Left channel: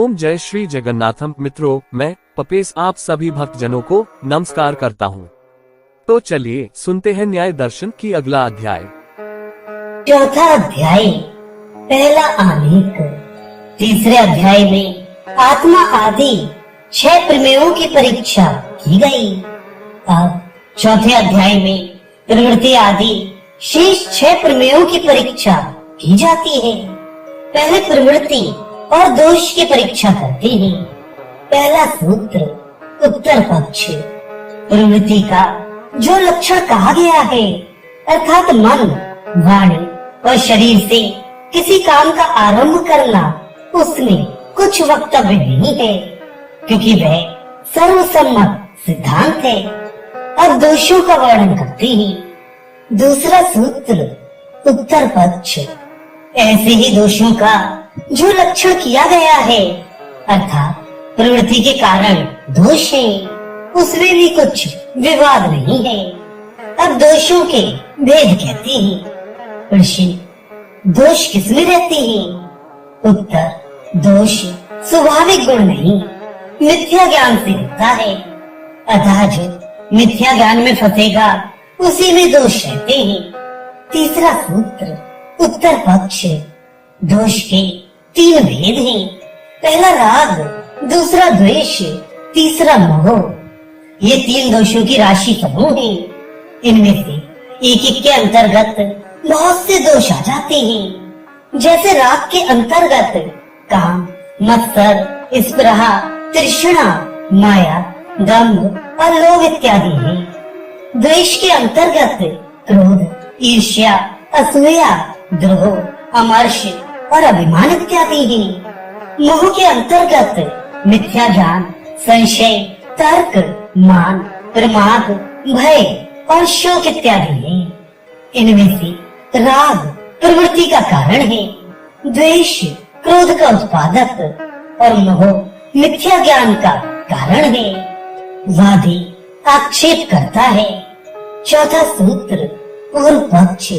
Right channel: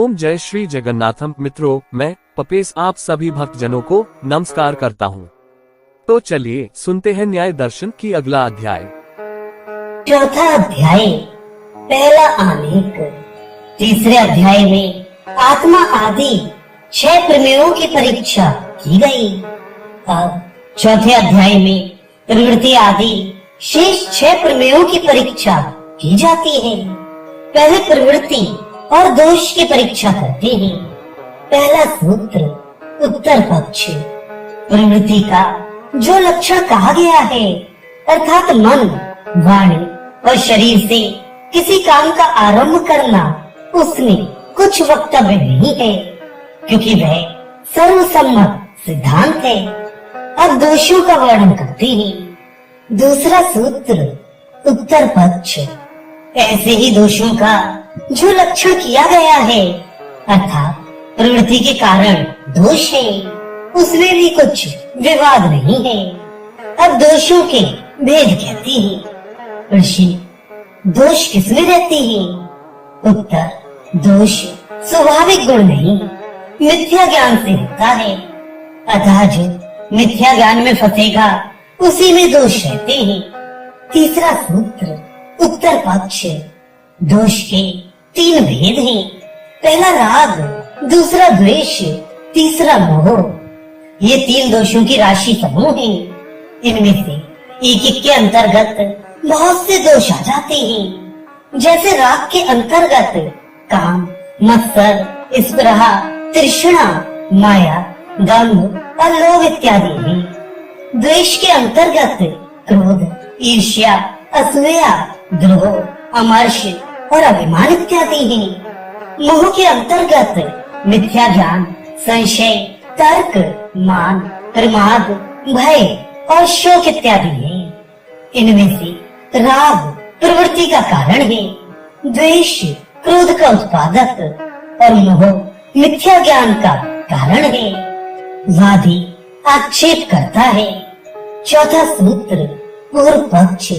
ओम जय श्री जगन्नाथम। मित्रों, मैं पपेश आप सभी भक्तजनों को नमस्कार करता हूँ। तो चलिए सुनते हैं न्याय दर्शन की अगला अध्याय। चौथा अध्याय, पहला आलेख। तीसरे अध्याय में आत्मा आदि 6 प्रमेयों की परीक्षा की गई। अब चौथे अध्याय में प्रवृत्ति आदि शेष 6 प्रमेयों की परीक्षा की जाती है। पहले प्रवृत्ति और दोष की परीक्षा करते हैं। पहला सूत्र, उत्तर पक्ष। प्रवृत्ति का जो लक्षण कहा गया है, अर्थात मन, वाणी और शरीर से किसी काम का आरंभ करना, उसमें कुछ वक्तव्य नहीं है, क्योंकि वह सर्वसम्मत सिद्धांत है। अब दोषों का वर्णन करते हैं। दूसरा सूत्र, उत्तर पक्ष। ऐसे ही दोषों का जो लक्षण किया गया है, अर्थात प्रवृत्ति के कारण दोष है, उसमें भी कुछ विवाद नहीं है। अब दोषों के भेद कहते हैं। प्रश्न, दोष किसमें रहते हैं? उत्तर, दोष स्वाभाविक गुण नहीं, मिथ्या ज्ञान से होता है। अतः जो मिथ्या ज्ञान में फंसेगा, उसी में दोष रहते हैं। तीसरा सूत्र, उत्तर पक्ष। दोष के 3 भेद हैं। पहला राग, दूसरा द्वेष, तीसरा मोह। ये 3 दोषों की राशि समूह है। इनमें से एक के अंतर्गत बहुत से दोष आ जाते हैं। जैसे राग के अंतर्गत काम, मत्सर, स्पृहा, तृष्णा, माया, दंभ और लोभ इत्यादि हैं। द्वेष के अंतर्गत क्रोध, ईर्ष्या, असूया, द्रोह, अमर्ष और अभिमान इत्यादि हैं। मोह के अंतर्गत मिथ्या ज्ञान, संशय, तर्क, मान, प्रमाद, भय और शोक इत्यादि हैं। इनमें से राग प्रवृत्ति का कारण है, द्वेष क्रोध का उत्पादक और मोह मिथ्या ज्ञान का कारण है। वादी आक्षेप करता है। चौथा सूत्र, पूर्व पक्ष।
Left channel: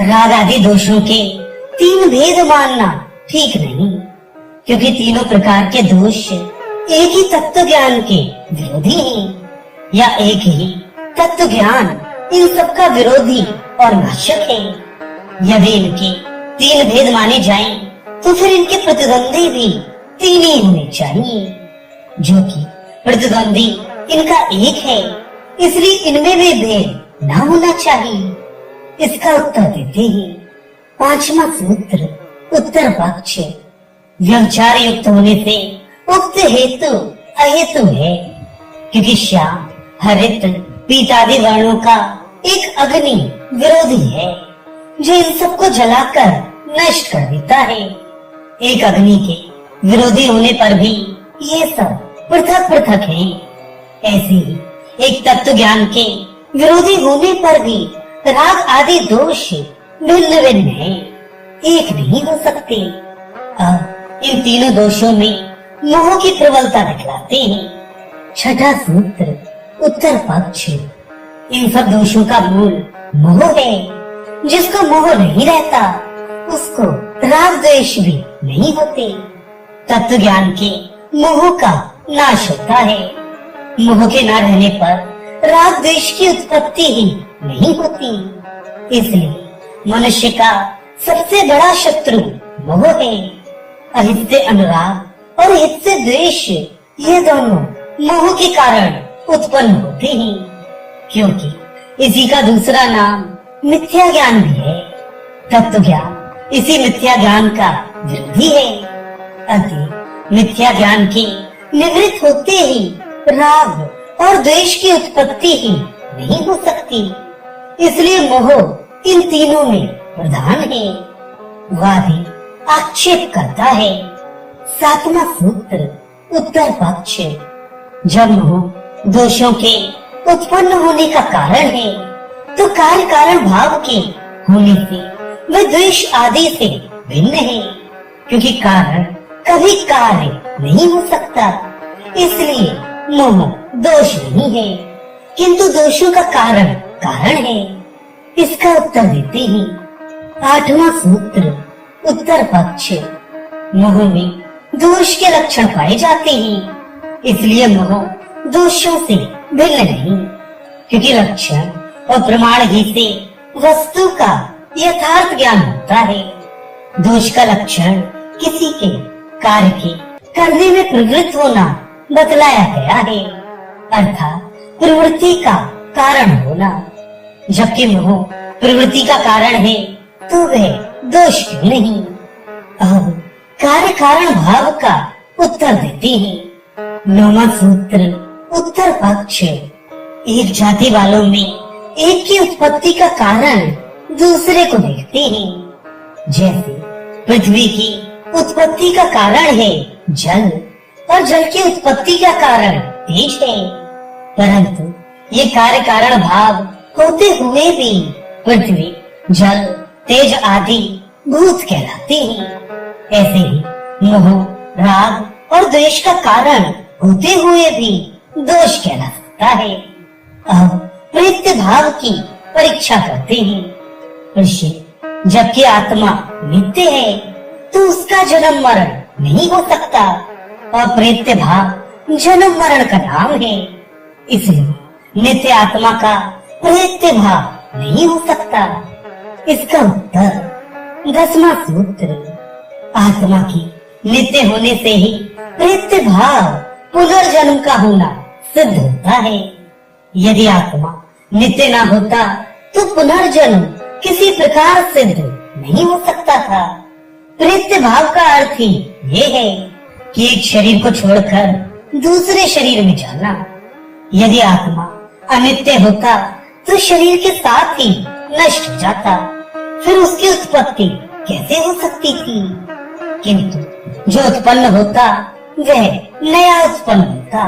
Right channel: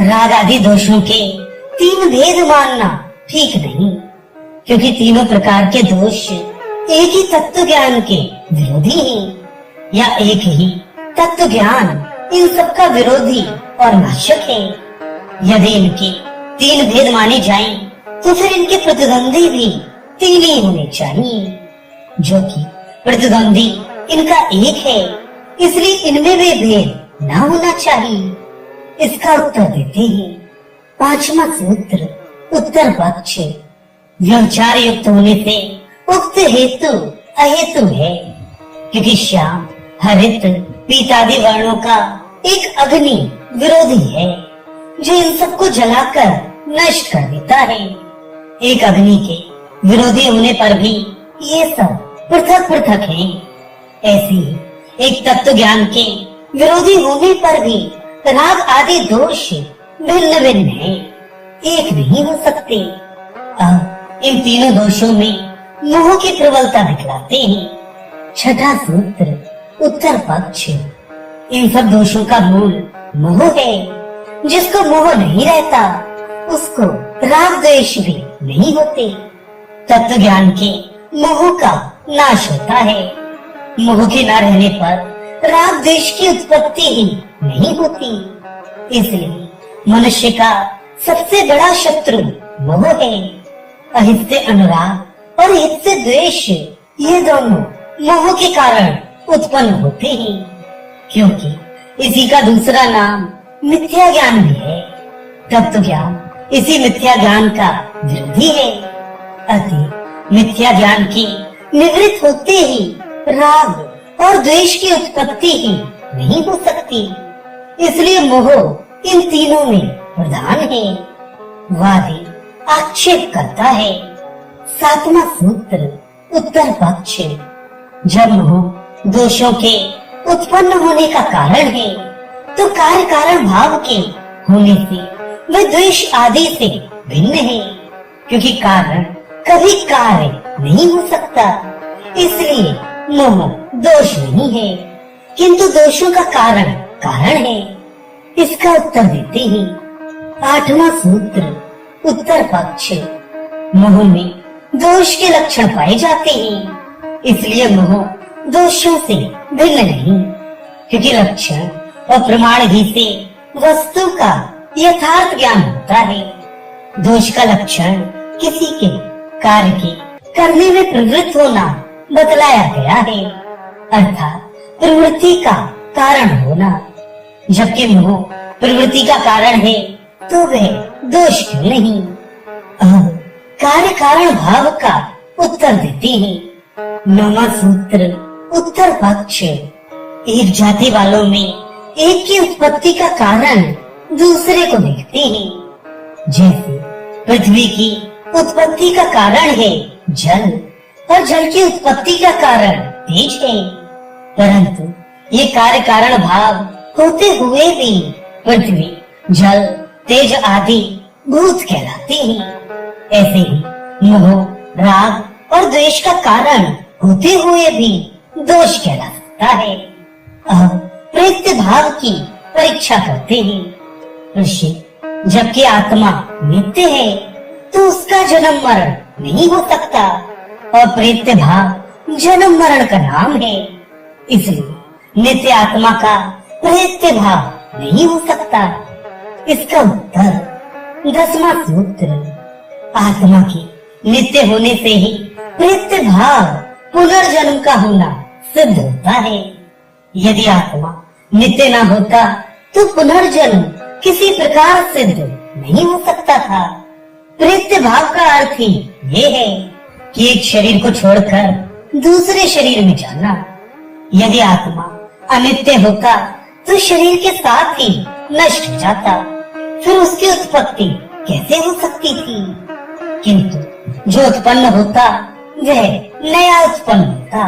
राग आदि दोषों के 3 भेद मानना ठीक नहीं, क्योंकि तीनों प्रकार के दोष एक ही तत्व ज्ञान के विरोधी हैं, या एक ही तत्व ज्ञान इन सबका विरोधी और नाशक है। यदि इनकी 3 भेद माने जाएं, तो फिर इनके प्रतिद्वंदी भी 3 ही होने चाहिए, जो कि प्रतिद्वंदी इनका एक है, इसलिए इनमें भी भेद न होना चाहिए। इसका उत्तर देते हैं। 5वां सूत्र, उत्तर पक्ष। व्यभिचार युक्त होने से उक्त हेतु अहेतु है, क्योंकि श्याम, हरित, पीतादि वर्णों का एक अग्नि विरोधी है, जो इन सबको जलाकर नष्ट कर देता है। एक अग्नि के विरोधी होने पर भी ये सब पृथक पृथक है। ऐसे ही एक तत्व ज्ञान के विरोधी होने पर भी राग आदि दोष भिन्न भिन्न है, एक नहीं हो सकते। अब इन तीनों दोषों में मोह की प्रबलता दिखलाते हैं। छठा सूत्र, उत्तर पक्ष। इन सब दोषों का मूल मोह है। जिसको मोह नहीं रहता, उसको राग द्वेष भी नहीं होते। तत्व ज्ञान के मोह का नाश होता है। मोह के न रहने पर राग द्वेष की उत्पत्ति ही नहीं होती। इसलिए मनुष्य का सबसे बड़ा शत्रु मोह है। अहित से अनुराग और हित से द्वेष, ये दोनों मोह के कारण उत्पन्न होते हैं, क्योंकि इसी का दूसरा नाम मिथ्या ज्ञान भी है। तत्व ज्ञान इसी मिथ्या ज्ञान का विरोधी है। अतः मिथ्या ज्ञान के निवृत्त होते ही राग और द्वेष की उत्पत्ति ही नहीं हो सकती। इसलिए मोह इन तीनों में प्रधान है। वादी आक्षेप करता है। 7वां सूत्र, उत्तर पक्ष। जब मोह दोषों के उत्पन्न होने का कारण है, तो कार्य कारण भाव के होने से वह द्वेष आदि से भिन्न है, क्योंकि कारण कभी कार्य नहीं हो सकता। इसलिए मोह दोष नहीं है, किंतु दोषों का कारण कारण है। इसका उत्तर देते हैं। 8वां सूत्र, उत्तर पक्ष। मोह में दोष के लक्षण पाए जाते हैं। इसलिए मोह दोषों से भिन्न नहीं, क्योंकि लक्षण और प्रमाण ही से वस्तु का यथार्थ ज्ञान होता है। दोष का लक्षण किसी के कार्य के करने में प्रवृत्त होना बतलाया गया है, अर्थात प्रवृत्ति का कारण होना। जबकि मोह प्रवृत्ति का कारण है तो वह दोष क्यों नहीं। अब कार्य कारण भाव का उत्तर देते हैं। 9वां सूत्र उत्तर पक्ष। एक जाति वालों में एक की उत्पत्ति का कारण दूसरे को देखते हैं। जैसे पृथ्वी की उत्पत्ति का कारण है जल और जल की उत्पत्ति का कारण तेज है, परंतु ये कार्य कारण भाव होते हुए भी पृथ्वी, जल, तेज आदि भूत कहलाते हैं। ऐसे ही मोह, राग और द्वेष का कारण होते हुए भी दोष कहला सकता है। अब प्रत्यय भाव की परीक्षा करते हैं। ऋषि, जबकि आत्मा नित्य है तो उसका जन्म मरण नहीं हो सकता, और प्रत्यय भाव जन्म मरण का नाम है। इसलिए नित्य आत्मा का प्रत्यय भाव नहीं हो सकता। इसका उत्तर 10वां सूत्र। आत्मा के नित्य होने से ही प्रत्यय भाव पुनर्जन्म का होना सिद्ध होता है। यदि आत्मा नित्य ना होता तो पुनर्जन्म किसी प्रकार सिद्ध नहीं हो सकता था। प्रत्यय भाव का अर्थ ही ये है कि एक शरीर को छोड़कर दूसरे शरीर में जाना। यदि आत्मा अनित्य होता तो शरीर के साथ ही नष्ट हो जाता, फिर उसकी उत्पत्ति कैसे हो सकती थी। किंतु जो उत्पन्न होता वह नया उत्पन्न होता,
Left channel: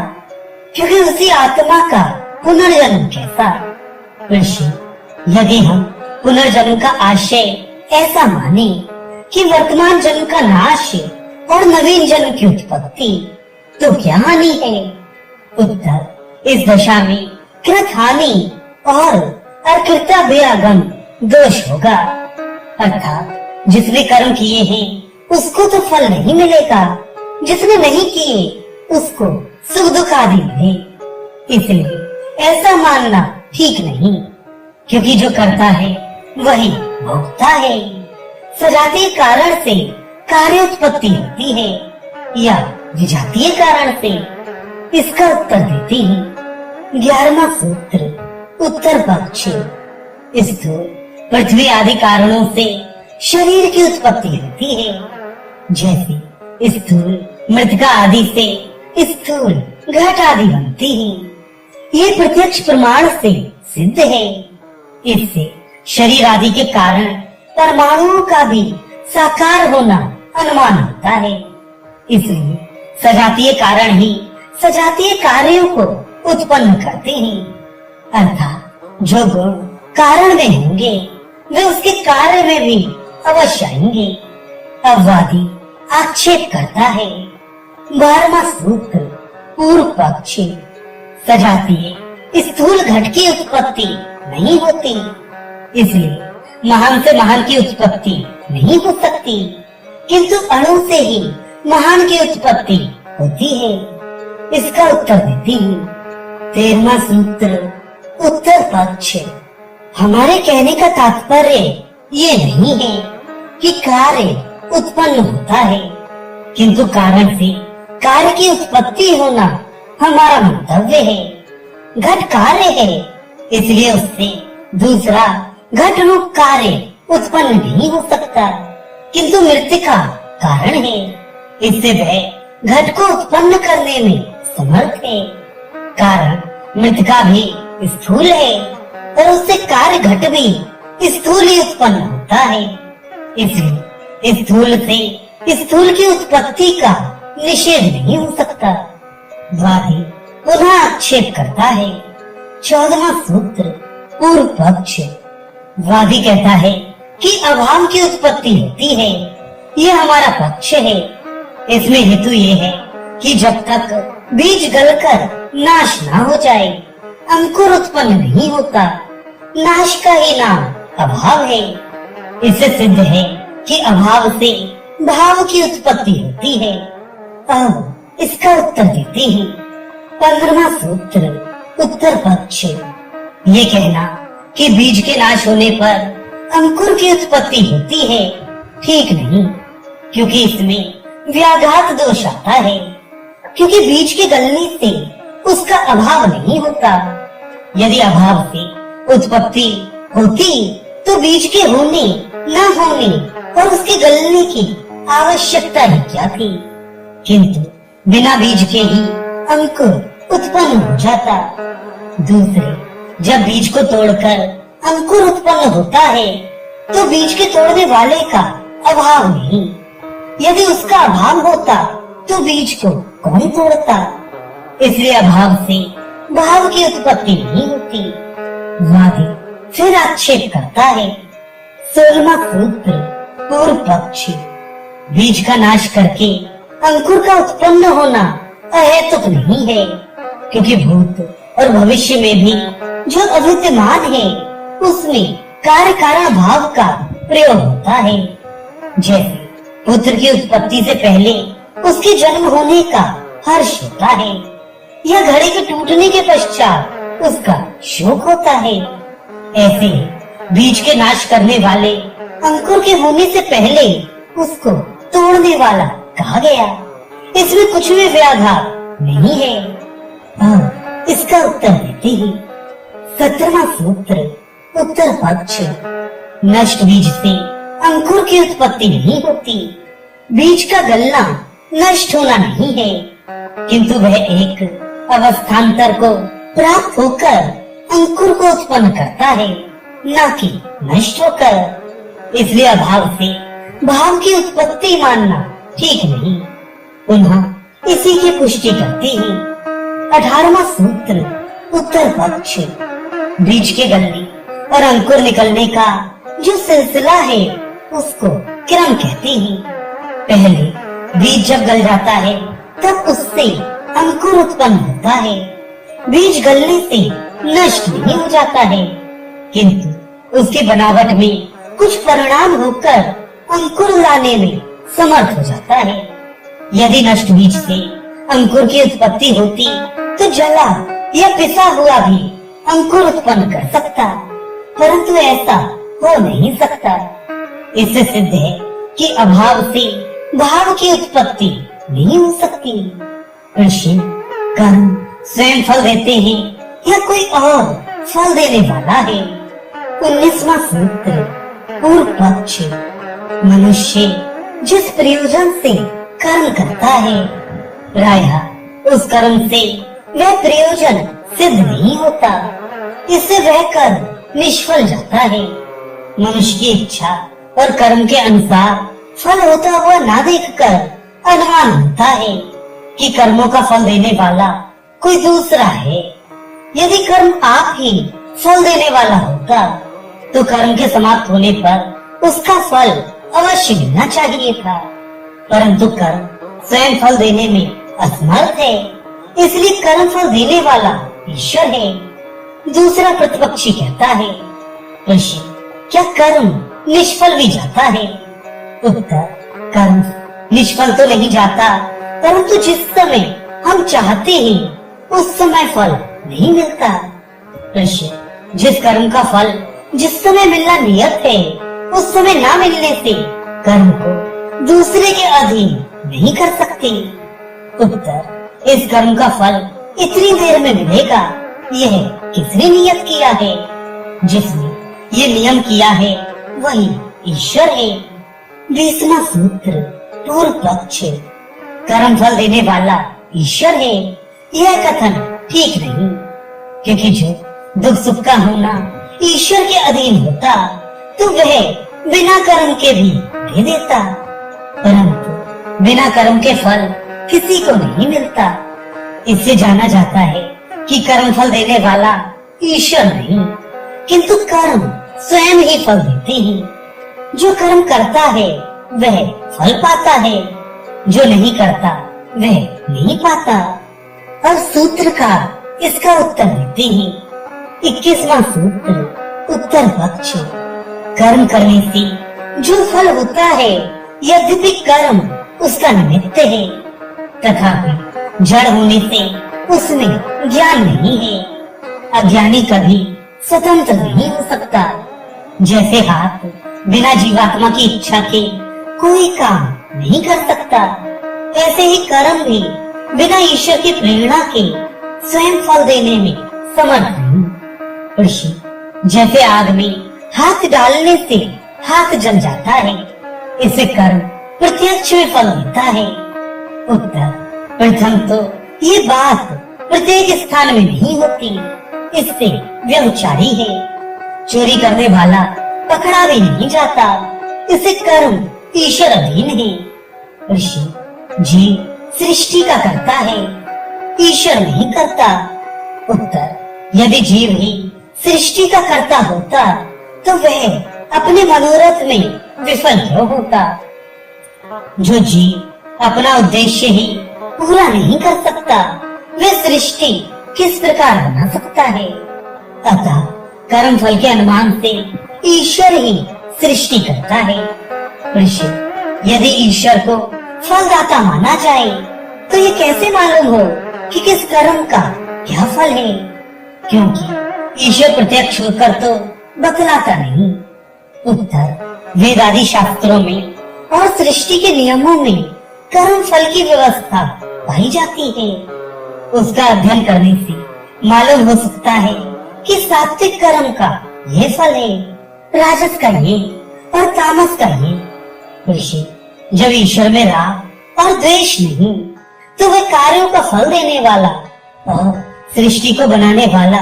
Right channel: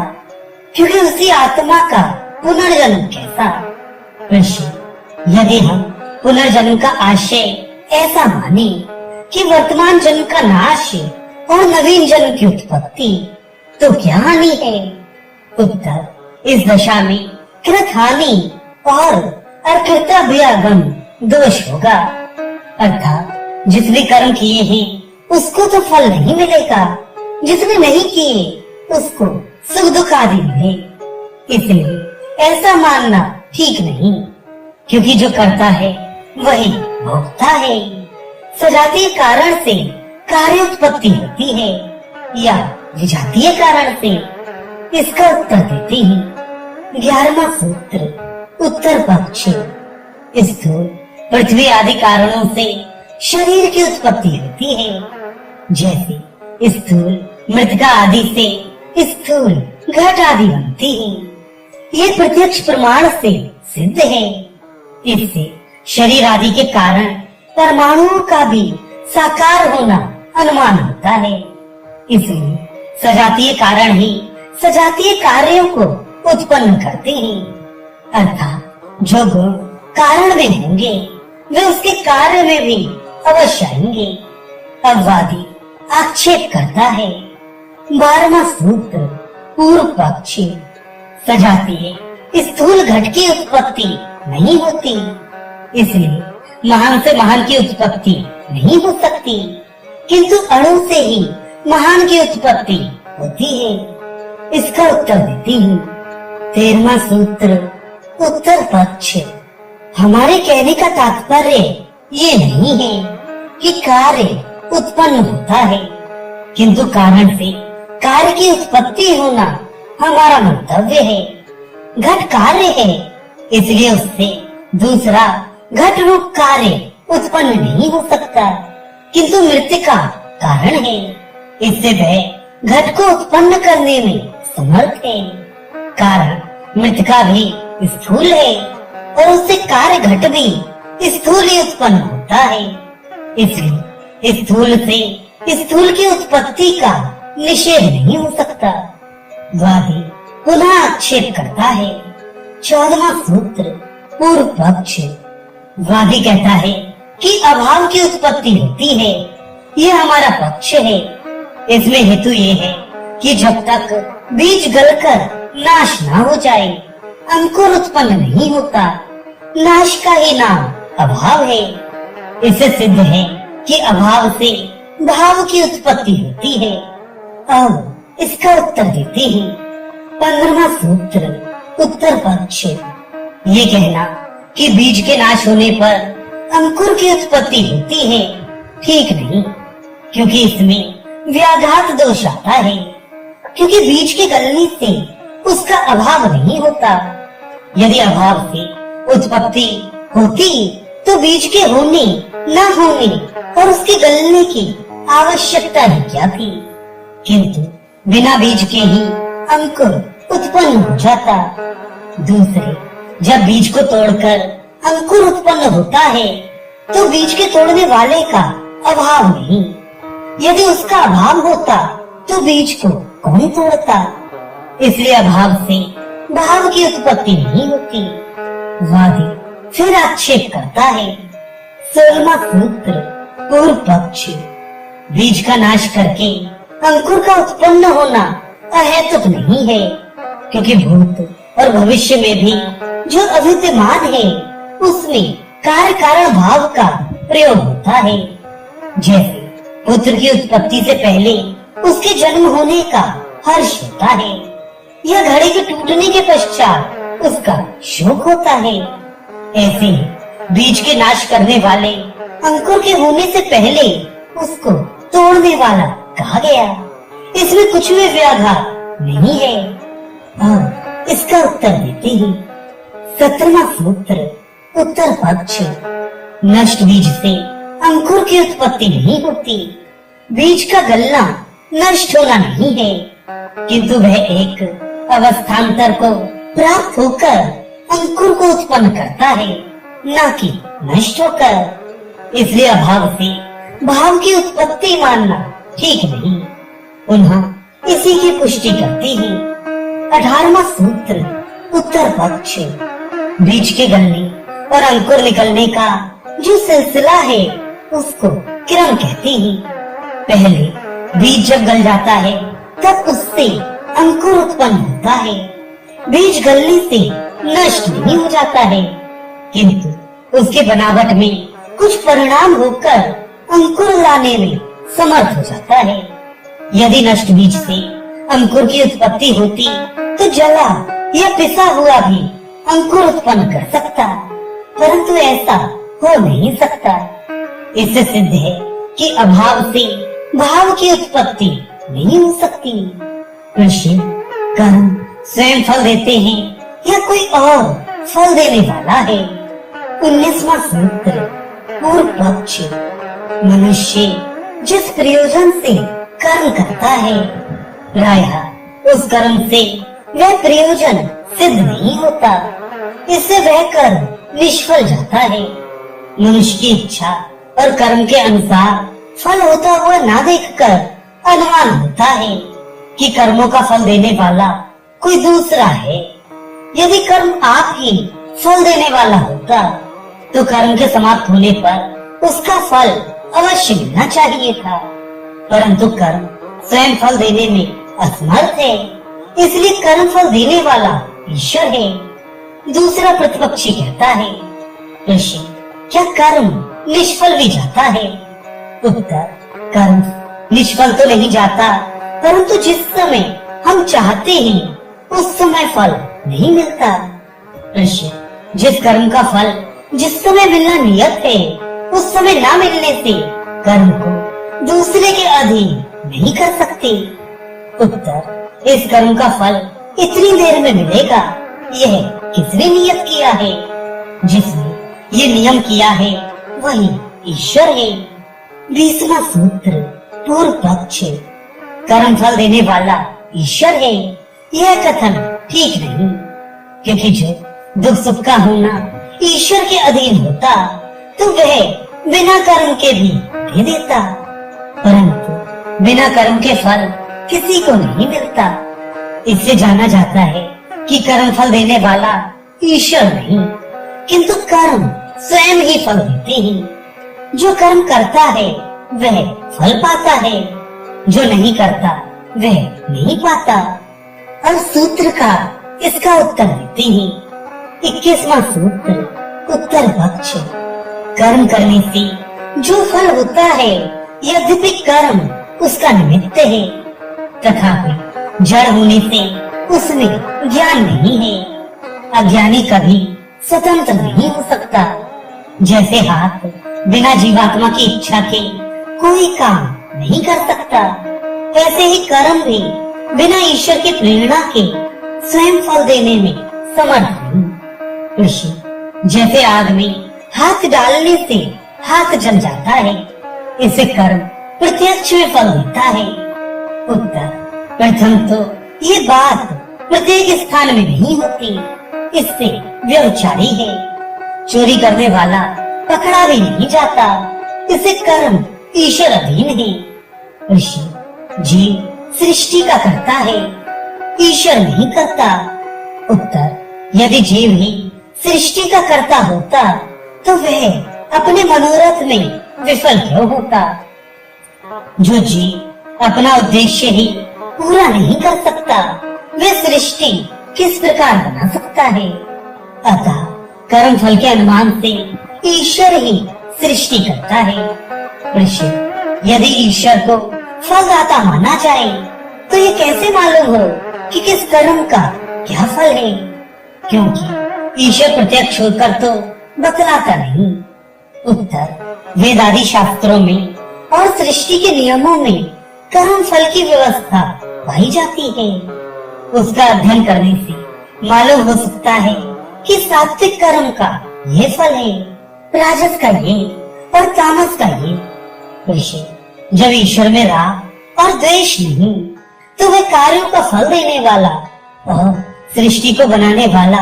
क्योंकि उसी आत्मा का पुनर्जन्म कैसा। ऋषि, यदि हम पुनर्जन्म का आशय ऐसा माने कि वर्तमान जन्म का नाश और नवीन जन्म की उत्पत्ति, तो क्या हानि है। उत्तर, इस दशा में कृत हानि और अकृता व्यागम दोष होगा, अर्थात जिसने कर्म किए हैं उसको तो फल नहीं मिलेगा, जिसने नहीं किए उसको सुख दुख आदि मिले। इसलिए ऐसा मानना ठीक नहीं, क्योंकि जो करता है वही भोगता है। सजातीय कारण से कार्य उत्पत्ति होती है या विजातीय कारण से, इसका उत्तर देते हैं। 11वां सूत्र उत्तर पक्ष। स्थूल पृथ्वी आदि कारणों से शरीर की उत्पत्ति होती है। जैसे स्थूल मृतिका आदि से स्थूल घट आदि बनती है। ये प्रत्यक्ष प्रमाण से सिद्ध है। इससे शरीर आदि के कारण परमाणुओं का भी साकार होना अनुमान होता है। इसलिए सजातीय कारण ही सजातीय कार्यों को उत्पन्न करते हैं, अर्थात जो गुण कारण में होंगे वे उसके कार्य में भी अवश्य आएंगे। अववादी आक्षेप करता है। 12वां सूत्र पूर्व पक्ष। सजातीय स्थूल घट की उत्पत्ति नहीं होती, इसलिए महान से महान की उत्पत्ति नहीं हो सकती, किंतु अणु से ही महान की उत्पत्ति होती है। इसका उत्तर देती हूँ। 13वां सूत्र उत्तर पक्ष। हमारे कहने का तात्पर्य ये नहीं है कि कार्य उत्पन्न होता है, किंतु कारण से कार्य की उत्पत्ति होना हमारा मंतव्य है। घट कार्य है, इसलिए उससे दूसरा घट रूप कार्य उत्पन्न नहीं हो सकता, किंतु मृतिका कारण है। इससे वह घट को उत्पन्न करने में समर्थ है। कारण मृतिका भी स्थूल है और उससे कार्य घट भी स्थूल ही उत्पन्न होता है। इसलिए स्थूल से स्थूल की उत्पत्ति का निषेध नहीं हो सकता। वादी पुनः आक्षेप करता है। 14वां सूत्र पूर्व पक्ष। वादी कहता है कि अभाव की उत्पत्ति होती है, यह हमारा पक्ष है। इसमें हेतु ये है कि जब तक बीज गलकर नाश ना हो जाए अंकुर उत्पन्न नहीं होता। नाश का ही नाम अभाव है। इससे सिद्ध है कि अभाव से भाव की उत्पत्ति होती है। अब इसका उत्तर देते हैं। 15वां सूत्र उत्तर पक्ष। ये कहना कि बीज के नाश होने पर अंकुर की उत्पत्ति होती है ठीक नहीं, क्योंकि इसमें व्याघात दोष आता है। क्योंकि बीज के गलने से उसका अभाव नहीं होता। यदि अभाव से उत्पत्ति होती तो बीज के होने न होने और उसके गलने की आवश्यकता ही क्या थी। किंतु बिना बीज के ही अंकुर उत्पन्न हो जाता। दूसरे, जब बीज को तोड़कर अंकुर उत्पन्न होता है तो बीज के तोड़ने वाले का अभाव नहीं। यदि उसका अभाव होता तो बीज को कौन तोड़ता। इसलिए अभाव से भाव की उत्पत्ति नहीं होती। वादी फिर आक्षेप करता है। 16वां सूत्र पूर्व पक्ष। बीज का नाश करके अंकुर का उत्पन्न होना अहेतुक नहीं है, क्योंकि भूत और भविष्य में भी जो अविद्यमान है उसमें कार्य कारण भाव का प्रयोग होता है। जैसे पुत्र की उत्पत्ति से पहले उसके जन्म होने का हर्ष होता है, या घड़े के टूटने के पश्चात उसका शोक होता है। ऐसे बीज के नाश करने वाले अंकुर के होने से पहले उसको तोड़ने वाला कहा गया। इसमें कुछ भी व्याघात नहीं है। अब इसका उत्तर देते हैं। 17वां सूत्र उत्तर पक्ष। नष्ट बीज से अंकुर की उत्पत्ति नहीं होती। बीज का गलना नष्ट होना नहीं है, किंतु वह एक अवस्थान्तर को प्राप्त होकर अंकुर को उत्पन्न करता है, न कि नष्ट होकर। इसलिए अभाव से भाव की उत्पत्ति मानना ठीक नहीं। पुनः इसी की पुष्टि करती है 18वां सूत्र उत्तर पक्ष। बीज के गलने और अंकुर निकलने का जो सिलसिला है उसको क्रम कहते हैं। पहले बीज जब गल जाता है तब उससे अंकुर उत्पन्न होता है। बीज गलने से नष्ट नहीं हो जाता है, किंतु उसकी बनावट में कुछ परिणाम होकर अंकुर लाने में समर्थ हो जाता है। यदि नष्ट बीज से अंकुर की उत्पत्ति होती तो जला या पिसा हुआ भी अंकुर उत्पन्न कर सकता, परंतु ऐसा हो नहीं सकता। इससे सिद्ध है कि अभाव से भाव की उत्पत्ति नहीं हो सकती। कृषि कर्म स्वयं फल देते हैं या कोई और फल देने वाला है। 19वां सूत्र पूर्व पक्ष। मनुष्य जिस प्रयोजन से कर्म करता है, प्रायः उस कर्म से वह प्रयोजन सिद्ध नहीं होता। इससे वह कर्म निष्फल जाता है। मनुष्य की इच्छा और कर्म के अनुसार फल होता हुआ ना देखकर अनुमान होता है कि कर्मों का फल देने वाला कोई दूसरा है। यदि कर्म आप ही फल देने वाला होता तो कर्म के समाप्त होने पर उसका फल अवश्य मिलना चाहिए था, परंतु कर्म स्वयं फल देने में असमर्थ है। इसलिए कर्म फल देने वाला ईश्वर है। दूसरा प्रतिपक्षी कहता है, ऋषि क्या कर्म निष्फल भी जाता है? उत्तर, कर्म निष्फल तो नहीं जाता, परंतु जिस समय हम चाहते हैं उस समय फल नहीं मिलता। ऋषि जिस कर्म का फल जिस समय मिलना नियत है उस समय न मिलने से कर्म को दूसरे के अधीन नहीं कर सकते। उत्तर, इस कर्म का फल इतनी देर में मिलेगा यह किसने नियत किया है? जिसने ये नियम किया है वही ईश्वर है। 20वां सूत्र पूर्व पक्ष। कर्म फल देने वाला ईश्वर है यह कथन ठीक नहीं, क्योंकि जो दुख सुख का होना ईश्वर के अधीन होता तो वह बिना कर्म के भी दे देता, परंतु बिना कर्म के फल किसी को नहीं मिलता। इससे जाना जाता है कि कर्म फल देने वाला ईश्वर नहीं, किंतु कर्म स्वयं ही फल देते हैं। जो कर्म करता है वह फल पाता है, जो नहीं करता वह नहीं पाता। और सूत्रकार इसका उत्तर देते हैं। 21वां सूत्र उत्तर पक्ष। कर्म करने से जो फल होता है यद्यपि कर्म उसका निमित्त है, तथापि जड़ होने से उसमें ज्ञान नहीं है। अज्ञानी कभी स्वतंत्र नहीं हो सकता। जैसे हाथ बिना जीवात्मा की इच्छा के कोई काम नहीं कर सकता, वैसे ही कर्म भी बिना ईश्वर की प्रेरणा के स्वयं फल देने में समर्थ नहीं। ऋषि, जैसे आग में हाथ डालने से हाथ जल जाता है, इसे कर्म प्रत्यक्ष में फल देता है। उत्तर, प्रथम तो ये बात प्रत्येक स्थान में नहीं होती, इससे व्यभिचारी है। चोरी करने वाला पकड़ा भी नहीं जाता, इसे कर्म ईश्वर अधीन है। ऋषि, जीव सृष्टि का करता है, ईश्वर नहीं करता। उत्तर, यदि जीव ही सृष्टि का कर्ता होता तो वह अपने मनोरथ में विफल क्यों होता। जो जीव अपना उद्देश्य ही पूरा नहीं कर सकता, वह सृष्टि किस प्रकार बना सकता है। अतः कर्म फल के अनुमान से ईश्वर ही सृष्टि करता है। ऋषि, यदि ईश्वर को फलदाता माना जाए तो ये कैसे मालूम हो कि किस कर्म का क्या फल है, क्योंकि ईश्वर प्रत्यक्ष होकर तो बतलाता नहीं। उत्तर, वेद आदि शास्त्रों में और सृष्टि के नियमों में कर्म फल की व्यवस्था पाई जाती है। उसका अध्ययन करने से मालूम हो सकता है कि सात्विक कर्म का ये फल है, राजस का ये और तामस का ये। ऋषि, जब ईश्वर में राग और द्वेष नहीं तो वह कार्यों का फल देने वाला और सृष्टि को बनाने वाला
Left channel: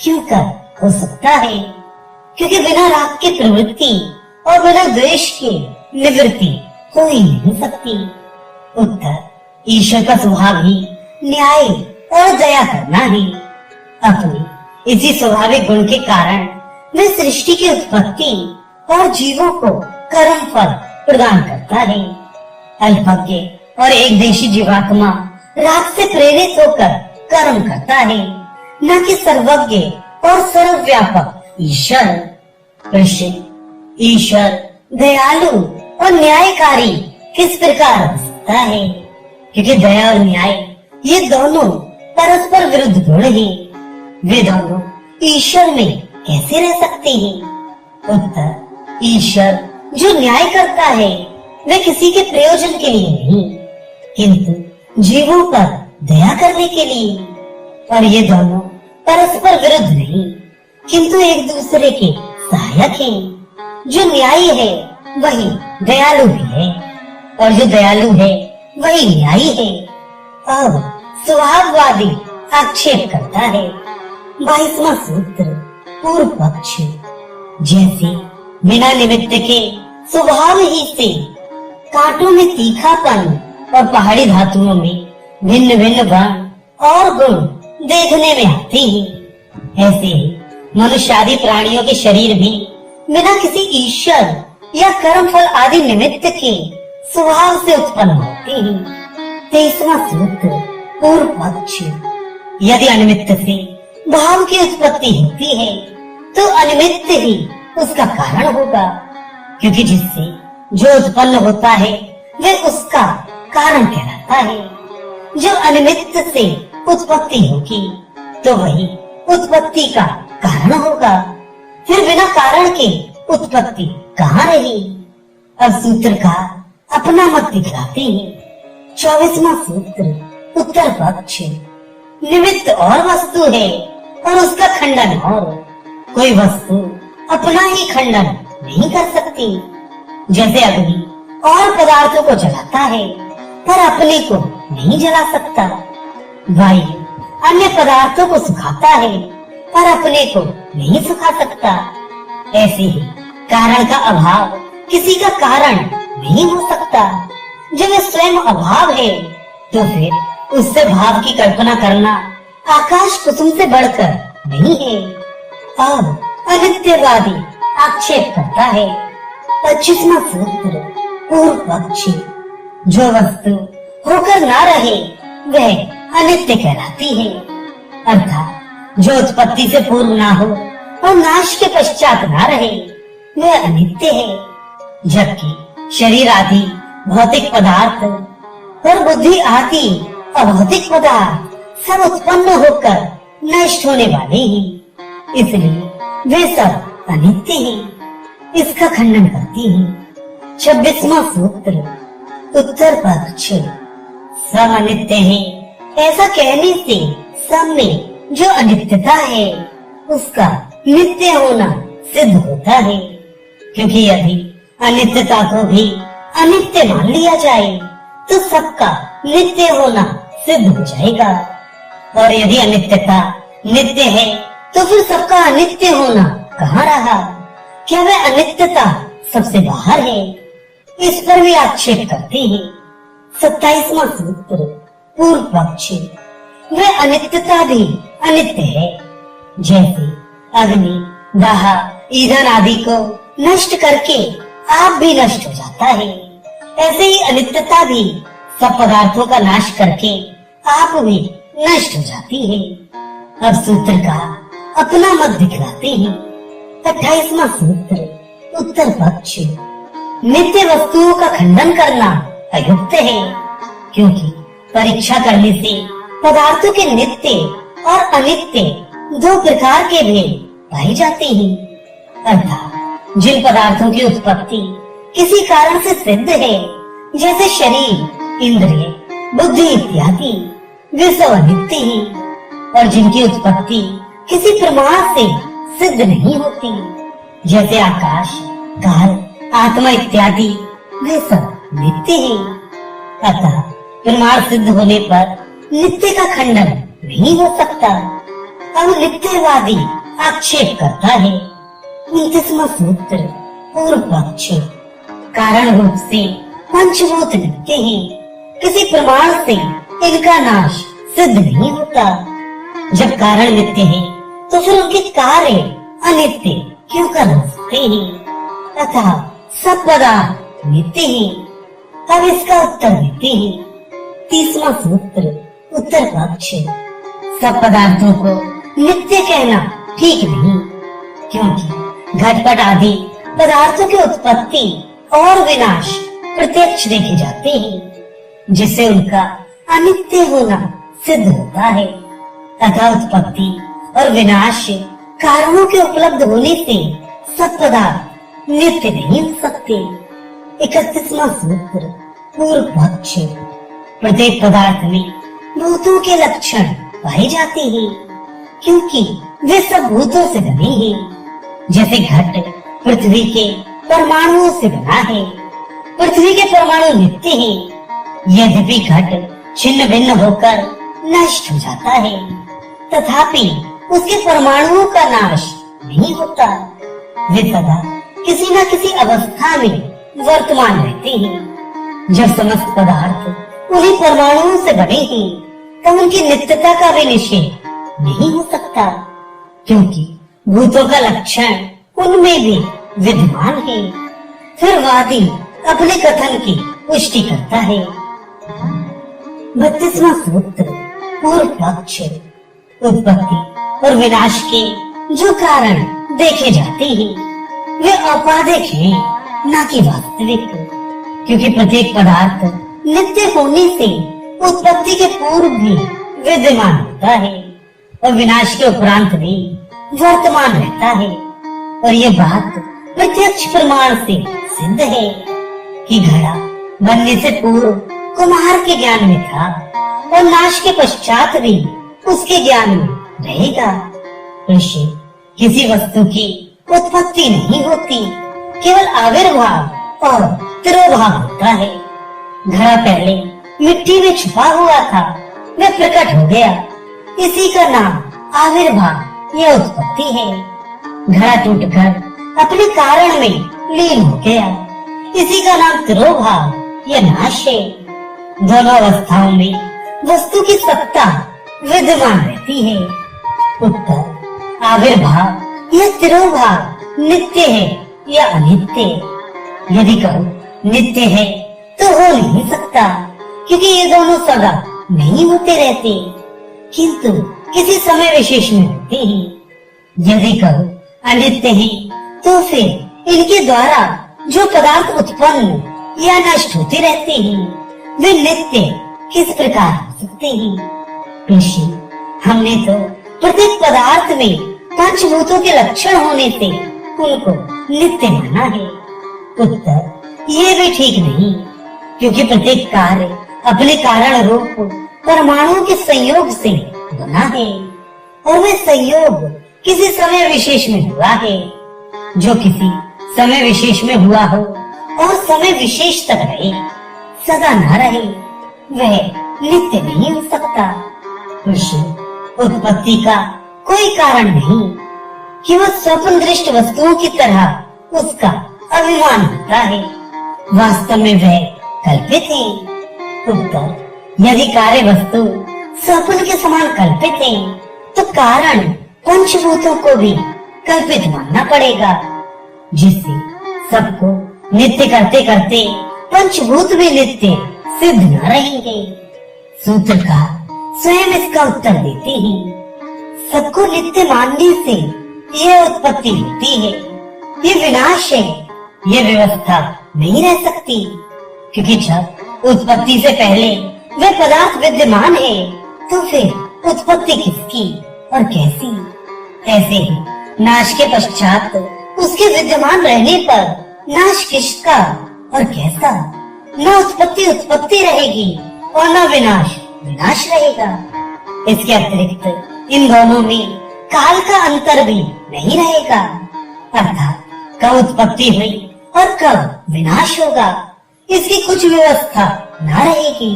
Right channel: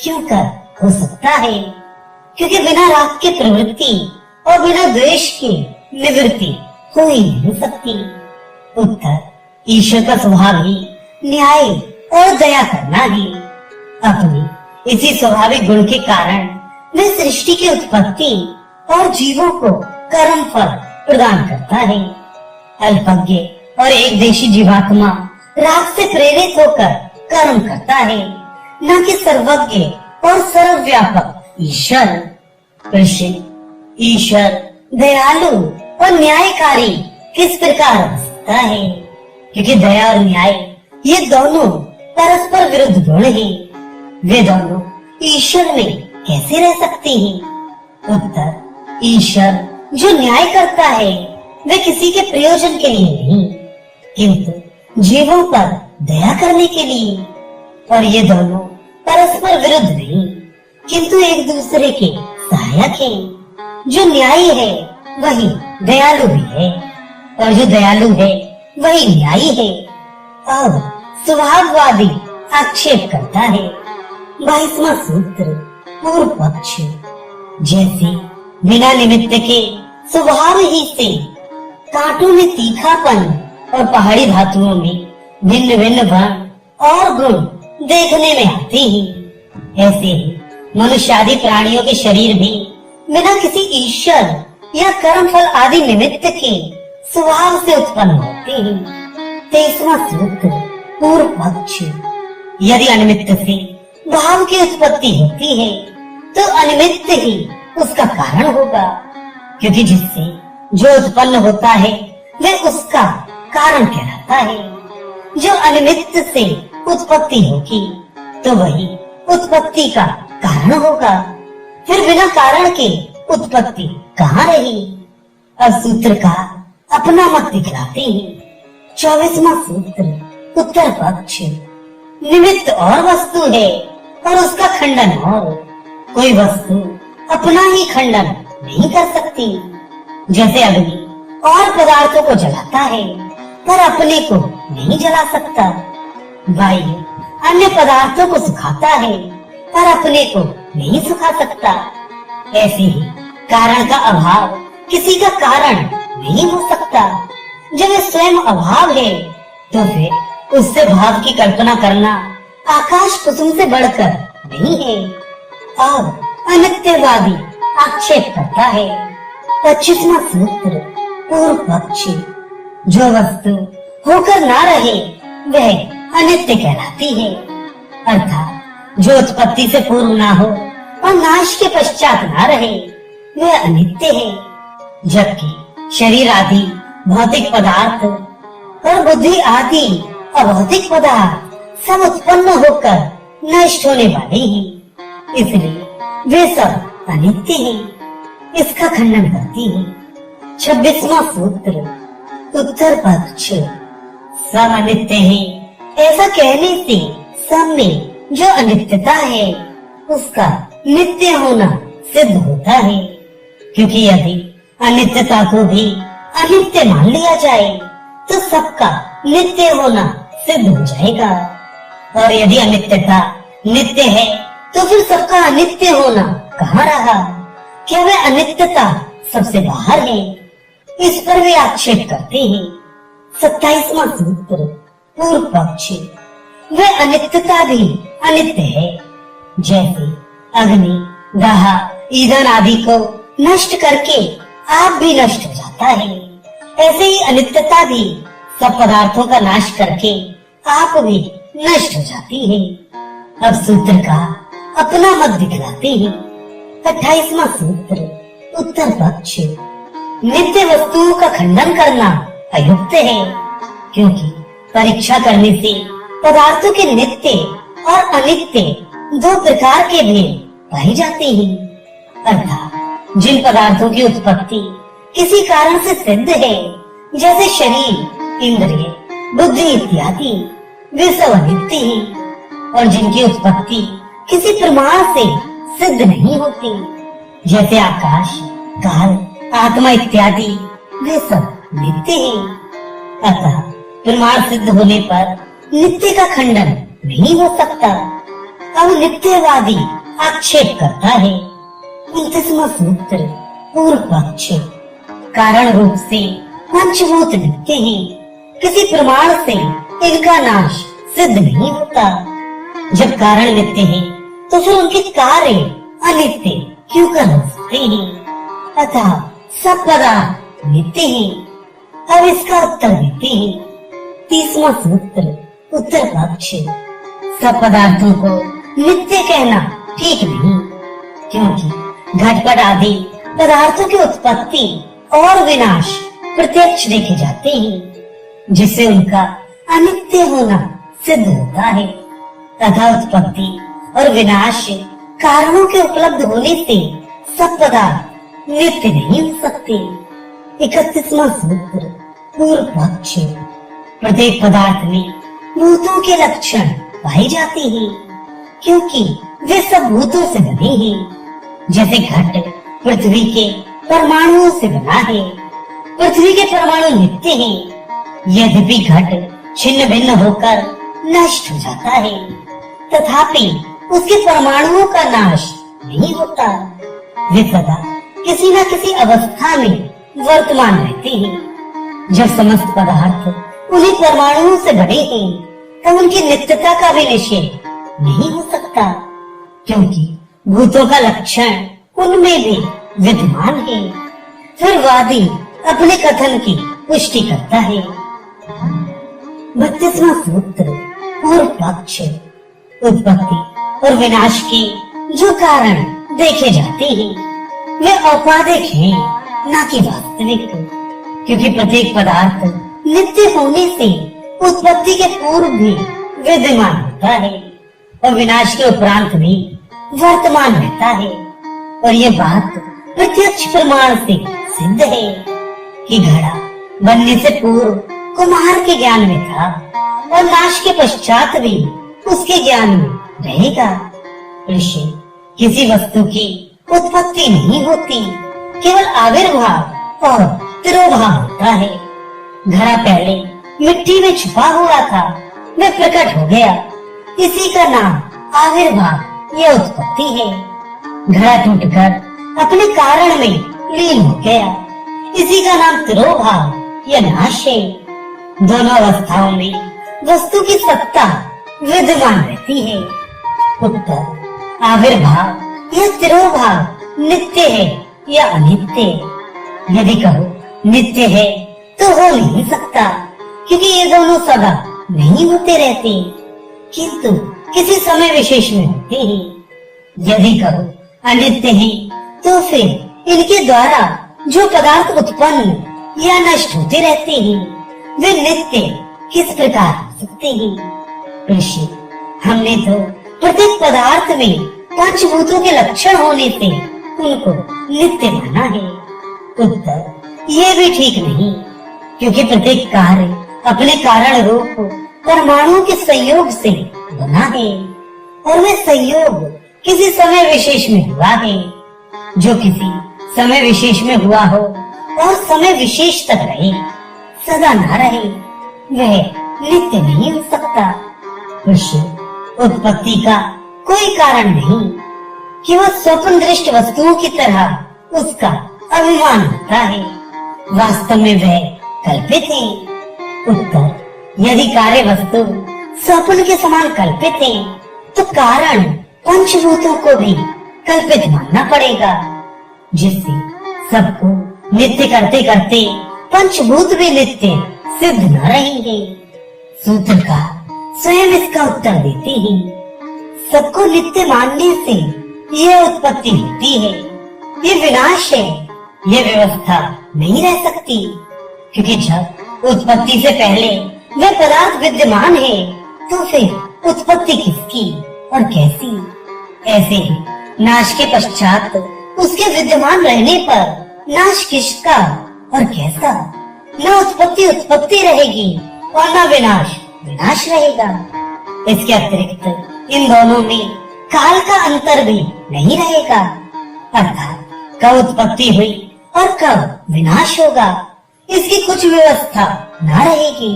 क्यों कर हो सकता है, क्योंकि बिना राग की प्रवृत्ति और बिना द्वेष के निवृत्ति हो ही नहीं सकती। उत्तर, ईश्वर का स्वभाव ही न्याय और दया करना है। अपनी इसी स्वाभाविक गुण के कारण वह सृष्टि की उत्पत्ति और जीवों को कर्म फल प्रदान करता है। अल्पज्ञ और एक देशी जीवात्मा राग से प्रेरित होकर कर्म करता है, न कि सर्वज्ञ और सर्वव्यापक ईश्वर। ऋषि, ईश्वर दयालु और न्यायकारी किस प्रकार हो सकता है, क्योंकि दया और न्याय ये दोनों परस्पर विरुद्ध गुण हैं। वे दोनों ईश्वर में कैसे रह सकते हैं। उत्तर, ईश्वर जो न्याय करता है वह किसी के प्रयोजन के लिए नहीं, किंतु जीवों पर दया करने के लिए। और ये दोनों परस्पर विरुद्ध नहीं, किंतु एक दूसरे के सहायक हैं। जो न्यायी है वही दयालु भी है, और जो दयालु है वही न्यायी है। अब स्वभाववादी आक्षेप करता है। 22वां सूत्र, पूर्व पक्ष। जैसे बिना निमित्त के स्वभाव ही से कांटों में तीखापन और पहाड़ी धातुओं में भिन्न भिन्न वर्ण और गुण देखने में आते हैं, ऐसे ही मनुष्य आदि प्राणियों के शरीर भी बिना किसी ईश्वर या कर्म फल आदि निमित्त के स्वभाव से उत्पन्न होते हैं। 23वां सूत्र, पूर्व पक्ष। यदि अनिमित्त से भाव की उत्पत्ति होती है तो अनिमित्त ही उसका कारण होगा, क्योंकि जिससे जो उत्पन्न होता है वह उसका कारण कहलाता है। जो अनिमित्त से उत्पत्ति होगी तो वही उत्पत्ति का कारण होगा, फिर बिना कारण के उत्पत्ति कहाँ रही। अब सूत्रकार अपना मत दिखलाते हैं। 24वां सूत्र, उत्तर पक्ष। निमित्त और वस्तु है और उसका खंडन और। कोई वस्तु अपना ही खंडन नहीं कर सकती। जैसे अग्नि और पदार्थों को जलाता है पर अपने को नहीं जला सकता। वायु अन्य पदार्थों को सुखाता है पर अपने को नहीं सुखा सकता। ऐसे ही कारण का अभाव किसी का कारण नहीं हो सकता। जब वह स्वयं अभाव है तो फिर उससे भाव की कल्पना करना आकाश कुसुम से बढ़कर नहीं है। अब अनित्यवादी आक्षेप करता है। 25वां सूत्र, पूर्व पक्षी। जो वस्तु होकर ना रहे वह अनित्य कहलाती है, अर्थात जो उत्पत्ति से पूर्व ना हो और नाश के पश्चात ना रहे वह अनित्य है। जबकि शरीर आदि भौतिक पदार्थ और बुद्धि आदि अभौतिक पदार्थ सब उत्पन्न होकर नष्ट होने वाले हैं, इसलिए वे सब अनित्य हैं। इसका खंडन करती है 26वां सूत्र, उत्तर पक्ष। सब अनित्य है ऐसा कहने से सब में जो अनित्यता है उसका नित्य होना सिद्ध होता है, क्योंकि यदि अनित्यता को भी अनित्य मान लिया जाए तो सबका नित्य होना सिद्ध हो जाएगा। और यदि अनित्यता नित्य है तो फिर सबका अनित्य होना कहाँ रहा? क्या वह अनित्यता सबसे बाहर है? इस पर भी आक्षेप करते हैं 27वां सूत्र, पूर्व पक्ष। वह अनित्यता भी अनित्य है, जैसे अग्नि, दाह, ईंधन आदि को नष्ट करके आप भी नष्ट हो जाता है, ऐसे ही अनित्यता भी सब पदार्थों का नाश करके आप भी नष्ट हो जाती है। अब सूत्र का अपना मत दिखलाते हैं 28वां सूत्र, उत्तर पक्ष। नित्य वस्तुओं का खंडन करना अयुक्त है, क्योंकि परीक्षा करने से पदार्थों के नित्य और अनित्य दो प्रकार के भेद पाए जाते हैं। अर्थात जिन पदार्थों की उत्पत्ति किसी कारण से सिद्ध है, जैसे शरीर, इंद्रिय, बुद्धि इत्यादि, वे सब अनित्य हैं, और जिनकी उत्पत्ति किसी प्रमाण से सिद्ध नहीं होती, जैसे आकाश, काल, आत्मा इत्यादि, वे सब नित्य हैं। अतः प्रमाण सिद्ध होने पर नित्य का खंडन नहीं हो सकता। अब नित्यवादी आक्षेप करता है 29वां सूत्र, पूर्व पक्ष। कारण रूप से पंचभूत नित्य हैं, किसी प्रमाण से इनका नाश सिद्ध नहीं होता। जब कारण नित्य है तो फिर उनके कार्य अनित्य क्यों कर सकते हैं? अतः सब पदार्थ नित्य हैं। अब इसका उत्तर देते हैं 30वां सूत्र, उत्तर पक्ष। सब पदार्थों को नित्य कहना ठीक नहीं, क्योंकि घटपट आदि पदार्थों की उत्पत्ति और विनाश प्रत्यक्ष देखे जाते हैं, जिससे उनका अनित्य होना सिद्ध होता है। तथा उत्पत्ति और विनाश कारणों के उपलब्ध होने से सब पदार्थ नित्य नहीं हो सकते। 31वां सूत्र, पूर्व पक्ष। प्रत्येक पदार्थ में भूतों के लक्षण पाए जाते हैं, क्योंकि वे सब भूतों से बने हैं। जैसे घट पृथ्वी के परमाणुओं से बना है, पृथ्वी के परमाणु नित्य हैं, यद्यपि घट छिन्न भिन्न होकर नष्ट हो जाता है, तथापि उसके परमाणुओं का नाश नहीं होता। वे सदा किसी न किसी अवस्था में वर्तमान रहते हैं। जब समस्त पदार्थ उन्हीं परमाणुओं से बने हैं, तब उनकी नित्यता का भी निषेध नहीं हो सकता, क्योंकि भूतों का लक्षण उनमें भी विद्यमान है। फिर वादी अपने कथन की पुष्टि करता है 32वां सूत्र, पूर्व पक्ष। उत्पत्ति और विनाश के जो कारण देखे जाते हैं वे औपाधिक हैं, न कि वास्तविक, क्योंकि प्रत्येक पदार्थ नित्य होने से उत्पत्ति के पूर्व भी विद्यमान होता है और विनाश के उपरांत भी वर्तमान रहता है। और ये बात प्रत्यक्ष प्रमाण से सिद्ध है कि घड़ा बनने से पूर्व कुम्हार के ज्ञान में था और नाश के पश्चात भी उसके ज्ञान में रहेगा। प्रश्न, किसी वस्तु की उत्पत्ति नहीं होती, केवल आविर्भाव और तिरोभाव होता है। घड़ा पहले मिट्टी में छुपा हुआ था, वह प्रकट हो गया, इसी का नाम आविर्भाव या उत्पत्ति है। घड़ा टूटकर अपने कारण में लीन हो गया, इसी का नाम तिरोभाव या नाश है। दोनों अवस्थाओं में वस्तु की सत्ता विद्यमान रहती है। उत्तर, आविर्भाव या तिरोभाव नित्य है या अनित्य? यदि कहो नित्य है तो हो नहीं सकता, क्योंकि ये दोनों सदा नहीं होते रहते, किंतु किसी समय विशेष में होते हैं। यदि कहो अनित्य है तो फिर इनके द्वारा जो पदार्थ उत्पन्न या नष्ट होते रहते हैं वे नित्य किस प्रकार हो सकते हैं? ऋषि, हमने तो प्रत्येक पदार्थ में पंचभूतों के लक्षण होने से उनको नित्य माना है। उत्तर, ये भी ठीक नहीं, क्योंकि प्रत्येक कार्य अपने कारण रूप परमाणुओं के संयोग से बना है और वह संयोग किसी समय विशेष में हुआ है। जो किसी समय विशेष में हुआ हो और समय विशेष तक रहे, सदा न रहे, वह नित्य नहीं हो सकता। ऋषि, उत्पत्ति का कोई कारण नहीं कि वह स्वप्न दृष्ट वस्तुओं की तरह उसका अभिमान होता है। वास्तव में वह कल्पित है। उत्तर, यदि कार्य वस्तु स्वप्न के समान कल्पित है, तो कारण पंचभूतों को भी कल्पित मानना पड़ेगा, जिससे सबको नित्य करते करते पंचभूत भी नित्य सिद्ध न रहेंगे। सूत्रकार स्वयं इसका उत्तर देते हैं। सबको नित्य मानने से यह उत्पत्ति होती है, ये विनाश है, यह व्यवस्था नहीं रह सकती, क्योंकि जब उत्पत्ति से पहले वह पदार्थ विद्यमान है, तो फिर उत्पत्ति किसकी और कैसी? ऐसे ही नाश के पश्चात उसके विद्यमान रहने पर नाश किसका और कैसा? न उत्पत्ति उत्पत्ति रहेगी और न विनाश विनाश रहेगा। इसके अतिरिक्त इन दोनों में काल का अंतर भी नहीं रहेगा, अर्थात कब उत्पत्ति हुई और कब विनाश होगा, इसकी कुछ व्यवस्था न रहेगी।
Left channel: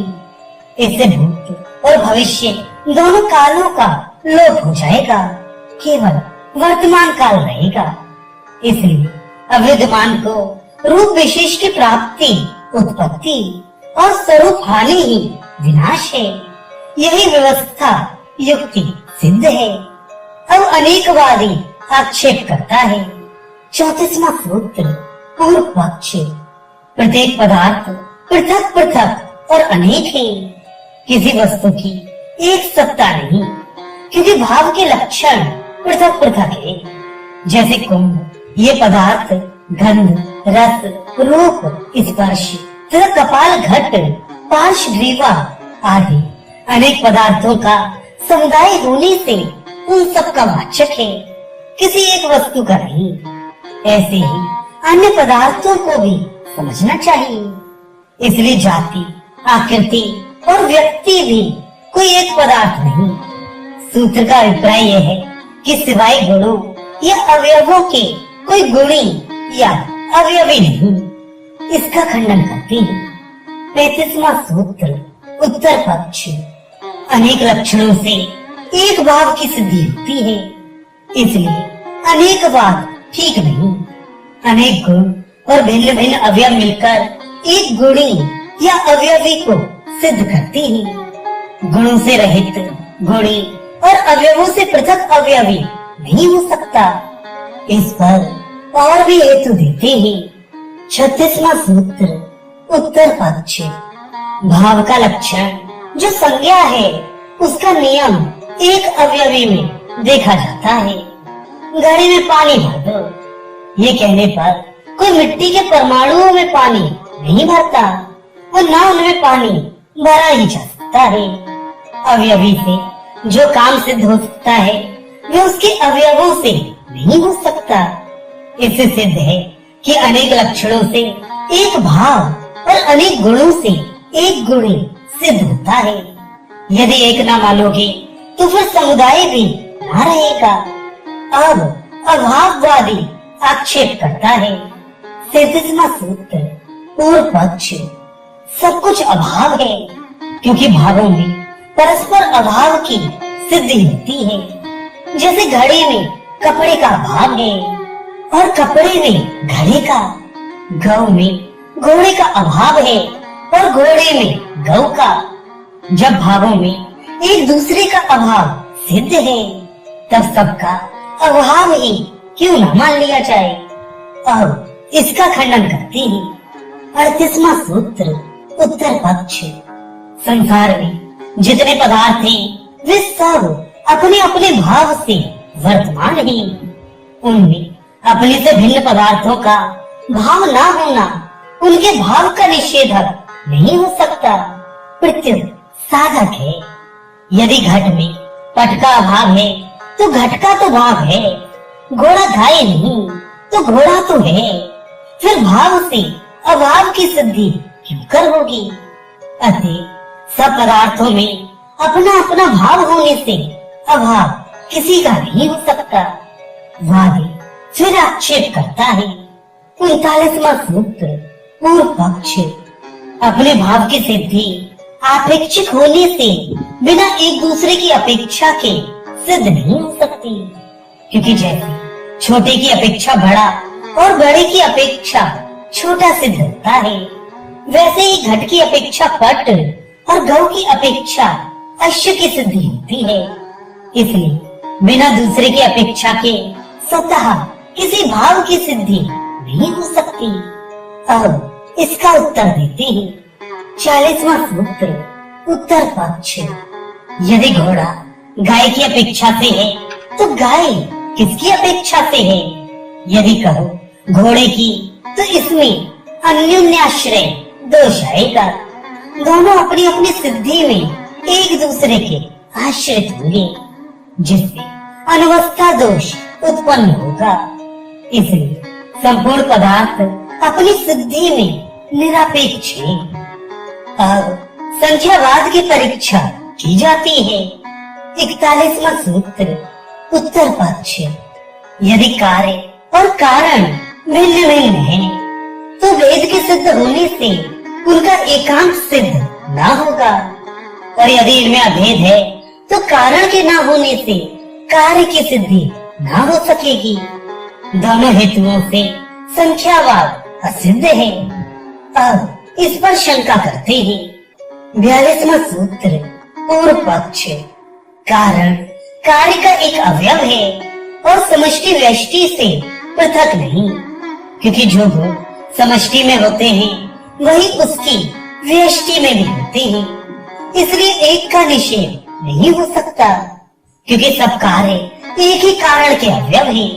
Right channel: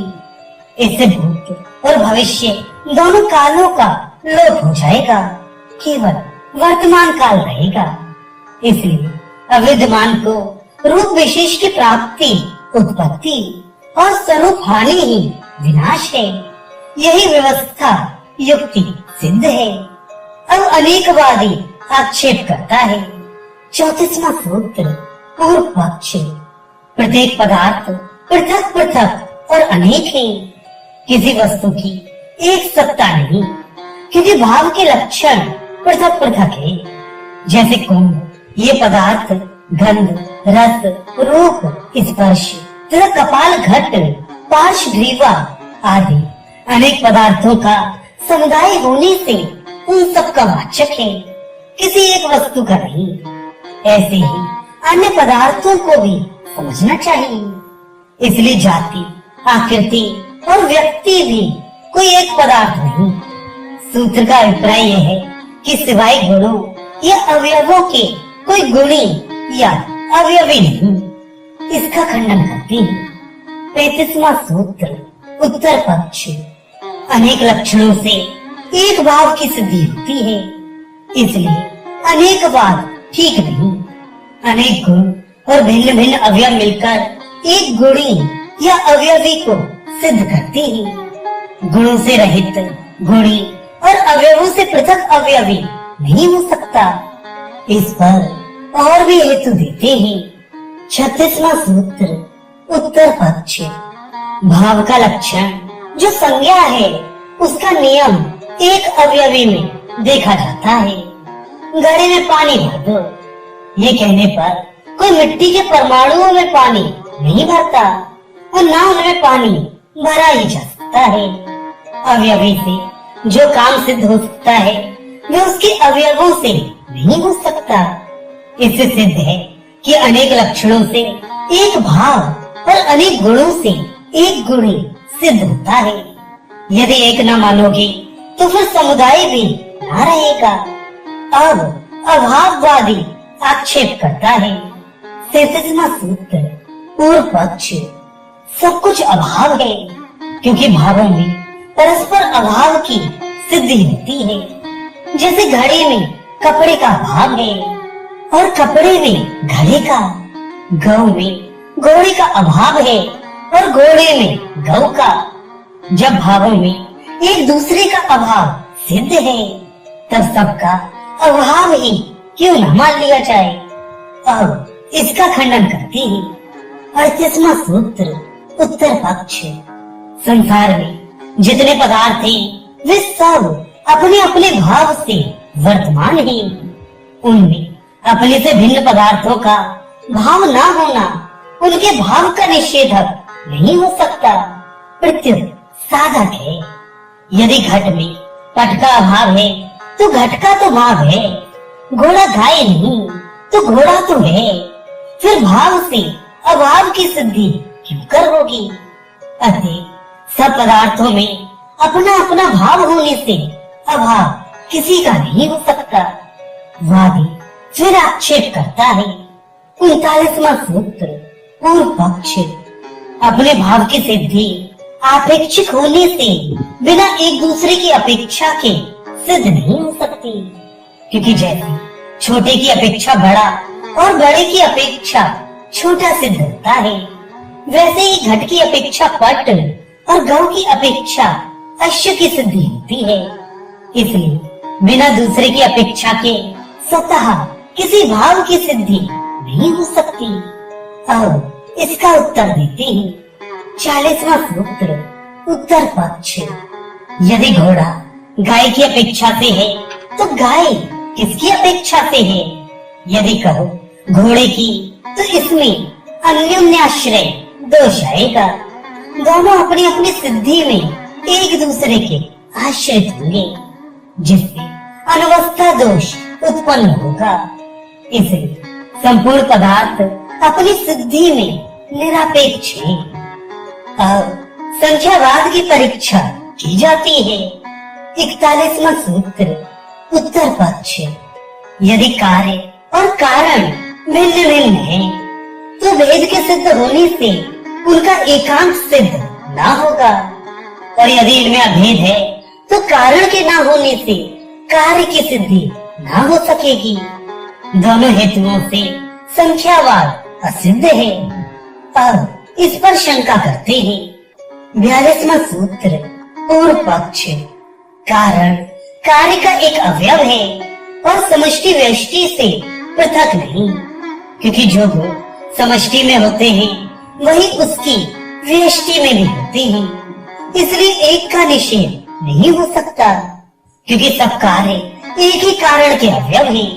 इससे भूत और भविष्य दोनों कालों का लोप हो जाएगा, केवल वर्तमान काल रहेगा। इसलिए अविद्यमान को रूप विशेष की प्राप्ति उत्पत्ति और स्वरूप हानि ही विनाश है। यही व्यवस्था युक्ति सिद्ध है। अब अनेकवादी आक्षेप करता है। 34वां सूत्र, पूर्व पक्ष, प्रत्येक पदार्थ पृथक पृथक और अनेक है। किसी वस्तु की एक सत्ता नहीं, क्योंकि भाव के लक्षण पृथक पृथक है। जैसे कुंभ, ये पदार्थ गंध, रस, रूप, स्पर्श तथा कपाल घट, पार्श्वग्रीवा आदि अनेक पदार्थों का समुदाय होने से उन सब का वाचक है, किसी एक वस्तु का नहीं। ऐसे ही अन्य पदार्थों को भी समझना चाहिए। इसलिए जाति, आकृति और व्यक्ति भी कोई एक पदार्थ नहीं। सूत्र का अभिप्राय यह है कि सिवाय गुणों या अवयवों के कोई गुणी या अवयवी नहीं। इसका खंडन करते हैं। 35वां सूत्र, उत्तर पक्ष, अनेक लक्षणों से एक भाव की सिद्धि होती है, इसलिए अनेक भाव ठीक नहीं। अनेक गुण और भिन्न भिन्न अवयव मिलकर एक गुणी या अवयवी को सिद्ध करते हैं। गुणों से रहित गुणी और अवयवों से पृथक अवयवी नहीं हो सकता। इस पर और भी हेतु देते हैं। 36वां सूत्र, उत्तर पक्ष, भाव का लक्षण जो संज्ञा है, उसका नियम एक अवयवी में देखा जाता है। घड़े में पानी भर दो, ये कहने पर कोई मिट्टी के परमाणुओं में पानी नहीं भरता और न उनमें पानी भरा ही जा सकता है। अवयवी से जो काम सिद्ध हो सकता है, वह उसके अवयवों से नहीं हो सकता। इससे सिद्ध है कि अनेक लक्षणों से एक भाव और अनेक गुणों से एक गुणी सिद्ध होता है। यदि एक न मानोगे तो फिर समुदाय भी न रहेगा। अब अभाववादी आक्षेप करता है। 33वां सूत्र, पूर्व पक्ष, सब कुछ अभाव है, क्योंकि भावों में परस्पर अभाव की सिद्धि होती है। जैसे घड़े में कपड़े का भाव है और कपड़े में घड़े का, गौ में घोड़े का अभाव है और घोड़े में गौ का। जब भावों में एक दूसरे का अभाव सिद्ध है, तब सबका अभाव ही क्यों न मान लिया जाए। अब इसका खंडन करते हैं। 38वां सूत्र, उत्तर पक्ष, संसार में जितने पदार्थ हैं, वे सब अपने अपने भाव से वर्तमान हैं। उनमें अपने से भिन्न पदार्थों का भाव न होना उनके भाव का निषेधक नहीं हो सकता। प्रत्युत साधक है। यदि घट में पट का अभाव है तो घट का तो भाव है। घोड़ा गाय नहीं तो घोड़ा तो है। फिर भाव से अभाव की सिद्धि क्यों कर होगी? अतः सब पदार्थों में अपना अपना भाव होने से अभाव किसी का नहीं हो सकता। वादी फिर आक्षेप करता है। 39वां सूत्र पूर्व पक्ष। अपने भाव की सिद्धि आपेक्षिक होने से बिना एक दूसरे की अपेक्षा के सिद्ध नहीं हो सकती। क्योंकि जैसे छोटे की अपेक्षा बड़ा और बड़े की अपेक्षा छोटा सिद्ध होता है, वैसे ही घट की अपेक्षा पट और गौ की अपेक्षा अश्व की सिद्धि होती है। इसलिए बिना दूसरे की अपेक्षा के स्वतः किसी भाव की सिद्धि नहीं हो सकती। अब इसका उत्तर देते हैं। 40वां सूत्र उत्तर पक्ष। यदि घोड़ा गाय की अपेक्षा से है तो गाय किसकी अपेक्षा से है? यदि कहो घोड़े की तो इसमें अन्योन्याश्रय दोष आएगा। दोनों अपनी अपनी सिद्धि में एक दूसरे के आश्रित होंगे, जिससे अनवस्था दोष उत्पन्न होगा। इसलिए संपूर्ण पदार्थ अपनी सिद्धि में निरपेक्ष है। अब संख्यावाद की परीक्षा की जाती है। 41वां सूत्र उत्तर पक्ष। यदि कार्य और कारण भिन्न भिन्न है तो वेद के सिद्ध होने से उनका एकांत सिद्ध न होगा, और यदि इनमें अभेद है तो कारण के न होने से कार्य की सिद्धि न हो सकेगी। दोनों हेतुओं से संख्यावाद असिद्ध है। अब इस पर शंका करते हैं। 42वां सूत्र पूर्व पक्ष। कारण कार्य का एक अवयव है और समष्टि व्यष्टि से पृथक नहीं, क्योंकि जो गुण समष्टि में होते हैं वही उसकी व्यष्टि में भी होते हैं। इसलिए एक का निषेध नहीं हो सकता, क्योंकि सब कार्य एक ही कारण के अवयव हैं,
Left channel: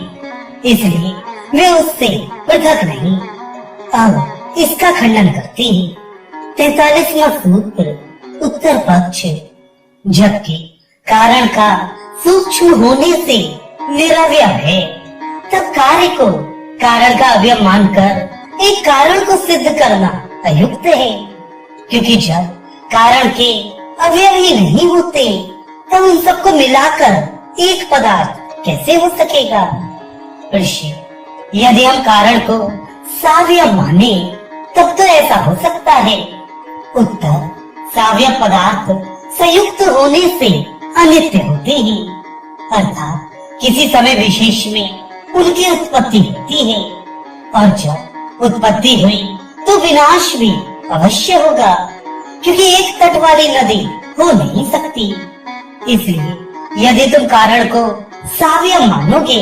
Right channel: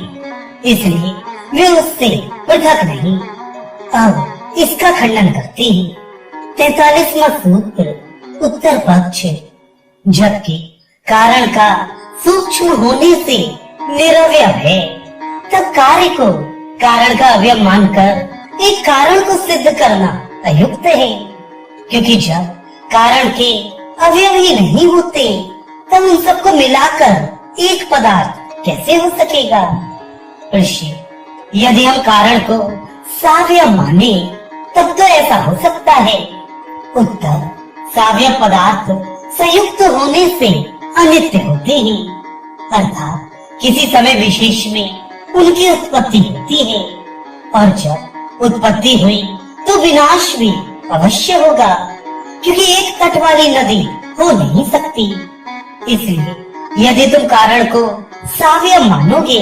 इसलिए वे उससे पृथक नहीं। अब इसका खंडन करते हैं। 43वां सूत्र उत्तर पक्ष। जबकि कारण का सूक्ष्म होने से निरवयव है, तब कार्य को कारण का अवयव मानकर एक कारण को सिद्ध करना अयुक्त है, क्योंकि जब कारण के अवयव ही नहीं होते तब उन सबको मिलाकर एक पदार्थ कैसे हो सकेगा? प्रश्न। यदि हम कारण को सावयव माने तब तो ऐसा हो सकता है। उत्तर। सावयव पदार्थ संयुक्त होने से अनित्य होते हैं, अर्थात किसी समय विशेष में उनकी उत्पत्ति होती है, और जब उत्पत्ति हुई तो विनाश भी अवश्य होगा, क्योंकि एक तट वाली नदी हो नहीं सकती। इसलिए यदि तुम कारण को सावयव मानोगे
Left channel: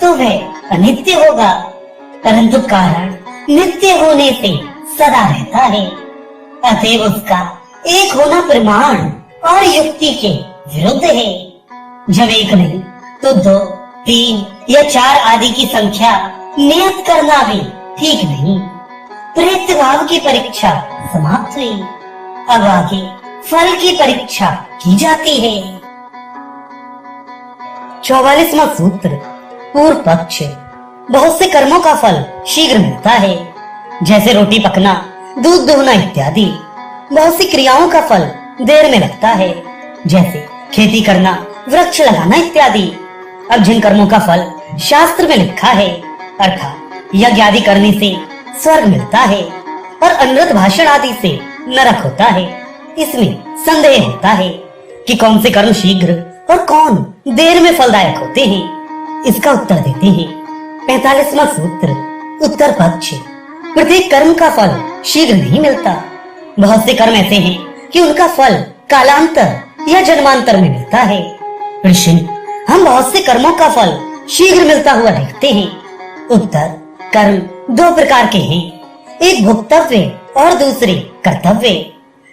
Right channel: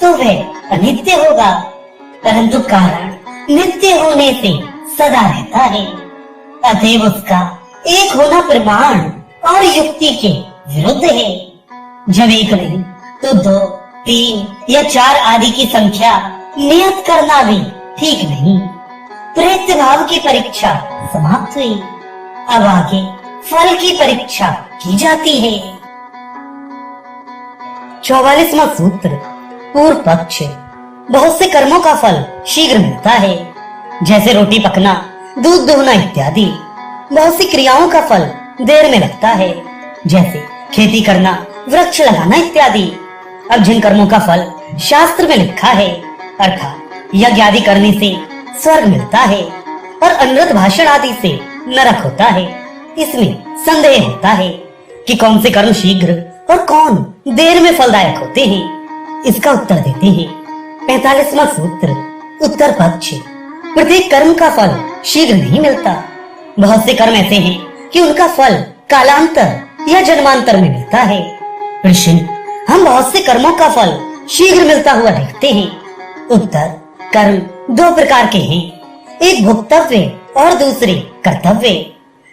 तो वह अनित्य होगा, परंतु कारण नित्य होने से सदा रहता है। अतएव उसका एक होना प्रमाण और युक्ति के विरुद्ध है। जब एक नहीं तो 2, 3 या 4 आदि की संख्या नियत करना भी ठीक नहीं। प्रयत्न भाव की परीक्षा समाप्त हुई। अब आगे फल की परीक्षा की जाती है। 44वां सूत्र पूर्व पक्ष। बहुत से कर्मों का फल शीघ्र मिलता है, जैसे रोटी पकना, दूध दोहना इत्यादि। बहुत सी क्रियाओं का फल देर में लगता है, जैसे खेती करना, वृक्ष लगाना इत्यादि। अब जिन कर्मों का फल शास्त्र में लिखा है, अर्थात यज्ञ आदि करने से स्वर्ग मिलता है और अनृत भाषण आदि से नरक होता है, इसमें संदेह होता है कि कौन से कर्म शीघ्र और कौन देर में फलदायक होते हैं। इसका उत्तर देते हैं। 45वां सूत्र उत्तर पक्ष। प्रत्येक कर्म का फल शीघ्र नहीं मिलता। बहुत से कर्म ऐसे हैं कि उनका फल कालांतर या जन्मांतर में मिलता है। प्रश्न। हम बहुत से कर्मों का फल शीघ्र मिलता हुआ देखते हैं। उत्तर। कर्म 2 प्रकार के हैं, एक भोक्तव्य और दूसरे कर्तव्य।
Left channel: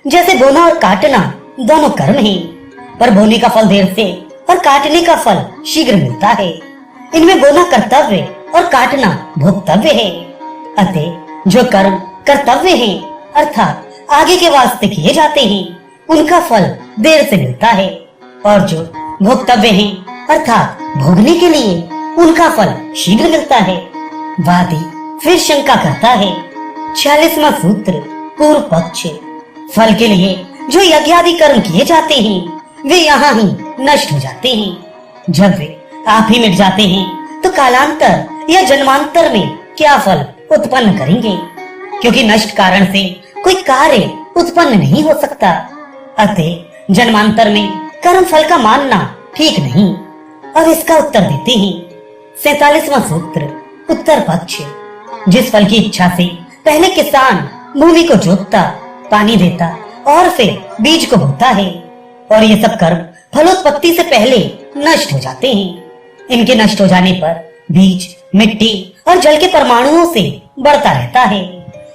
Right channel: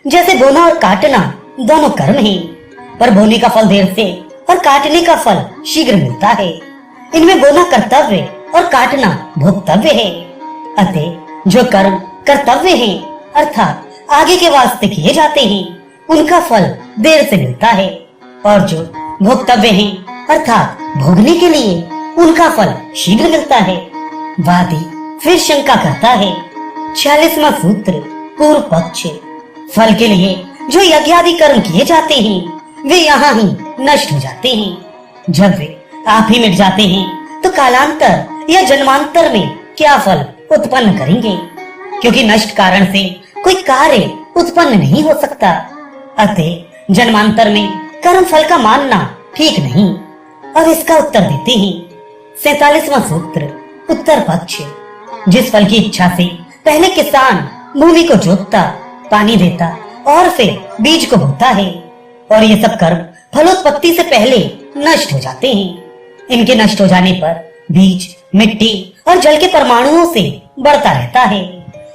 जैसे बोना और काटना दोनों कर्म हैं, पर बोने का फल देर से और काटने का फल शीघ्र मिलता है। इनमें बोना कर्तव्य और काटना भोक्तव्य है। अतः जो कर्म कर्तव्य हैं, अर्थात आगे के वास्ते किए जाते हैं, उनका फल देर से मिलता है, और जो भोक्तव्य हैं अर्थात भोगने के लिए, उनका फल शीघ्र मिलता है। वादी फिर शंका करता है। 46वां सूत्र पूर्व पक्ष। फल के लिए जो यज्ञ आदि कर्म किए जाते हैं वे यहाँ ही नष्ट हो जाते हैं। जब वे आप ही मिट जाते हैं तो कालांतर या जन्मांतर में क्या फल उत्पन्न करेंगे, क्योंकि नष्ट कारण से कोई कार्य उत्पन्न नहीं हो सकता। अतः जन्मांतर में कर्म फल का मानना ठीक नहीं। अब इसका उत्तर देते हैं। 47वां सूत्र उत्तर पक्ष। जिस फल की इच्छा से पहले किसान भूमि को जोतता, पानी देता और फिर बीज को बोता है, और ये सब कर्म फलोत्पत्ति से पहले नष्ट हो जाते हैं। इनके नष्ट हो जाने पर बीज मिट्टी और जल के परमाणुओं से बढ़ता रहता है,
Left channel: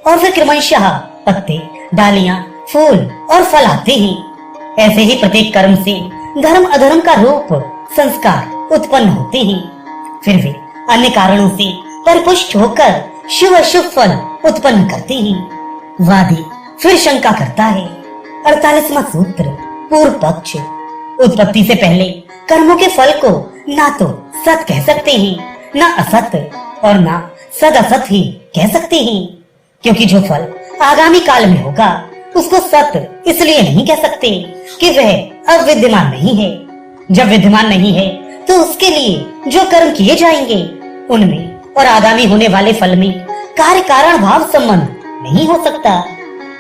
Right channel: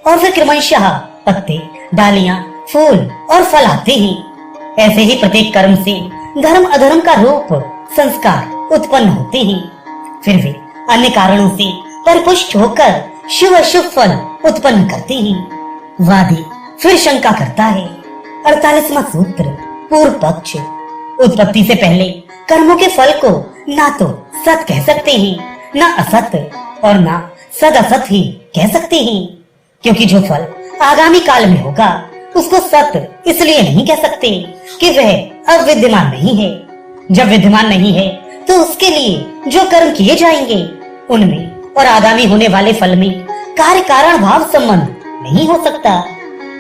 और फिर क्रमशः पत्ते, डालियां, फूल और फल आते हैं। ऐसे ही प्रत्येक कर्म से धर्म अधर्म का रूप संस्कार उत्पन्न होते हैं। फिर वे अन्य कारणों से परिपुष्ट होकर शुभ अशुभ फल उत्पन्न करते हैं। वादी फिर शंका करता है। 48वां सूत्र पूर्व पक्ष। उत्पत्ति से पहले कर्मों के फल को ना तो सत कह सकते हैं, ना असत, और ना सद असत ही कह सकते हैं, क्योंकि जो फल आगामी काल में होगा उसको सत इसलिए नहीं कह सकते कि वह अब विद्यमान नहीं है। जब विद्यमान नहीं है तो उसके लिए जो कर्म किए जाएंगे उनमें और आगामी होने वाले फल में कार्य कारण भाव संबंध नहीं हो सकता।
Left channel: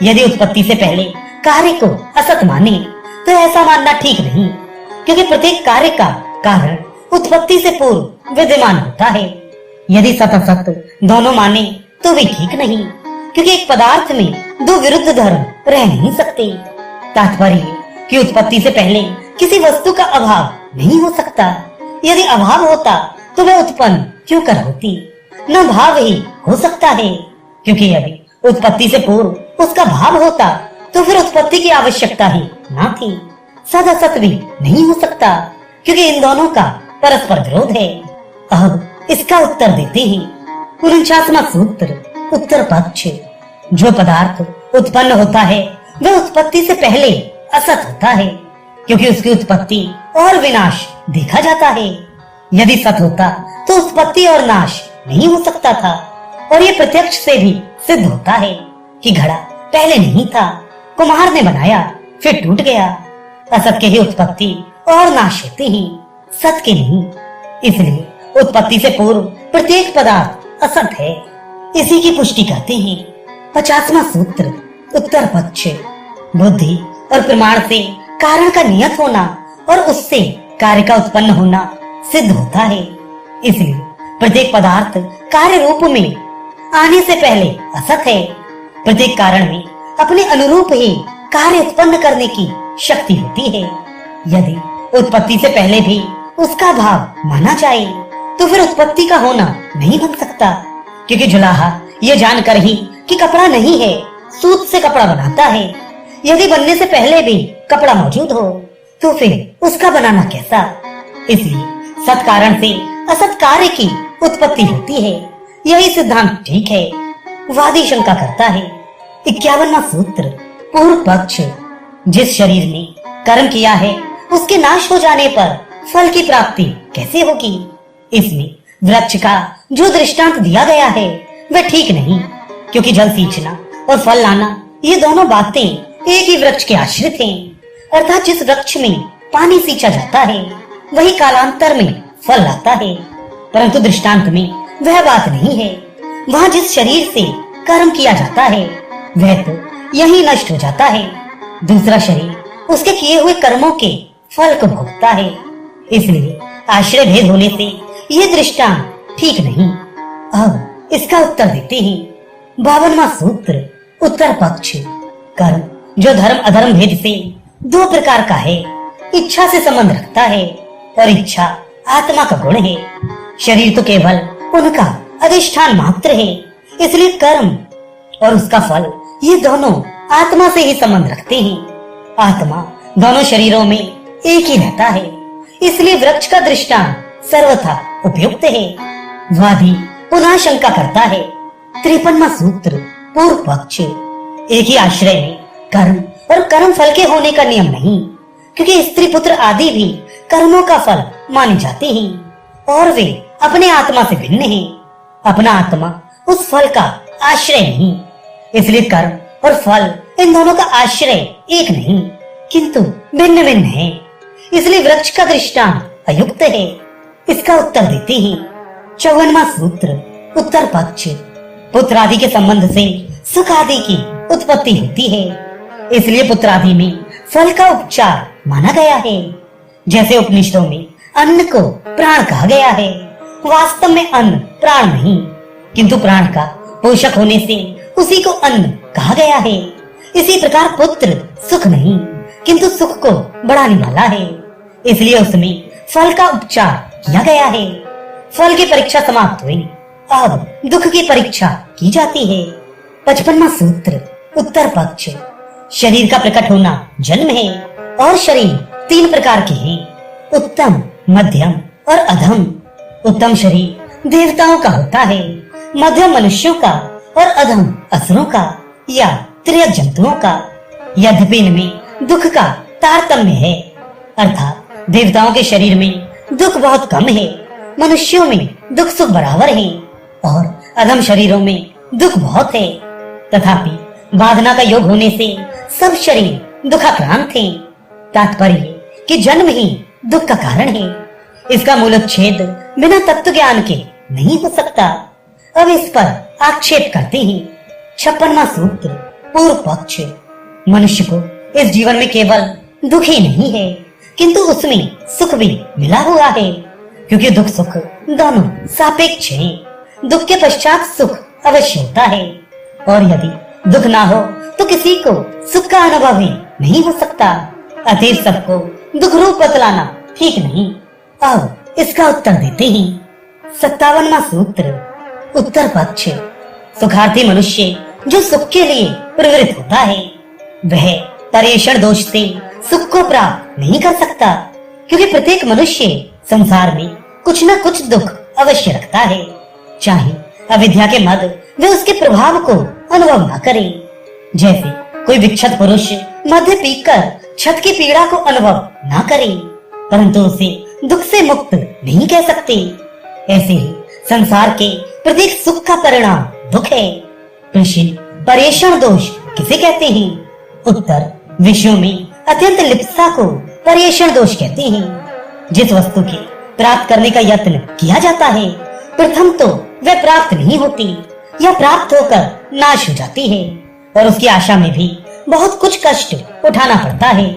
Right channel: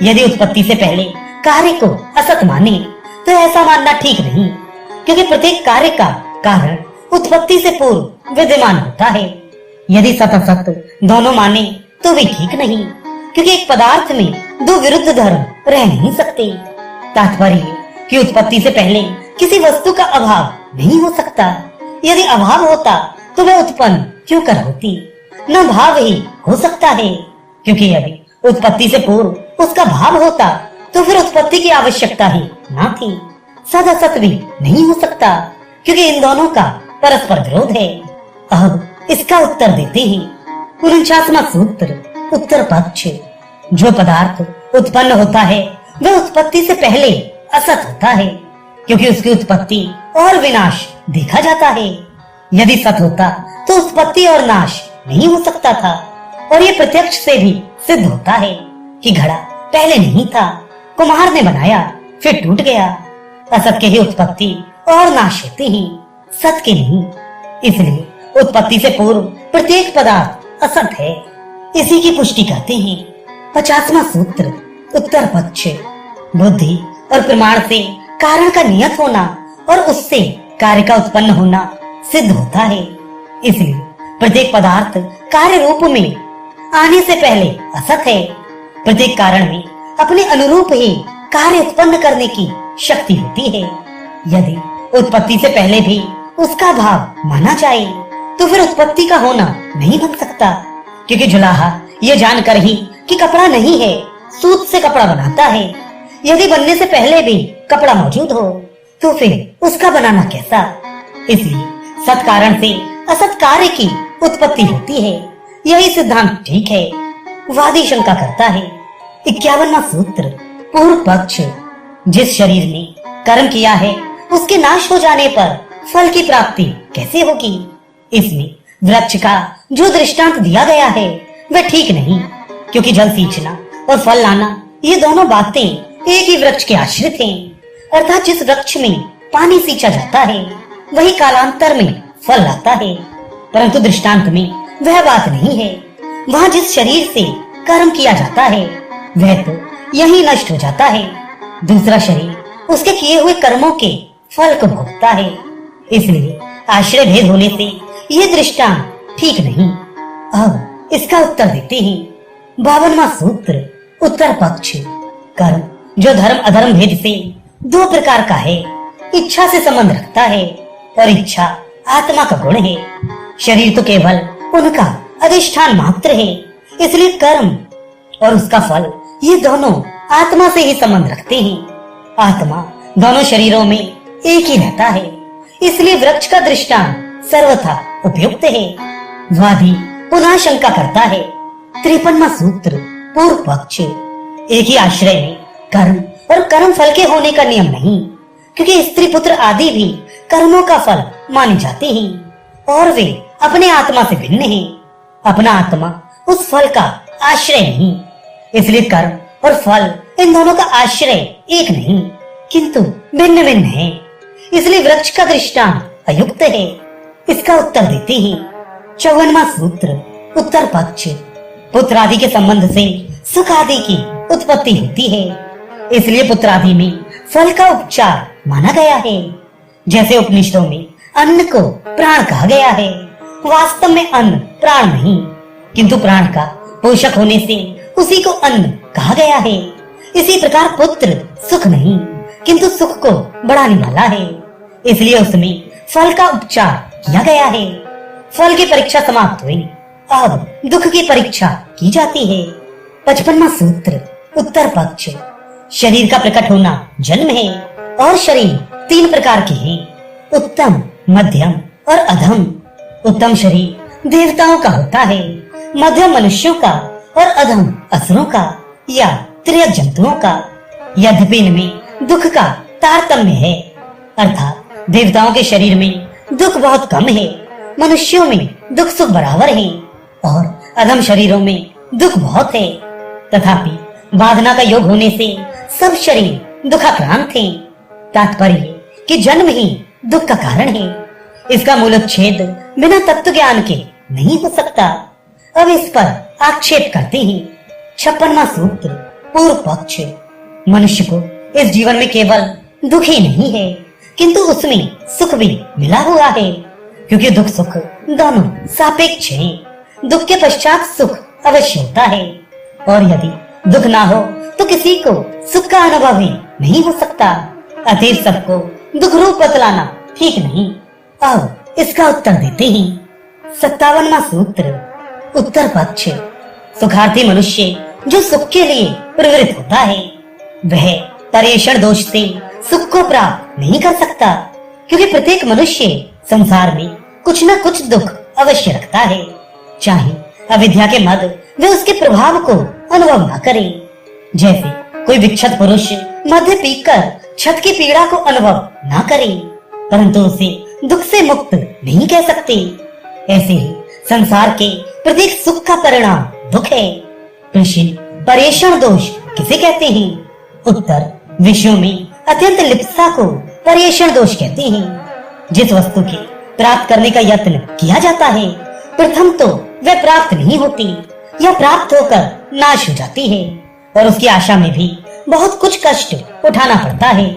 यदि उत्पत्ति से पहले कार्य को असत माने तो ऐसा मानना ठीक नहीं, क्योंकि प्रत्येक कार्य का कारण उत्पत्ति से पूर्व विद्यमान होता है। यदि सत असत दोनों माने तो भी ठीक नहीं, क्योंकि एक पदार्थ में दो विरुद्ध धर्म रह नहीं सकते। तात्पर्य कि उत्पत्ति से पहले किसी वस्तु का अभाव नहीं हो सकता। यदि अभाव होता तो वह उत्पन्न क्यों कर होती? न भाव ही हो सकता है, क्योंकि यदि उत्पत्ति से पूर्व उसका भाव होता तो फिर उत्पत्ति की आवश्यकता ही ना थी। सद असत भी नहीं हो सकता, क्योंकि इन दोनों का परस्पर विरोध है। अब इसका उत्तर देते हैं। 49वां सूत्र उत्तर पक्ष। जो पदार्थ उत्पन्न होता है वह उत्पत्ति से पहले असत होता है, क्योंकि उसकी उत्पत्ति और विनाश देखा जाता है। यदि सत होता तो उत्पत्ति और नाश नहीं हो सकता था, और ये प्रत्यक्ष से भी सिद्ध होता है कि घड़ा पहले नहीं था, कुम्हार ने बनाया फिर टूट गया। असत के ही उत्पत्ति और नाश होते हैं, सत के नहीं। इसलिए उत्पत्ति से पूर्व प्रत्येक पदार्थ असत है। इसी की पुष्टि करते हैं। 50वां सूत्र उत्तर पक्ष। बुद्धि और प्रमाण से कारण का नियत होना और उससे कार्य का उत्पन्न होना सिद्ध होता है। इसलिए प्रत्येक पदार्थ कार्य रूप में आने से पहले असत है। प्रत्येक कारण में अपने अनुरूप ही कार्य उत्पन्न करने की शक्ति होती है। यदि उत्पत्ति से पहले भी उसका भाव माना जाए तो फिर उत्पत्ति का होना नहीं बन सकता, क्योंकि जुलाहा ये जानकर ही कि कपड़ा नहीं है सूत से कपड़ा बनाता है। यदि बनने से पहले भी कपड़ा मौजूद हो तो फिर उसका बनाना कैसा? इसलिए सत कारण से असत कार्य की उत्पत्ति होती है। यही सिद्धांत ठीक है। वादी शंका करता है। 51वां सूत्र पूर्व पक्ष। जिस शरीर ने कर्म किया है उसके नाश हो जाने पर फल की प्राप्ति कैसे होगी? इसमें वृक्ष का जो दृष्टांत दिया गया है वह ठीक नहीं, क्योंकि जल सींचना और फल लाना ये दोनों बातें एक ही वृक्ष के आश्रित हैं। अर्थात जिस वृक्ष में पानी सींचा जाता है वही कालांतर में फल लाता है, परंतु दृष्टांत में वह बात नहीं है। वहाँ जिस शरीर से कर्म किया जाता है वह तो यही नष्ट हो जाता है। दूसरा शरीर उसके किए हुए कर्मों के फल को भोगता है। इसलिए आश्रय भेद होने से ये दृष्टांत ठीक नहीं। अब इसका उत्तर देते हैं। 52वां सूत्र उत्तर पक्ष। कर्म जो धर्म अधर्म भेद से दो प्रकार का है, इच्छा से संबंध रखता है और इच्छा आत्मा का गुण है। शरीर तो केवल उनका अधिष्ठान मात्र है। इसलिए कर्म और उसका फल ये दोनों आत्मा से ही संबंध रखते हैं। आत्मा दोनों शरीरों में एक ही रहता है, इसलिए वृक्ष का दृष्टांत सर्वथा उपयुक्त है। वादी पुनः शंका करता है। 53वां सूत्र पूर्व पक्ष। एक ही आश्रय में कर्म और कर्म फल के होने का नियम नहीं, क्योंकि स्त्री पुत्र आदि भी कर्मों का फल माने जाते हैं और वे अपने आत्मा से भिन्न हैं। अपना आत्मा उस फल का आश्रय नहीं, इसलिए कर्म और फल इन दोनों का आश्रय एक नहीं किंतु भिन्न भिन्न है। इसलिए वृक्ष का दृष्टांत अयुक्त है। इसका उत्तर देते हैं 54वां सूत्र उत्तर पक्ष। पुत्र आदि के संबंध से सुख आदि की उत्पत्ति होती है, इसलिए पुत्र आदि में फल का उपचार माना गया है। जैसे उपनिषदों में अन्न को प्राण कहा गया है, वास्तव में अन्न प्राण नहीं किंतु प्राण का पोषक होने से उसी को अन्न कहा गया है। इसी प्रकार पुत्र सुख नहीं किंतु सुख को बढ़ाने वाला है, इसलिए उसमें फल का उपचार किया गया है। फल की परीक्षा समाप्त हुई, अब दुख की परीक्षा की जाती है। 55वां सूत्र उत्तर पक्ष। शरीर का प्रकट होना जन्म है और शरीर 3 प्रकार के हैं, उत्तम, मध्यम और अधम। उत्तम शरीर देवताओं का होता है, मध्यम मनुष्यों का और अधम असुरों का या त्रियक जंतुओं का। यद्यपि इनमें दुख का तारतम्य है, अर्थात देवताओं के शरीर में दुख बहुत कम है, मनुष्यों में दुख सुख बराबर है और अधम शरीरों में दुख बहुत है। तथापि बाधना का योग होने से सब शरीर दुखाक्रांत हैं। तात्पर्य कि जन्म ही दुख का कारण है। इसका मूलोच्छेद बिना तत्व ज्ञान के नहीं हो सकता। अब इस पर आक्षेप करते हैं 56वां सूत्र पूर्व पक्ष। मनुष्य को इस जीवन में केवल दुख ही नहीं है किंतु उसमें सुख भी मिला हुआ है, क्योंकि दुख सुख दोनों सापेक्ष हैं। दुख के पश्चात सुख अवश्य होता है और यदि दुख ना हो तो किसी को सुख का अनुभव ही नहीं हो सकता। अतएव सबको दुख रूप बतलाना ठीक नहीं। अब इसका उत्तर देते हैं 57वां सूत्र उत्तर पक्ष। सुखार्थी मनुष्य जो सुख के लिए प्रवृत्त होता है वह परेषण दोष से सुख को प्राप्त नहीं कर सकता, क्योंकि प्रत्येक मनुष्य संसार में कुछ न कुछ दुख अवश्य रखता है, चाहे अविद्या के मद वे उसके प्रभाव को अनुभव न करे। जैसे कोई विक्षत पुरुष मद्य पीकर छत की पीड़ा को अनुभव न करे परंतु उसे दुख से मुक्त नहीं कह सकते, ऐसे ही संसार के प्रत्येक सुख का परिणाम दुख है। प्रश्न परेषण दोष किसे कहते हैं? उत्तर विषयों में अत्यंत लिप्सा को परेषण दोष कहते हैं। जिस वस्तु के प्राप्त करने का यत्न किया जाता है प्रथम तो वह प्राप्त नहीं होती या प्राप्त होकर नाश हो जाती है और उसकी आशा में भी बहुत कुछ कष्ट उठाना पड़ता है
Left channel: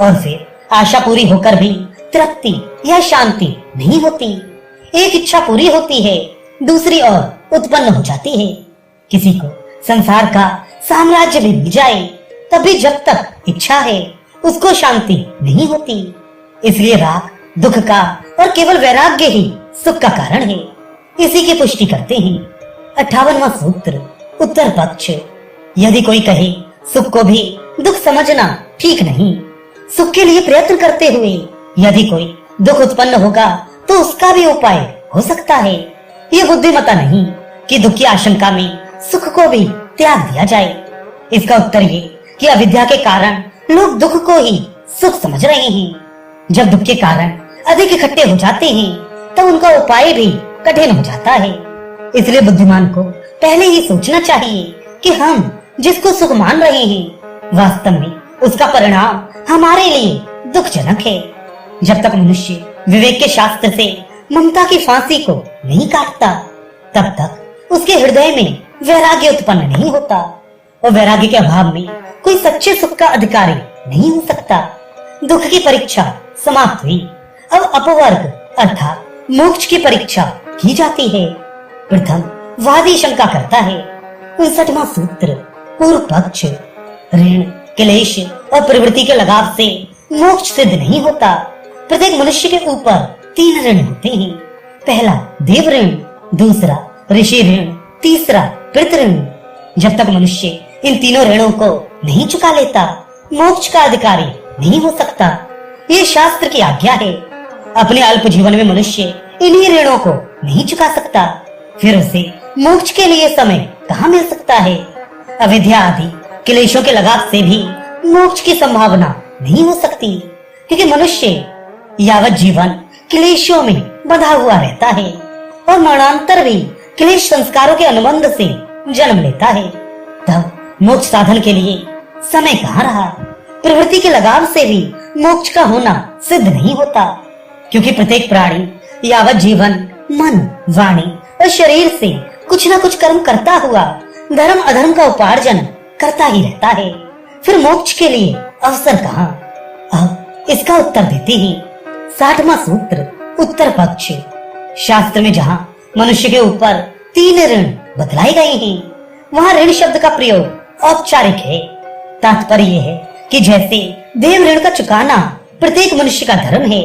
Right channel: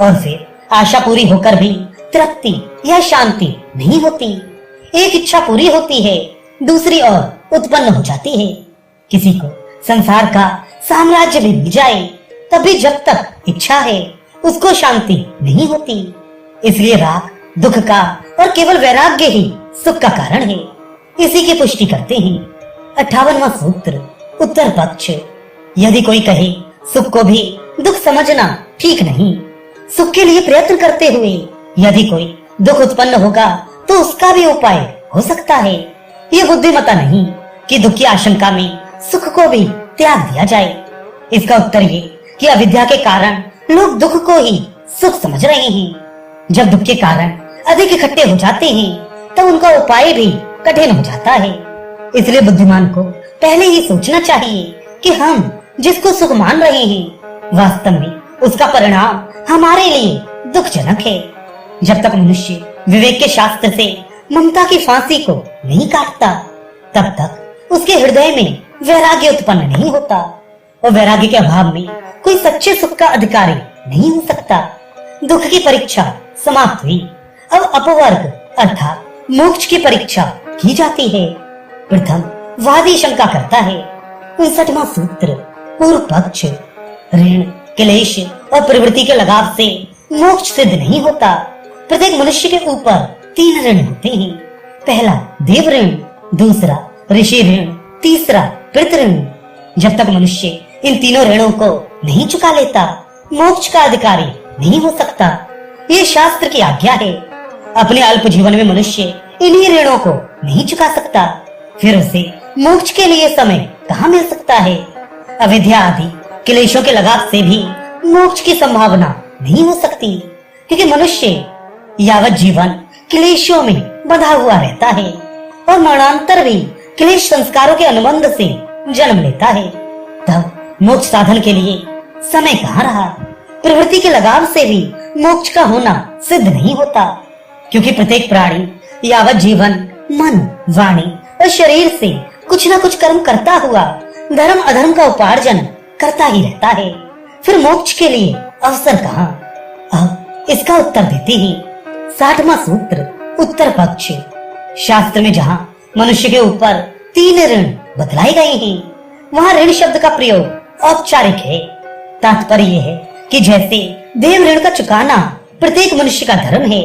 और फिर आशा पूरी होकर भी तृप्ति या शांति नहीं होती। एक इच्छा पूरी होती है दूसरी और उत्पन्न हो जाती है। किसी को संसार का साम्राज्य भी मिल जाए तब भी जब तक इच्छा है उसको शांति नहीं होती। इसलिए राग दुख का और केवल वैराग्य ही सुख का कारण है। इसी की पुष्टि करते हैं 58वां सूत्र उत्तर पक्ष। यदि कोई कहे सुख को भी दुख समझना ठीक नहीं, सुख के लिए प्रयत्न करते हुए यदि कोई दुख उत्पन्न होगा तो उसका भी उपाय हो सकता है। ये बुद्धिमता नहीं कि दुख की आशंका में सुख को भी त्याग दिया जाए। इसका उत्तर ये कि अविद्या के कारण लोग दुख को ही सुख समझ रहे हैं। जब दुख के कारण अधिक इकट्ठे हो जाते हैं तब उनका उपाय भी कठिन हो जाता है। इसलिए बुद्धिमान को पहले ही सोचना चाहिए कि हम जिसको सुख मान रहे हैं वास्तव में उसका परिणाम हमारे लिए दुखजनक है। जब तक मनुष्य विवेक के शास्त्र से ममता की फांसी को नहीं काटता तब तक उसके हृदय में वैराग्य उत्पन्न नहीं होता और वैराग्य के अभाव में कोई सच्चे सुख का अधिकारी नहीं हो सकता। दुख की परीक्षा समाप्त हुई। अब अपवर्ग अर्थात मोक्ष की परीक्षा की जाती है। प्रथम वादी शंका करता है 59वां सूत्र पूर्व पक्ष। ऋण क्लेश और प्रवृत्ति के लगाव से मोक्ष सिद्ध नहीं होता। प्रत्येक मनुष्य के ऊपर 3 ऋण होते हैं। पहला देव ऋण, दूसरा ऋषि ऋण, तीसरा पितृ ऋण। जब तक मनुष्य इन तीनों ऋणों को नहीं चुका लेता मोक्ष का अधिकारी नहीं हो सकता। ये शास्त्र की आज्ञा है। अपने अल्प जीवन में मनुष्य इन्हीं ऋणों को नहीं चुका सकता, फिर उसे मोक्ष के लिए समय कहाँ मिल सकता है? अविद्या आदि क्लेशों के लगाव से भी मोक्ष की संभावना नहीं हो सकती, क्योंकि मनुष्य यावत जीवन क्लेशों में बंधा हुआ रहता है और मरणांतर भी क्लेश संस्कारों के अनुबंध से जन्म लेता है। तब मोक्ष साधन के लिए समय कहाँ रहा। प्रवृत्ति के लगाव से भी मोक्ष का होना सिद्ध नहीं होता, क्योंकि प्रत्येक प्राणी यावत जीवन मन, वाणी और शरीर से कुछ न कुछ कर्म करता हुआ धर्म अधर्म का उपार्जन करता ही रहता है। फिर मोक्ष के लिए अवसर कहाँ। अब इसका उत्तर देते ही 60वां सूत्र उत्तर पक्ष। शास्त्र में जहाँ मनुष्य के ऊपर 3 ऋण बतलाए गए हैं, वहाँ ऋण शब्द का प्रयोग औपचारिक है। तात्पर्य यह है कि जैसे देव ऋण का चुकाना प्रत्येक मनुष्य का धर्म है,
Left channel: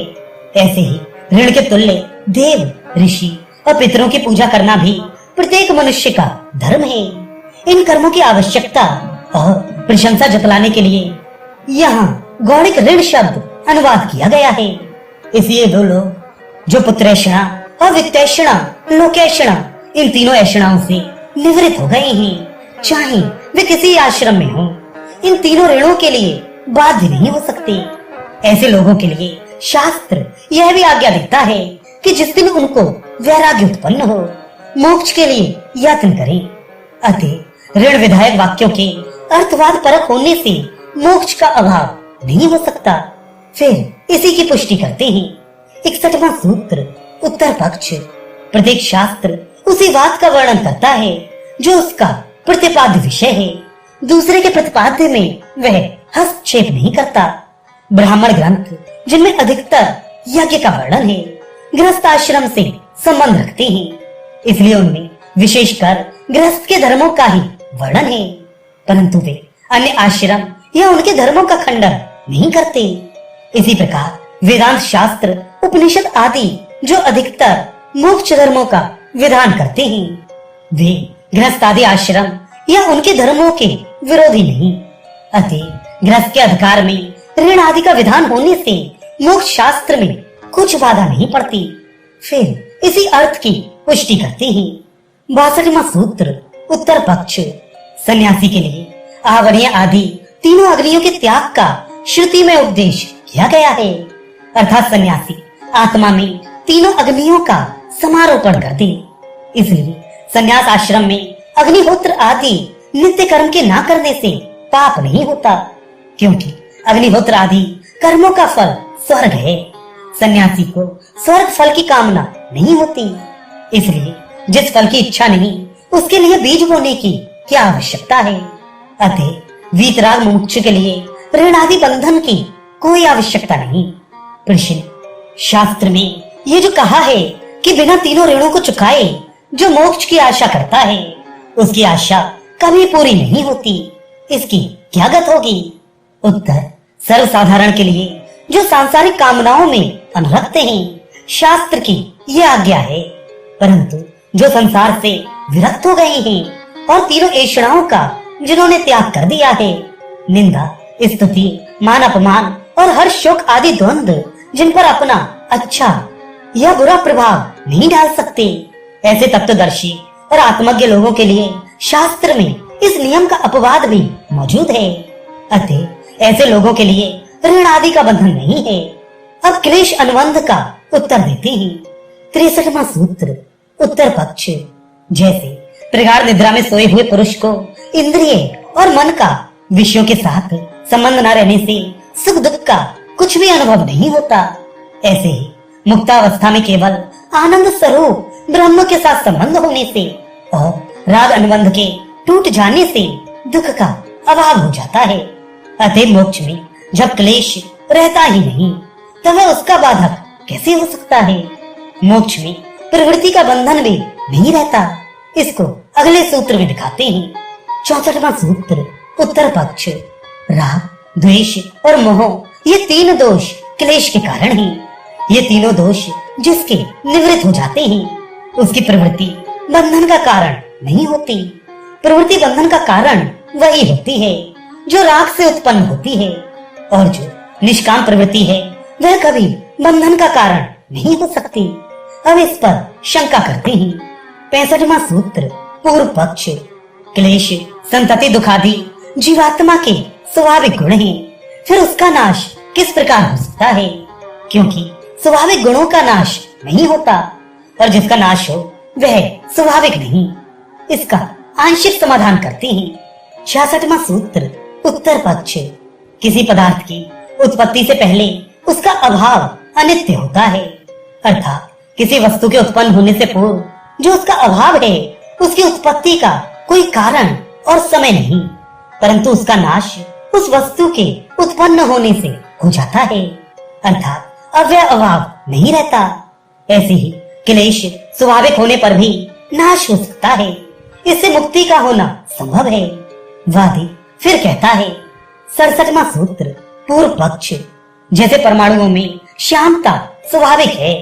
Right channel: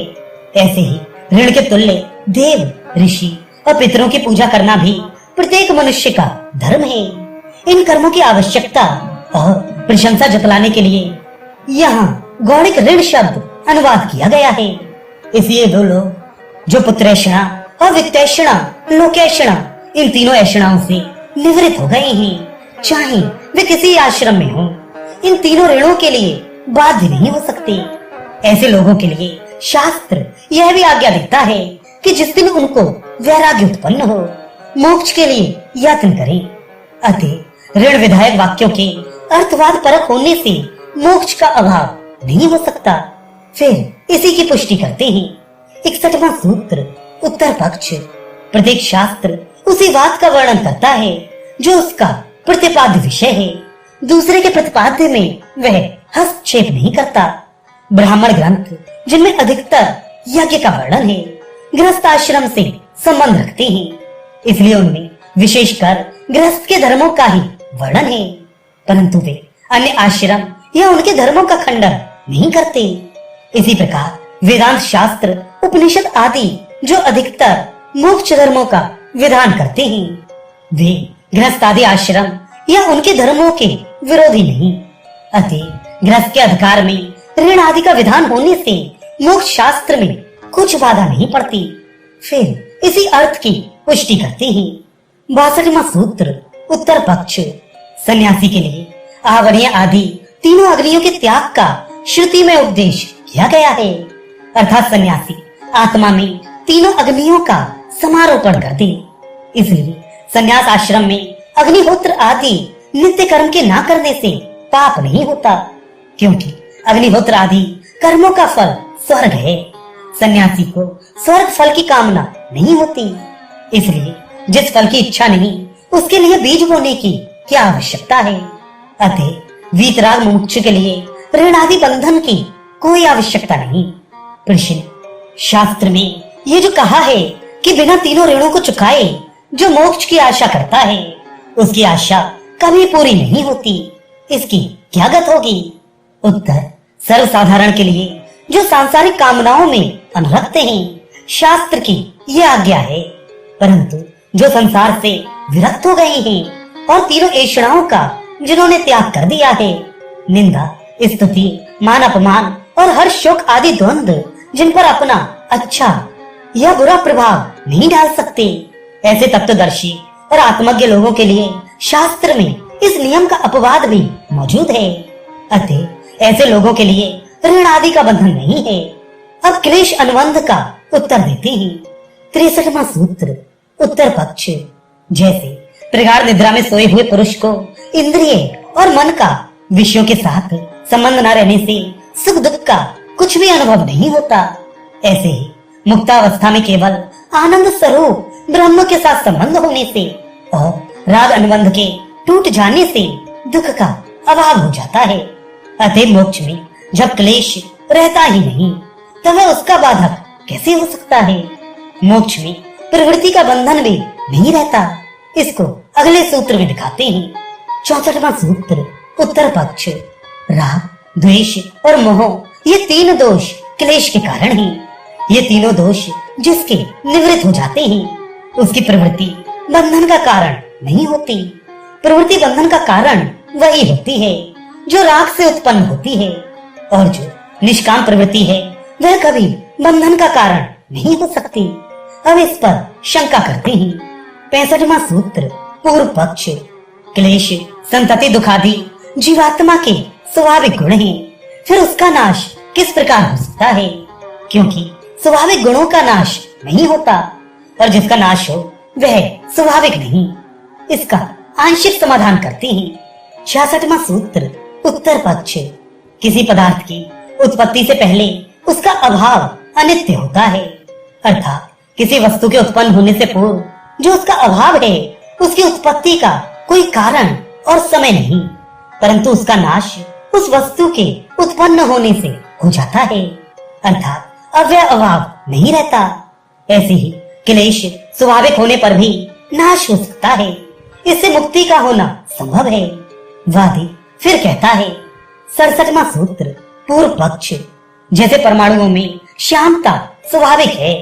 ऐसे ही ऋण के तुल्य देव, ऋषि और पितरों की पूजा करना भी प्रत्येक मनुष्य का धर्म है। इन कर्मों की आवश्यकता और प्रशंसा जतलाने के लिए यहाँ गौणिक ऋण शब्द अनुवाद किया गया है। इसलिए वो लोग जो पुत्रैषणा और वित्तैषणा, लोकैषणा, इन तीनों ऐषणाओं से निवृत्त हो गए हैं, चाहे वे किसी आश्रम में हो, इन तीनों ऋणों के लिए बाध्य नहीं हो सकते। ऐसे लोगों के लिए शास्त्र यह भी आज्ञा देता है कि जिस दिन उनको वैराग्य उत्पन्न हो, मोक्ष के लिए यत्न करें। अतः ऋण विधायक वाक्यों के अर्थवाद परक होने से मोक्ष का अभाव नहीं हो सकता। फिर इसी की पुष्टि करते हैं 61वां सूत्र उत्तर पक्ष। प्रत्येक शास्त्र उसी बात का वर्णन करता है जो उसका प्रतिपाद्य विषय है, दूसरे के प्रतिपाद्य में वह हस्तक्षेप नहीं करता। ब्राह्मण ग्रंथ जिनमें अधिकतर यज्ञ का वर्णन है, गृहस्थ आश्रम से संबंध रखते हैं, इसलिए उनमें विशेषकर गृहस्थ के धर्मों का ही वर्णन है, परंतु वे अन्य आश्रम या उनके धर्मों का खंडन नहीं करते। इसी प्रकार वेदांत शास्त्र, उपनिषद आदि जो अधिकतर मोक्ष धर्मों का विधान करते हैं, वे गृहस्थ आदि आश्रम या उनके धर्मों के विरोधी नहीं। अतः गृहस्थ के अधिकार में ऋण आदि का विधान होने से मोक्ष शास्त्र में कुछ बाधा नहीं पड़ती। फिर इसी अर्थ की पुष्टि करते हैं 62वां सूत्र उत्तर पक्ष। सन्यासी के लिए आवरणीय आदि तीनों अग्नियों के त्याग का श्रुति में उपदेश किया गया है, अर्थात सन्यासी आत्मा में तीनों अग्नियों का समारोपण कर दे। इसलिए सन्यास आश्रम में अग्निहोत्र आदि नित्य कर्म के ना करने से पाप नहीं होता, क्योंकि अग्निहोत्र आदि कर्मों का फल स्वर्ग है। सन्यासी को स्वर्ग फल की कामना नहीं होती, इसलिए जिस फल की इच्छा नहीं उसके लिए बीज बोने की क्या आवश्यकता है। अतः वीतराग मुमुक्षु के लिए ऋण आदि बंधन की कोई आवश्यकता नहीं। प्रश्न, शास्त्र में ये जो कहा है कि बिना तीनों ऋणों को चुकाए जो मोक्ष की आशा करता है, उसकी आशा कभी पूरी नहीं होती, इसकी क्या गत होगी। उत्तर, सर्वसाधारण के लिए जो सांसारिक कामनाओं में अनुरक्ते हैं, शास्त्र की यह आज्ञा है, परंतु जो संसार से विरक्त हो गए हैं और तीनों ऐषणाओं का जिन्होंने त्याग कर दिया है, निंदा, स्तुति, मान अपमान और हर शोक आदि द्वंद्व जिन पर अपना अच्छा या बुरा प्रभाव नहीं डाल सकते, ऐसे तत्वदर्शी और आत्मज्ञ लोगों के लिए शास्त्र में इस नियम का अपवाद भी मौजूद है। अतः ऐसे लोगों के लिए ऋण आदि का बंधन नहीं है। अब क्लेश अनुबंध का उत्तर देते हैं 63वां सूत्र उत्तर पक्ष। जैसे प्रगाढ़ निद्रा में सोए हुए पुरुष को इंद्रिय और मन का विषयों के साथ संबंध न रहने से सुख दुख का कुछ भी अनुभव नहीं होता, ऐसे ही मुक्तावस्था में केवल आनंद स्वरूप ब्रह्म के साथ संबंध होने से और राग अनुबंध के टूट जाने से दुख का अभाव हो जाता है। अतः मोक्ष में जब क्लेश रहता ही नहीं, तब वह उसका बाधक कैसे हो सकता है। मोक्ष में प्रवृत्ति का बंधन भी नहीं रहता। इसको अगले सूत्र में दिखाते हैं 64वां सूत्र उत्तर पक्ष। राग, द्वेष और मोह ये तीन दोष क्लेश के कारण हैं। ये तीनों दोष जिसके निवृत्त हो जाते हैं, उसकी प्रवृत्ति बंधन का कारण नहीं होती। प्रवृत्ति बंधन का कारण वही होती है जो राग से उत्पन्न होती है, और जो निष्काम प्रवृत्ति है वह कभी बंधन का कारण नहीं हो सकती। अब इस पर शंका करते हैं 65वां सूत्र पूर्व पक्ष। क्लेश, संतति, दुखादि जीवात्मा के स्वाभाविक गुण है, फिर उसका नाश किस प्रकार हो सकता है? क्योंकि स्वाभाविक गुणों का नाश नहीं होता और जिसका नाश हो वह स्वाभाविक नहीं। इसका आंशिक समाधान करते हैं। 66वां सूत्र उत्तर पक्ष। किसी पदार्थ की उत्पत्ति से पहले उसका अभाव अनित्य होता है, अर्थात किसी वस्तु के उत्पन्न होने से पूर्व जो उसका अभाव है उसकी उत्पत्ति का कोई कारण और समय नहीं, परंतु उसका नाश उस वस्तु के उत्पन्न होने से हो जाता है, अर्थात अव्यय अभाव नहीं रहता। ऐसे ही क्लेश स्वाभाविक होने पर भी नाश हो सकता है, इससे मुक्ति का होना संभव है। वादी फिर कहता है 67वां सूत्र पूर्व पक्ष। जैसे परमाणुओं में श्यामता स्वाभाविक है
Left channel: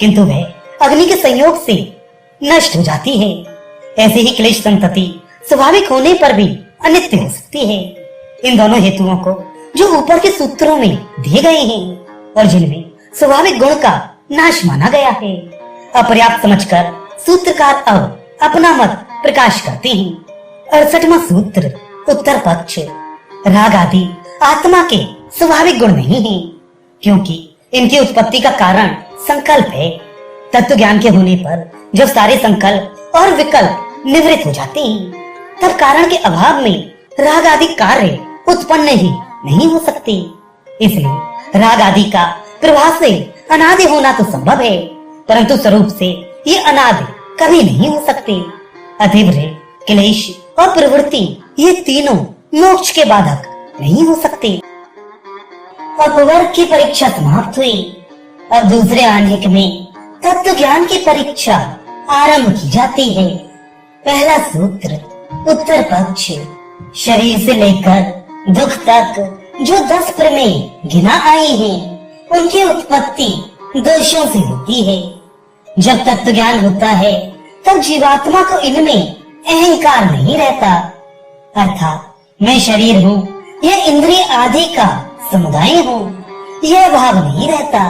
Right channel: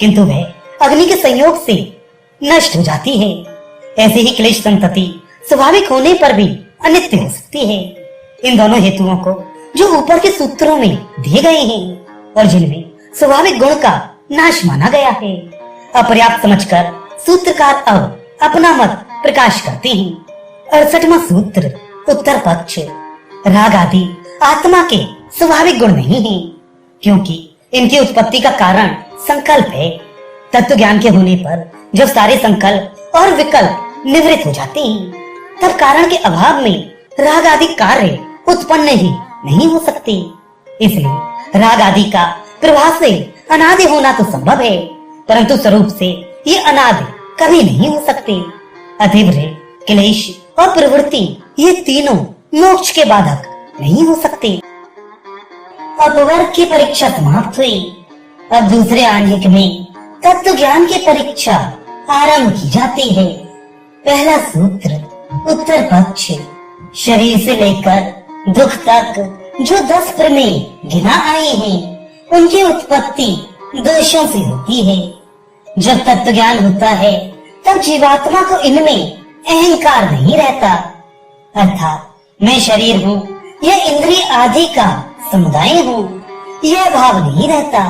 किंतु वह अग्नि के संयोग से नष्ट हो जाती है, ऐसे ही क्लेश संतति स्वाभाविक होने पर भी अनित्य हो सकती है। इन दोनों हेतुओं को जो ऊपर के सूत्रों में दिए गए हैं और जिनमें स्वाभाविक गुण का नाश माना गया है, अपर्याप्त समझकर सूत्रकार अब अपना मत प्रकाश करते हैं। 68वां सूत्र उत्तर पक्ष। राग आदि आत्मा के स्वाभाविक गुण नहीं है, क्योंकि इनकी उत्पत्ति का कारण संकल्प है। तत्व ज्ञान के होने पर जब सारे संकल्प और विकल्प निवृत्त हो जाते हैं तब कारण के अभाव में राग आदि कार्य उत्पन्न ही नहीं हो सकते। इसलिए राग आदि का प्रभाव से अनादि होना तो संभव है, परंतु स्वरूप से ये अनादि कभी नहीं हो सकते। अतएव क्लेश और प्रवृत्ति ये तीनों मोक्ष के बाधक नहीं हो सकते। अपवर्ग की परीक्षा समाप्त हुई। अब दूसरे आनेक में तत्व ज्ञान की परीक्षा आरंभ की जाती है। पहला सूत्र उत्तर पक्ष। शरीर से लेकर दुख तक जो 10 प्रमेय गिना आए हैं उनकी उत्पत्ति दोषों से होती है। जब तत्व ज्ञान होता है तब जीवात्मा को इनमें अहंकार नहीं रहता, अर्थात मैं शरीर हूँ या इंद्रिय आदि का समुदाय हूँ, यह भाव नहीं रहता।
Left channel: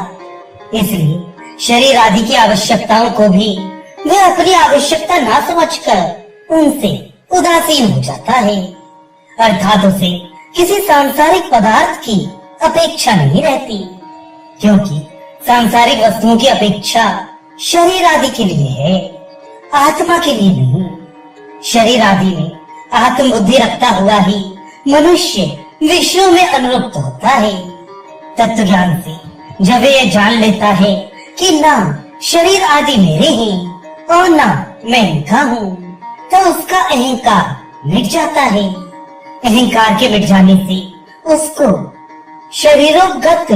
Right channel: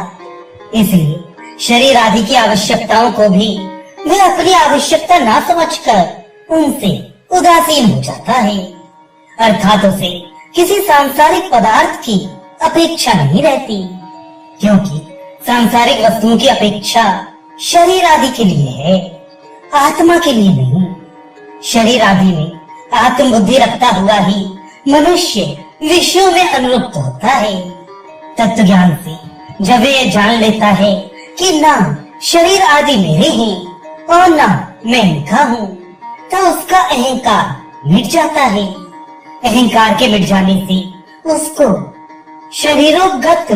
इसलिए शरीर आदि की आवश्यकताओं को भी वह अपनी आवश्यकता ना समझकर उनसे उदासीन हो जाता है, अर्थात उसे किसी सांसारिक पदार्थ की अपेक्षा नहीं रहती, क्योंकि सांसारिक वस्तुओं की अपेक्षा शरीर आदि के लिए है, आत्मा के लिए नहीं। शरीर आदि में आत्म बुद्धि रखता हुआ ही मनुष्य विषयों में अनुरक्त होता है। तत्व ज्ञान से जब यह जान लेता है कि ना शरीर आदि मेरे हैं और ना मैं इनका हूँ, तो उसका अहंकार मिट जाता है। अहंकार के मिट जाने से उसको शरीरोगत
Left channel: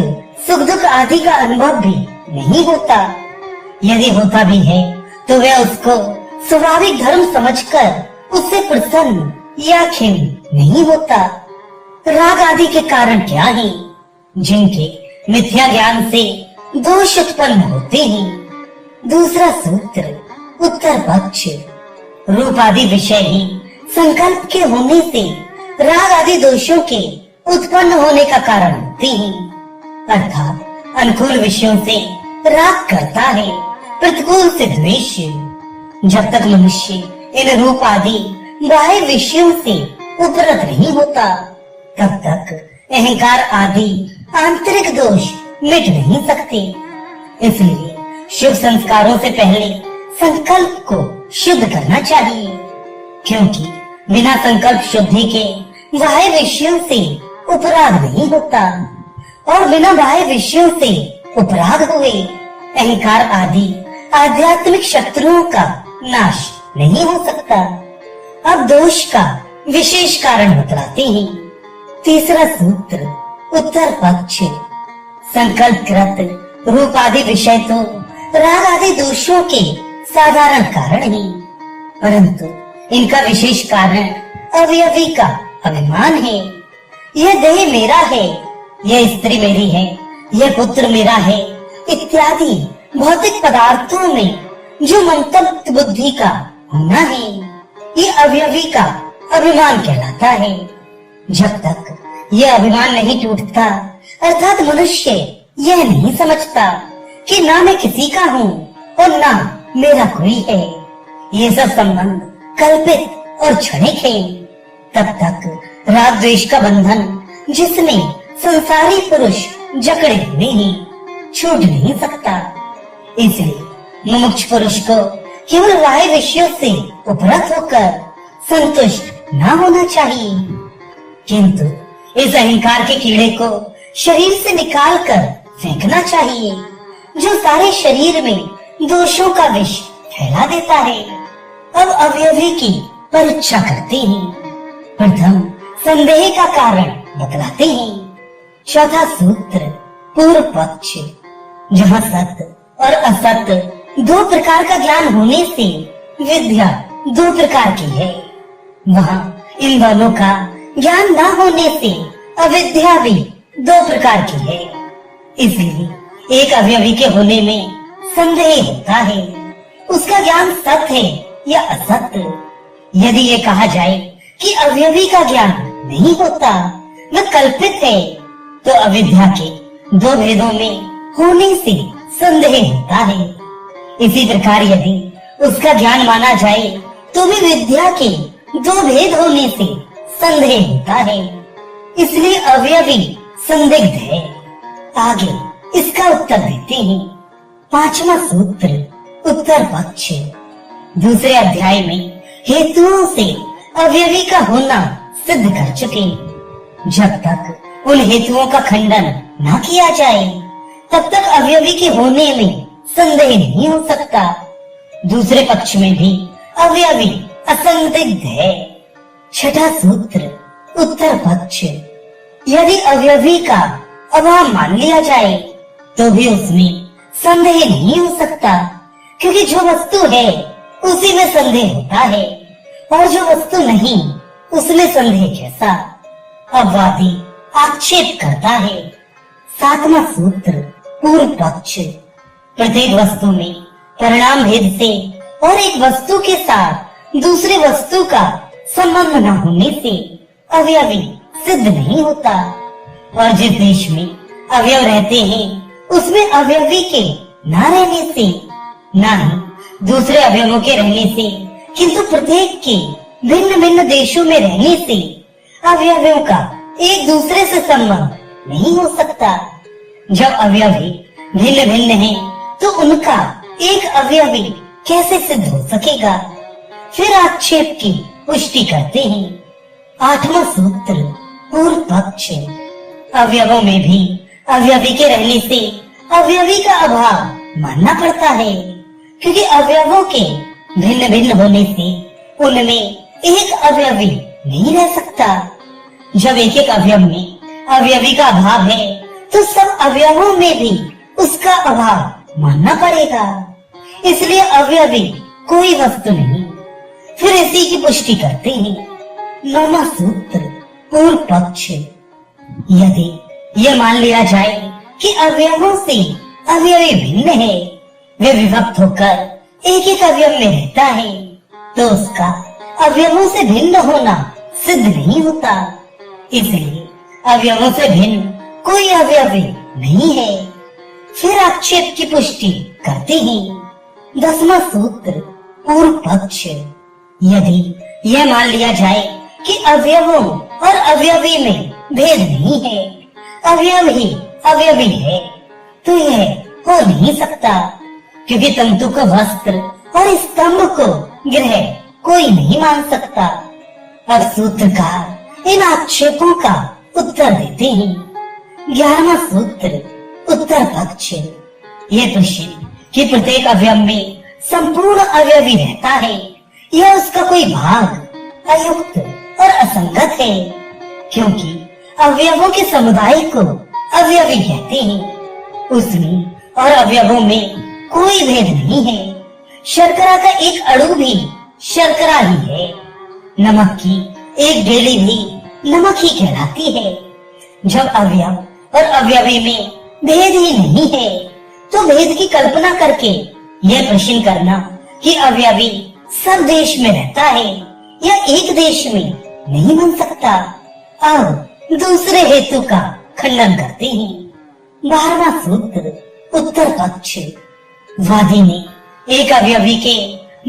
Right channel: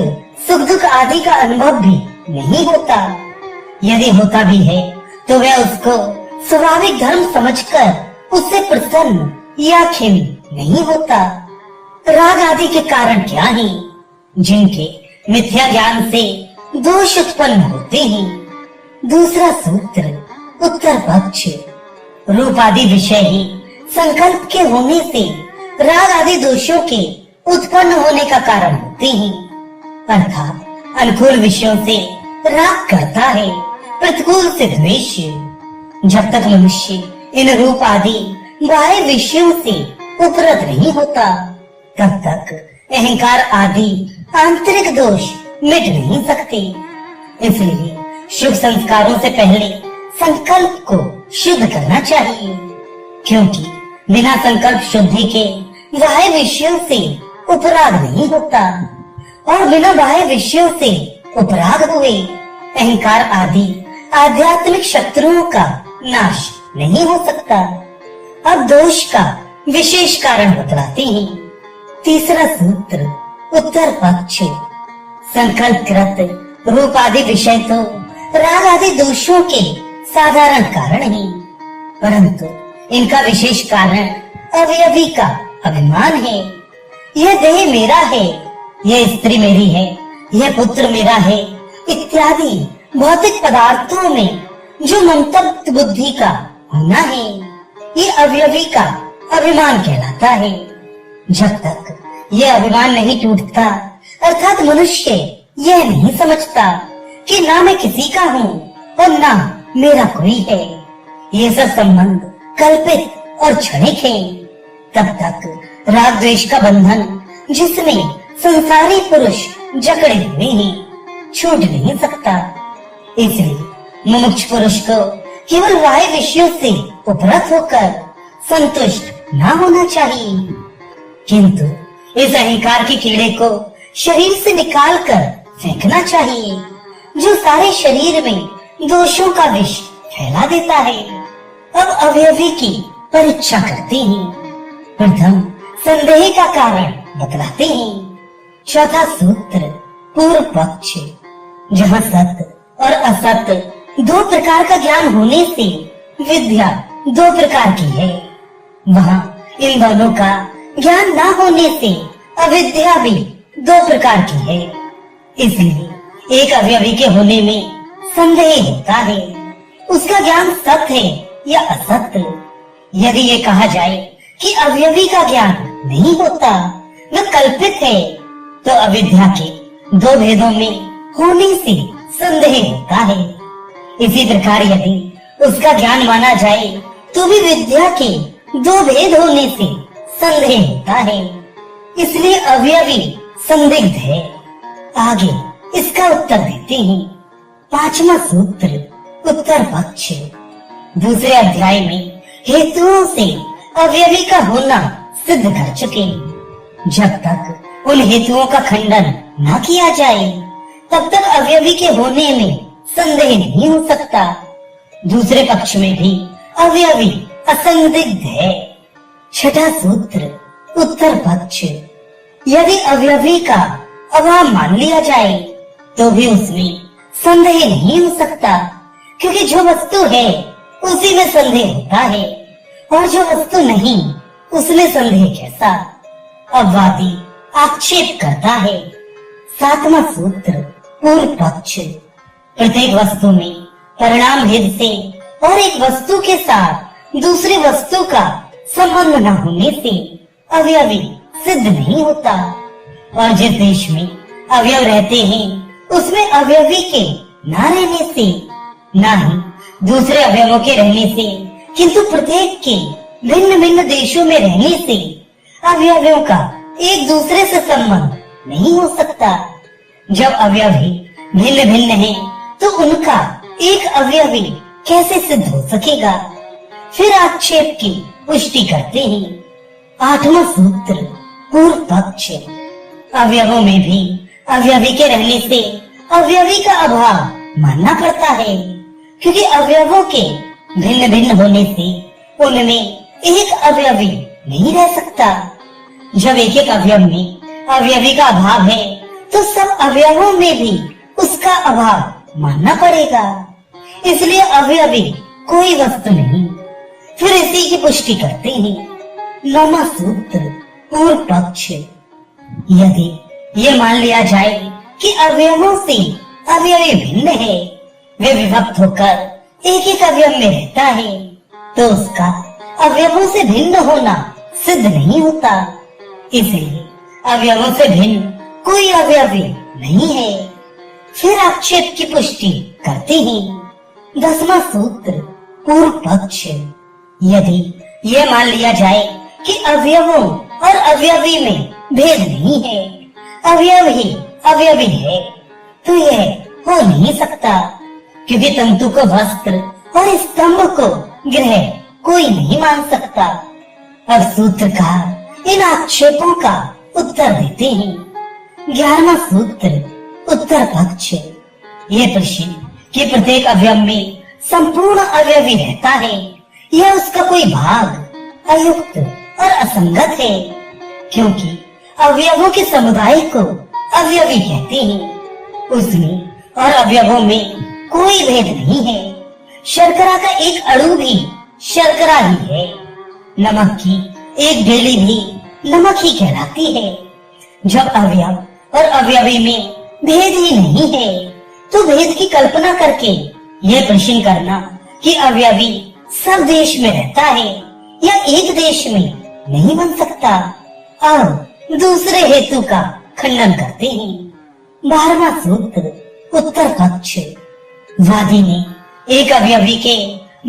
सुख दुख आदि का अनुभव भी नहीं होता। यदि होता भी है तो वह उसको स्वाभाविक धर्म समझकर उससे प्रसन्न या खिन्न नहीं होता। राग आदि के कारण क्या है? जिनके मिथ्या ज्ञान से दोष उत्पन्न होते हैं। दूसरा सूत्र उत्तर पक्ष। रूप आदि विषय ही संकल्प के होने से राग आदि दोषों के उत्पन्न होने का कारण होते हैं, अर्थात अनुकूल विषयों से राग करता है, प्रतिकूल से द्वेष। जब तक मनुष्य इन रूप आदि बाह्य विषयों से उपरत नहीं होता तब तक अहंकार आदि आंतरिक दोष मिट नहीं सकते। इसलिए शुभ संस्कारों से पहले संकल्प को शुद्ध करना चाहिए, क्योंकि बिना संकल्प शुद्धि के बाह्य विषयों से उपराग नहीं होता और बिना बाह्य विषयों से उपराग हुए अहंकार आदि आध्यात्मिक शत्रुओं का नाश नहीं हो सकता। अब दोष का विशेष कारण बतलाते हैं। तीसरा सूत्र उत्तर पक्ष। संकल्प कृत रूप आदि विषय तो राग आदि दोषों के साधारण कारण ही, परंतु इनका विशेष कारण अवयवी का अभिमान है। यह देह मेरा है, यह स्त्री मेरी है, यह पुत्र मेरा है इत्यादि भौतिक पदार्थों में जो ममत्व बुद्धि का होना है, ये अवयवी का अभिमान कहलाता है। जब तक यह अभिमान नहीं टूटता, अर्थात मनुष्य यह नहीं समझता कि ना मैं किसी का हूँ और ना मेरा कोई है, ये सब संबंध कल्पित और क्षणिक है, तब तक राग द्वेष का बंधन जिसमें संसारी पुरुष जकड़े हुए हैं, छूट नहीं सकता। इसलिए मुमुक्ष पुरुष को केवल बाह्य विषयों से उपरत होकर संतुष्ट न होना चाहिए, किंतु इस अहंकार के कीड़े को शरीर से निकालकर फेंकना चाहिए, जो सारे शरीर में दोषों का विष फैला देता है। अब अवयवी की परीक्षा करते हैं। प्रथम संदेह का कारण बतलाते हैं। चौथा सूत्र पूर्व पक्ष, जहाँ सत्य और असत्य दो प्रकार का ज्ञान होने से विद्या दो प्रकार की है, वहाँ इन दोनों का ज्ञान न होने से अविद्या भी दो प्रकार की है। इसलिए एक अवयवी के होने में संदेह होता है, उसका ज्ञान सत्य है या असत्य। यदि ये कहा जाए कि अवयवी का ज्ञान नहीं होता, वह कल्पित है, तो अविद्या के दो भेदों में होने से संदेह होता है। इसी प्रकार यदि उसका ज्ञान माना जाए तो भी विद्या के दो भेद होने से संदेह होता है, इसलिए अवयवी संदिग्ध है। आगे इसका उत्तर देते हैं। पांचवा सूत्र उत्तर पक्ष। दूसरे अध्याय में हेतुओं से अवयवी का होना सिद्ध कर चुके। जब तक उन हेतुओं का खंडन न किया जाए तब तक अवयवी के होने में संदेह नहीं हो सकता। दूसरे पक्ष में भी अवयवी असंदिग्ध है। छठा सूत्र उत्तर पक्ष। यदि अवयवी का अभाव मान लिया जाए तो भी उसमें संदेह नहीं हो सकता, क्योंकि जो वस्तु है उसी में संदेह होता है, और जो वस्तु नहीं उसमें संदेह कैसा। अब वादी आक्षेप करता है। सातवां सूत्र पूर्व पक्ष। प्रत्येक वस्तु में परिणाम भेद से और एक वस्तु के साथ दूसरी वस्तु का संबंध न होने से अवयवी सिद्ध नहीं होता, और जिस देश में अवयव रहते हैं उसमें अवयवी के न रहने से, न ही दूसरे अवयवों के रहने से, किंतु प्रत्येक के भिन्न भिन्न देशों में रहने से अवयवों का एक दूसरे से संबंध नहीं हो सकता। जब अवयवी भिन्न भिन्न है तो उनका एक अवयवी कैसे सिद्ध हो सकेगा। फिर आक्षेप की पुष्टि करते हैं। आठवां सूत्र पूर्व पक्ष। अवयवों में भी अवयवी के रहने से अवयवी का अभाव मानना पड़ता है, क्योंकि अवयवों के भिन्न भिन्न होने से उनमें एक अवयवी नहीं रह सकता। जब एक एक अवयव में अवयवी का अभाव है तो सब अवयवों में भी उसका अभाव मानना पड़ेगा, इसलिए अवयवी कोई वस्तु नहीं। फिर इसी की पुष्टि करते हैं। नौवां सूत्र पूर्व पक्ष। यदि यह मान लिया जाए कि अवयवों से अवयवी भिन्न है, वे विभक्त होकर एक एक अवयव में रहता है, तो उसका अवयवों से भिन्न होना सिद्ध नहीं होता। इसलिए अवयवों से भिन्न कोई अवयवी नहीं है। फिर आक्षेप की पुष्टि करते हैं। 10वां सूत्र पूर्व पक्ष। यदि यह मान लिया जाए कि अवयवों और अवयवी में भेद नहीं है, अवयव ही अवयवी है, तो यह हो नहीं सकता, क्योंकि तंतु को वस्त्र और स्तंभ को ग्रह कोई नहीं मान सकता। और सूत्रकार इन आक्षेपों का उत्तर देते हैं। 11वां सूत्र उत्तर पक्ष। ये प्रश्न कि प्रत्येक अवयव में संपूर्ण अवयवी रहता है, यह उसका कोई भाग अयुक्त और असंगत है, क्योंकि अवयवों के समुदाय को अवयवी कहते हैं। उसमें और अवयवों में कोई भेद नहीं है। शर्करा का एक अणु भी शर्करा ही है। नमक की एक डेली भी नमक ही कहलाती है। जब अवयव और अवयवी में भेद ही नहीं है, तो भेद की कल्पना करके ये प्रश्न करना कि अवयवी सब देश में रहता है या एक देश में नहीं बन सकता। अब दूसरे हेतु का खंडन करते हैं। 12वां सूत्र उत्तर पक्ष। वादी ने एक अवयवी के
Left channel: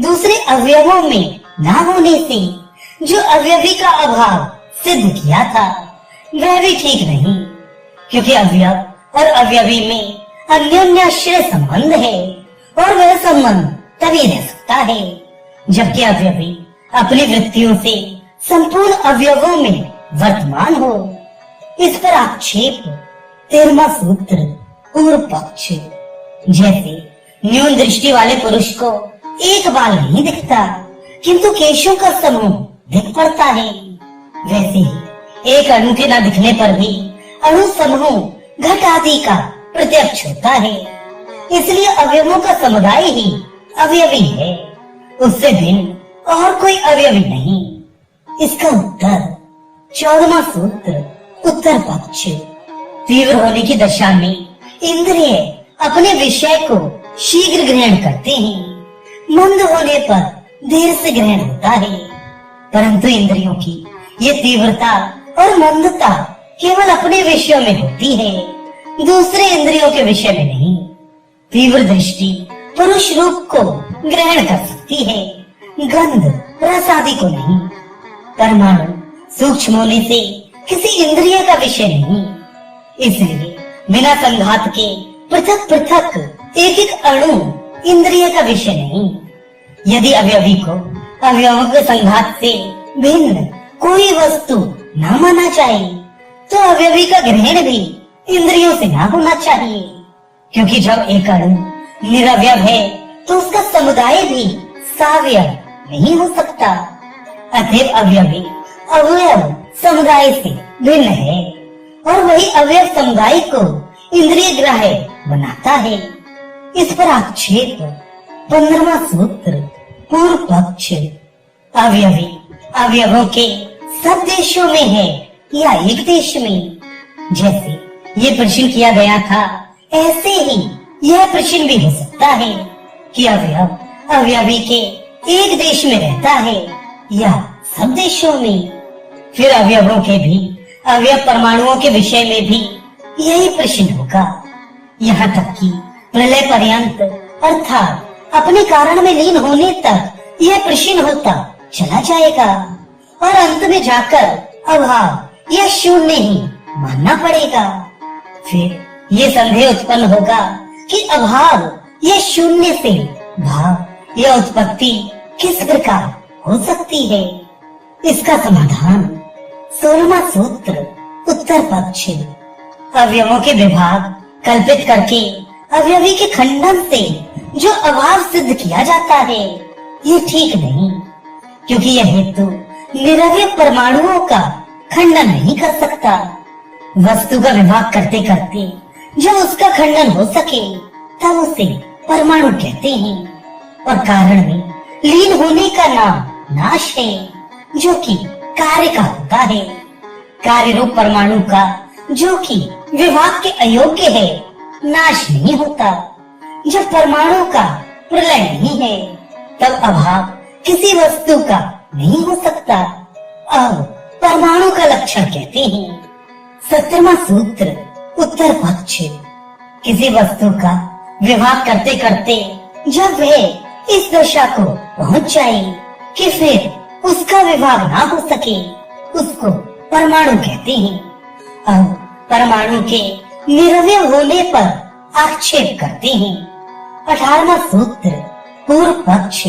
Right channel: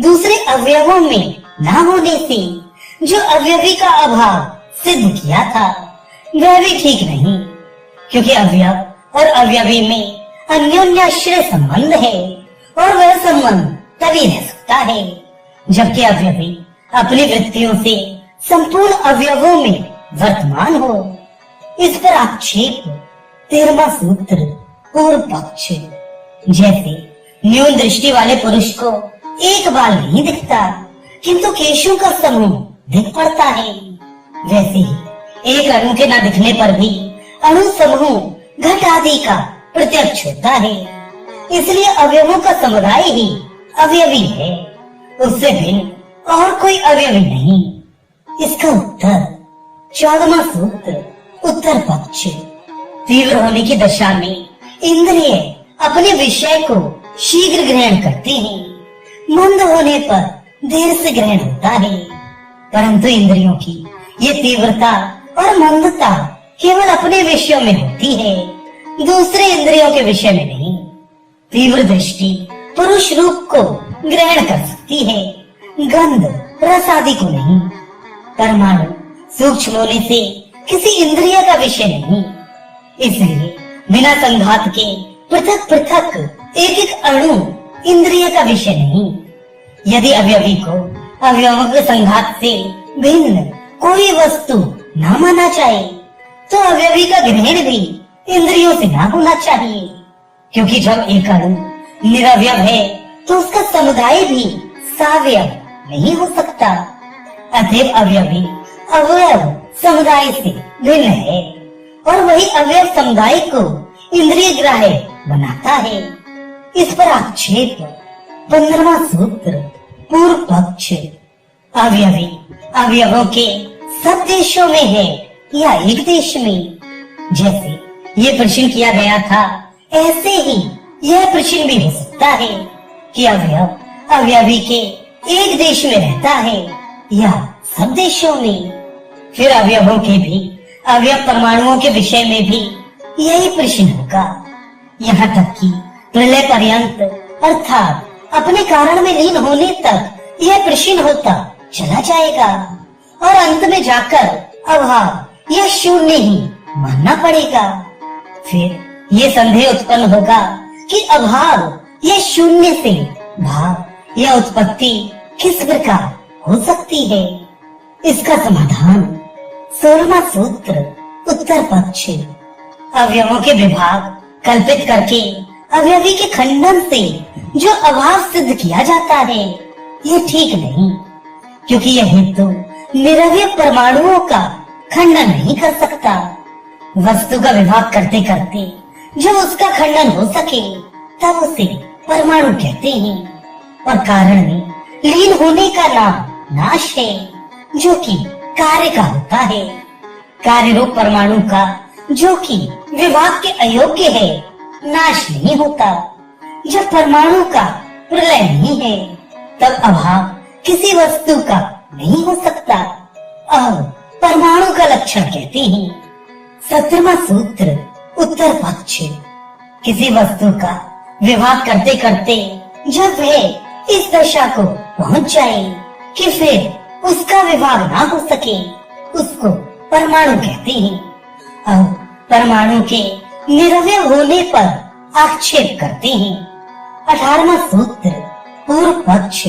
दूसरे अवयवों में न होने से जो अवयवी का अभाव सिद्ध किया था वह भी ठीक नहीं, क्योंकि अवयव और अवयवी में अन्योन्याश्रय संबंध है और वह संबंध तभी रह सकता है जबकि अवयवी अपनी वृत्तियों से संपूर्ण अवयवों में वर्तमान हो। इस पर आक्षेप 13वां सूत्र पूर्व पक्ष। जैसे न्यून दृष्टि वाले पुरुष को एक बाल नहीं दिखता किंतु केशों का समूह दिख पड़ता है, वैसे ही एक अणु के न दिखने पर भी अणु समूह घट आदि का प्रत्यक्ष होता है। इसलिए अवयवों का समुदाय ही अवयवी है, उससे भिन्न और कोई अवयवी नहीं। इसका उत्तर 14वां सूत्र उत्तर पक्ष। तीव्र होने की दशा में इंद्रिय अपने विषय को शीघ्र ग्रहण करते हैं, मंद होने पर देर से ग्रहण होता है, परंतु इंद्रियों की ये तीव्रता और मंदता केवल अपने विषयों में होती है, दूसरे इंद्रियों के विषय में नहीं। तीव्र दृष्टि पुरुष रूप को ग्रहण कर सकती है, गंध रस आदि को नहीं। परमाणु सूक्ष्म होने से किसी इंद्रिय का विषय नहीं, इसलिए बिना संघात के पृथक पृथक एक एक अणु इंद्रिय का विषय नहीं। यदि अवयवी को अवयवों के संघात से भिन्न कोई वस्तु न माना जाए तो अवयवी का ग्रहण भी इंद्रियों से न होना चाहिए, क्योंकि जब एक अणु निरवयव है तो उसका समुदाय भी सावयव नहीं हो सकता। अतएव अवयवी अवयव समुदाय से भिन्न है और वही अवयव समुदाय को इंद्रिय ग्राह्य बनाता है। इस पर आक्षेप 15वां सूत्र पूर्व पक्ष। अवयवी अवयवों के सब देशों में है या एक देश में? जैसे ये प्रश्न किया गया था, ऐसे ही यह प्रश्न भी हो सकता है कि अवयव अवयवी के एक देश में रहता है या सब देशों में। फिर अवयवों के भी अवयव परमाणुओं के विषय में भी यही प्रश्न होगा, यहाँ तक कि प्रलय पर्यंत अर्थात अपने कारण में लीन होने तक यह प्रश्न होता चला जाएगा और अंत में जाकर अभाव यह शून्य ही मानना पड़ेगा। फिर ये संदेह उत्पन्न होगा कि अभाव यह शून्य से भाव यह उत्पत्ति किस प्रकार हो सकती है। इसका समाधान 16वां सूत्र उत्तर पक्ष। अवयवों के विभाग कल्पित करके अवयवी के खंडन से जो अभाव सिद्ध किया जाता है ये ठीक नहीं, क्योंकि यह हेतु निरवयव परमाणुओं का खंडन नहीं कर सकता। वस्तु का विभाग करते करते जब उसका खंडन हो सके तब उसे परमाणु कहते हैं, और कारण में लीन होने का नाम नाश है, जो कि कार्य का होता है। कार्य रूप परमाणु का जो कि विभाग के अयोग्य है नाश नहीं होता। जब परमाणु का प्रलय नहीं है तब अभाव किसी वस्तु का नहीं हो सकता। अब परमाणु का लक्षण कहते हैं। 17वां सूत्र उत्तर पक्ष। किसी वस्तु का विभाग करते करते जब वह इस दशा को पहुंच जाए कि फिर उसका विभाग ना हो सके उसको परमाणु कहते हैं। अब परमाणु के निरवयव होने पर आक्षेप करते हैं। 18वां सूत्र पूर्व पक्ष।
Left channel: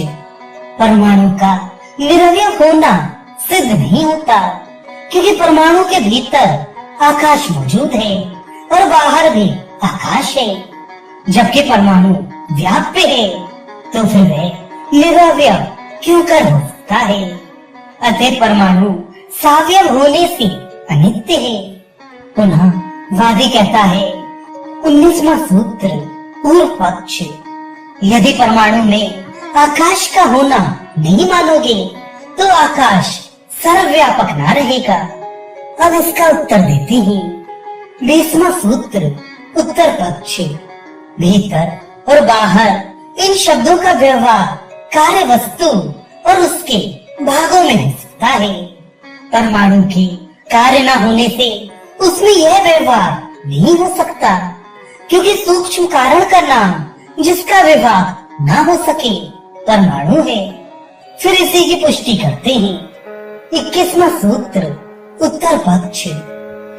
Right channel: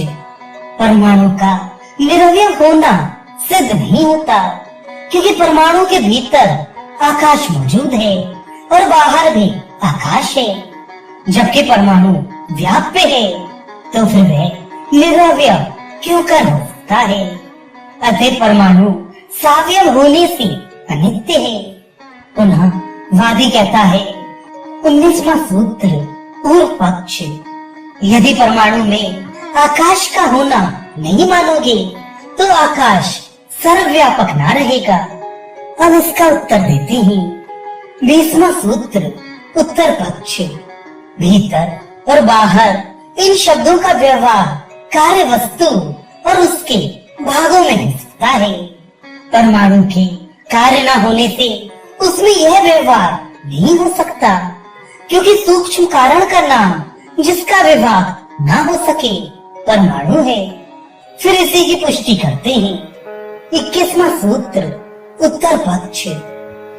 परमाणु का निरवयव होना सिद्ध नहीं होता, क्योंकि परमाणु के भीतर आकाश मौजूद है और बाहर भी आकाश है। जबकि परमाणु व्याप्य है तो फिर वह निरवयव क्यों कर हो सकता है? अतः परमाणु सावयव होने से अनित्य है। पुनः वादी कहता है 19वां सूत्र पूर्व पक्ष। यदि परमाणु में आकाश का होना नहीं मानोगे तो आकाश सर्वव्यापक ना रहेगा। अब इसका उत्तर देते हैं। 20वां सूत्र उत्तर पक्ष। भीतर और बाहर इन शब्दों का व्यवहार कार्य वस्तु और उसके भागों में हो सकता है। परमाणु के कार्य न होने से उसमें यह व्यवहार नहीं हो सकता, क्योंकि सूक्ष्म कारण का नाम जिसका विभाग न हो सके परमाणु है। फिर इसी की पुष्टि करते हैं। 21वां सूत्र उत्तर पक्ष,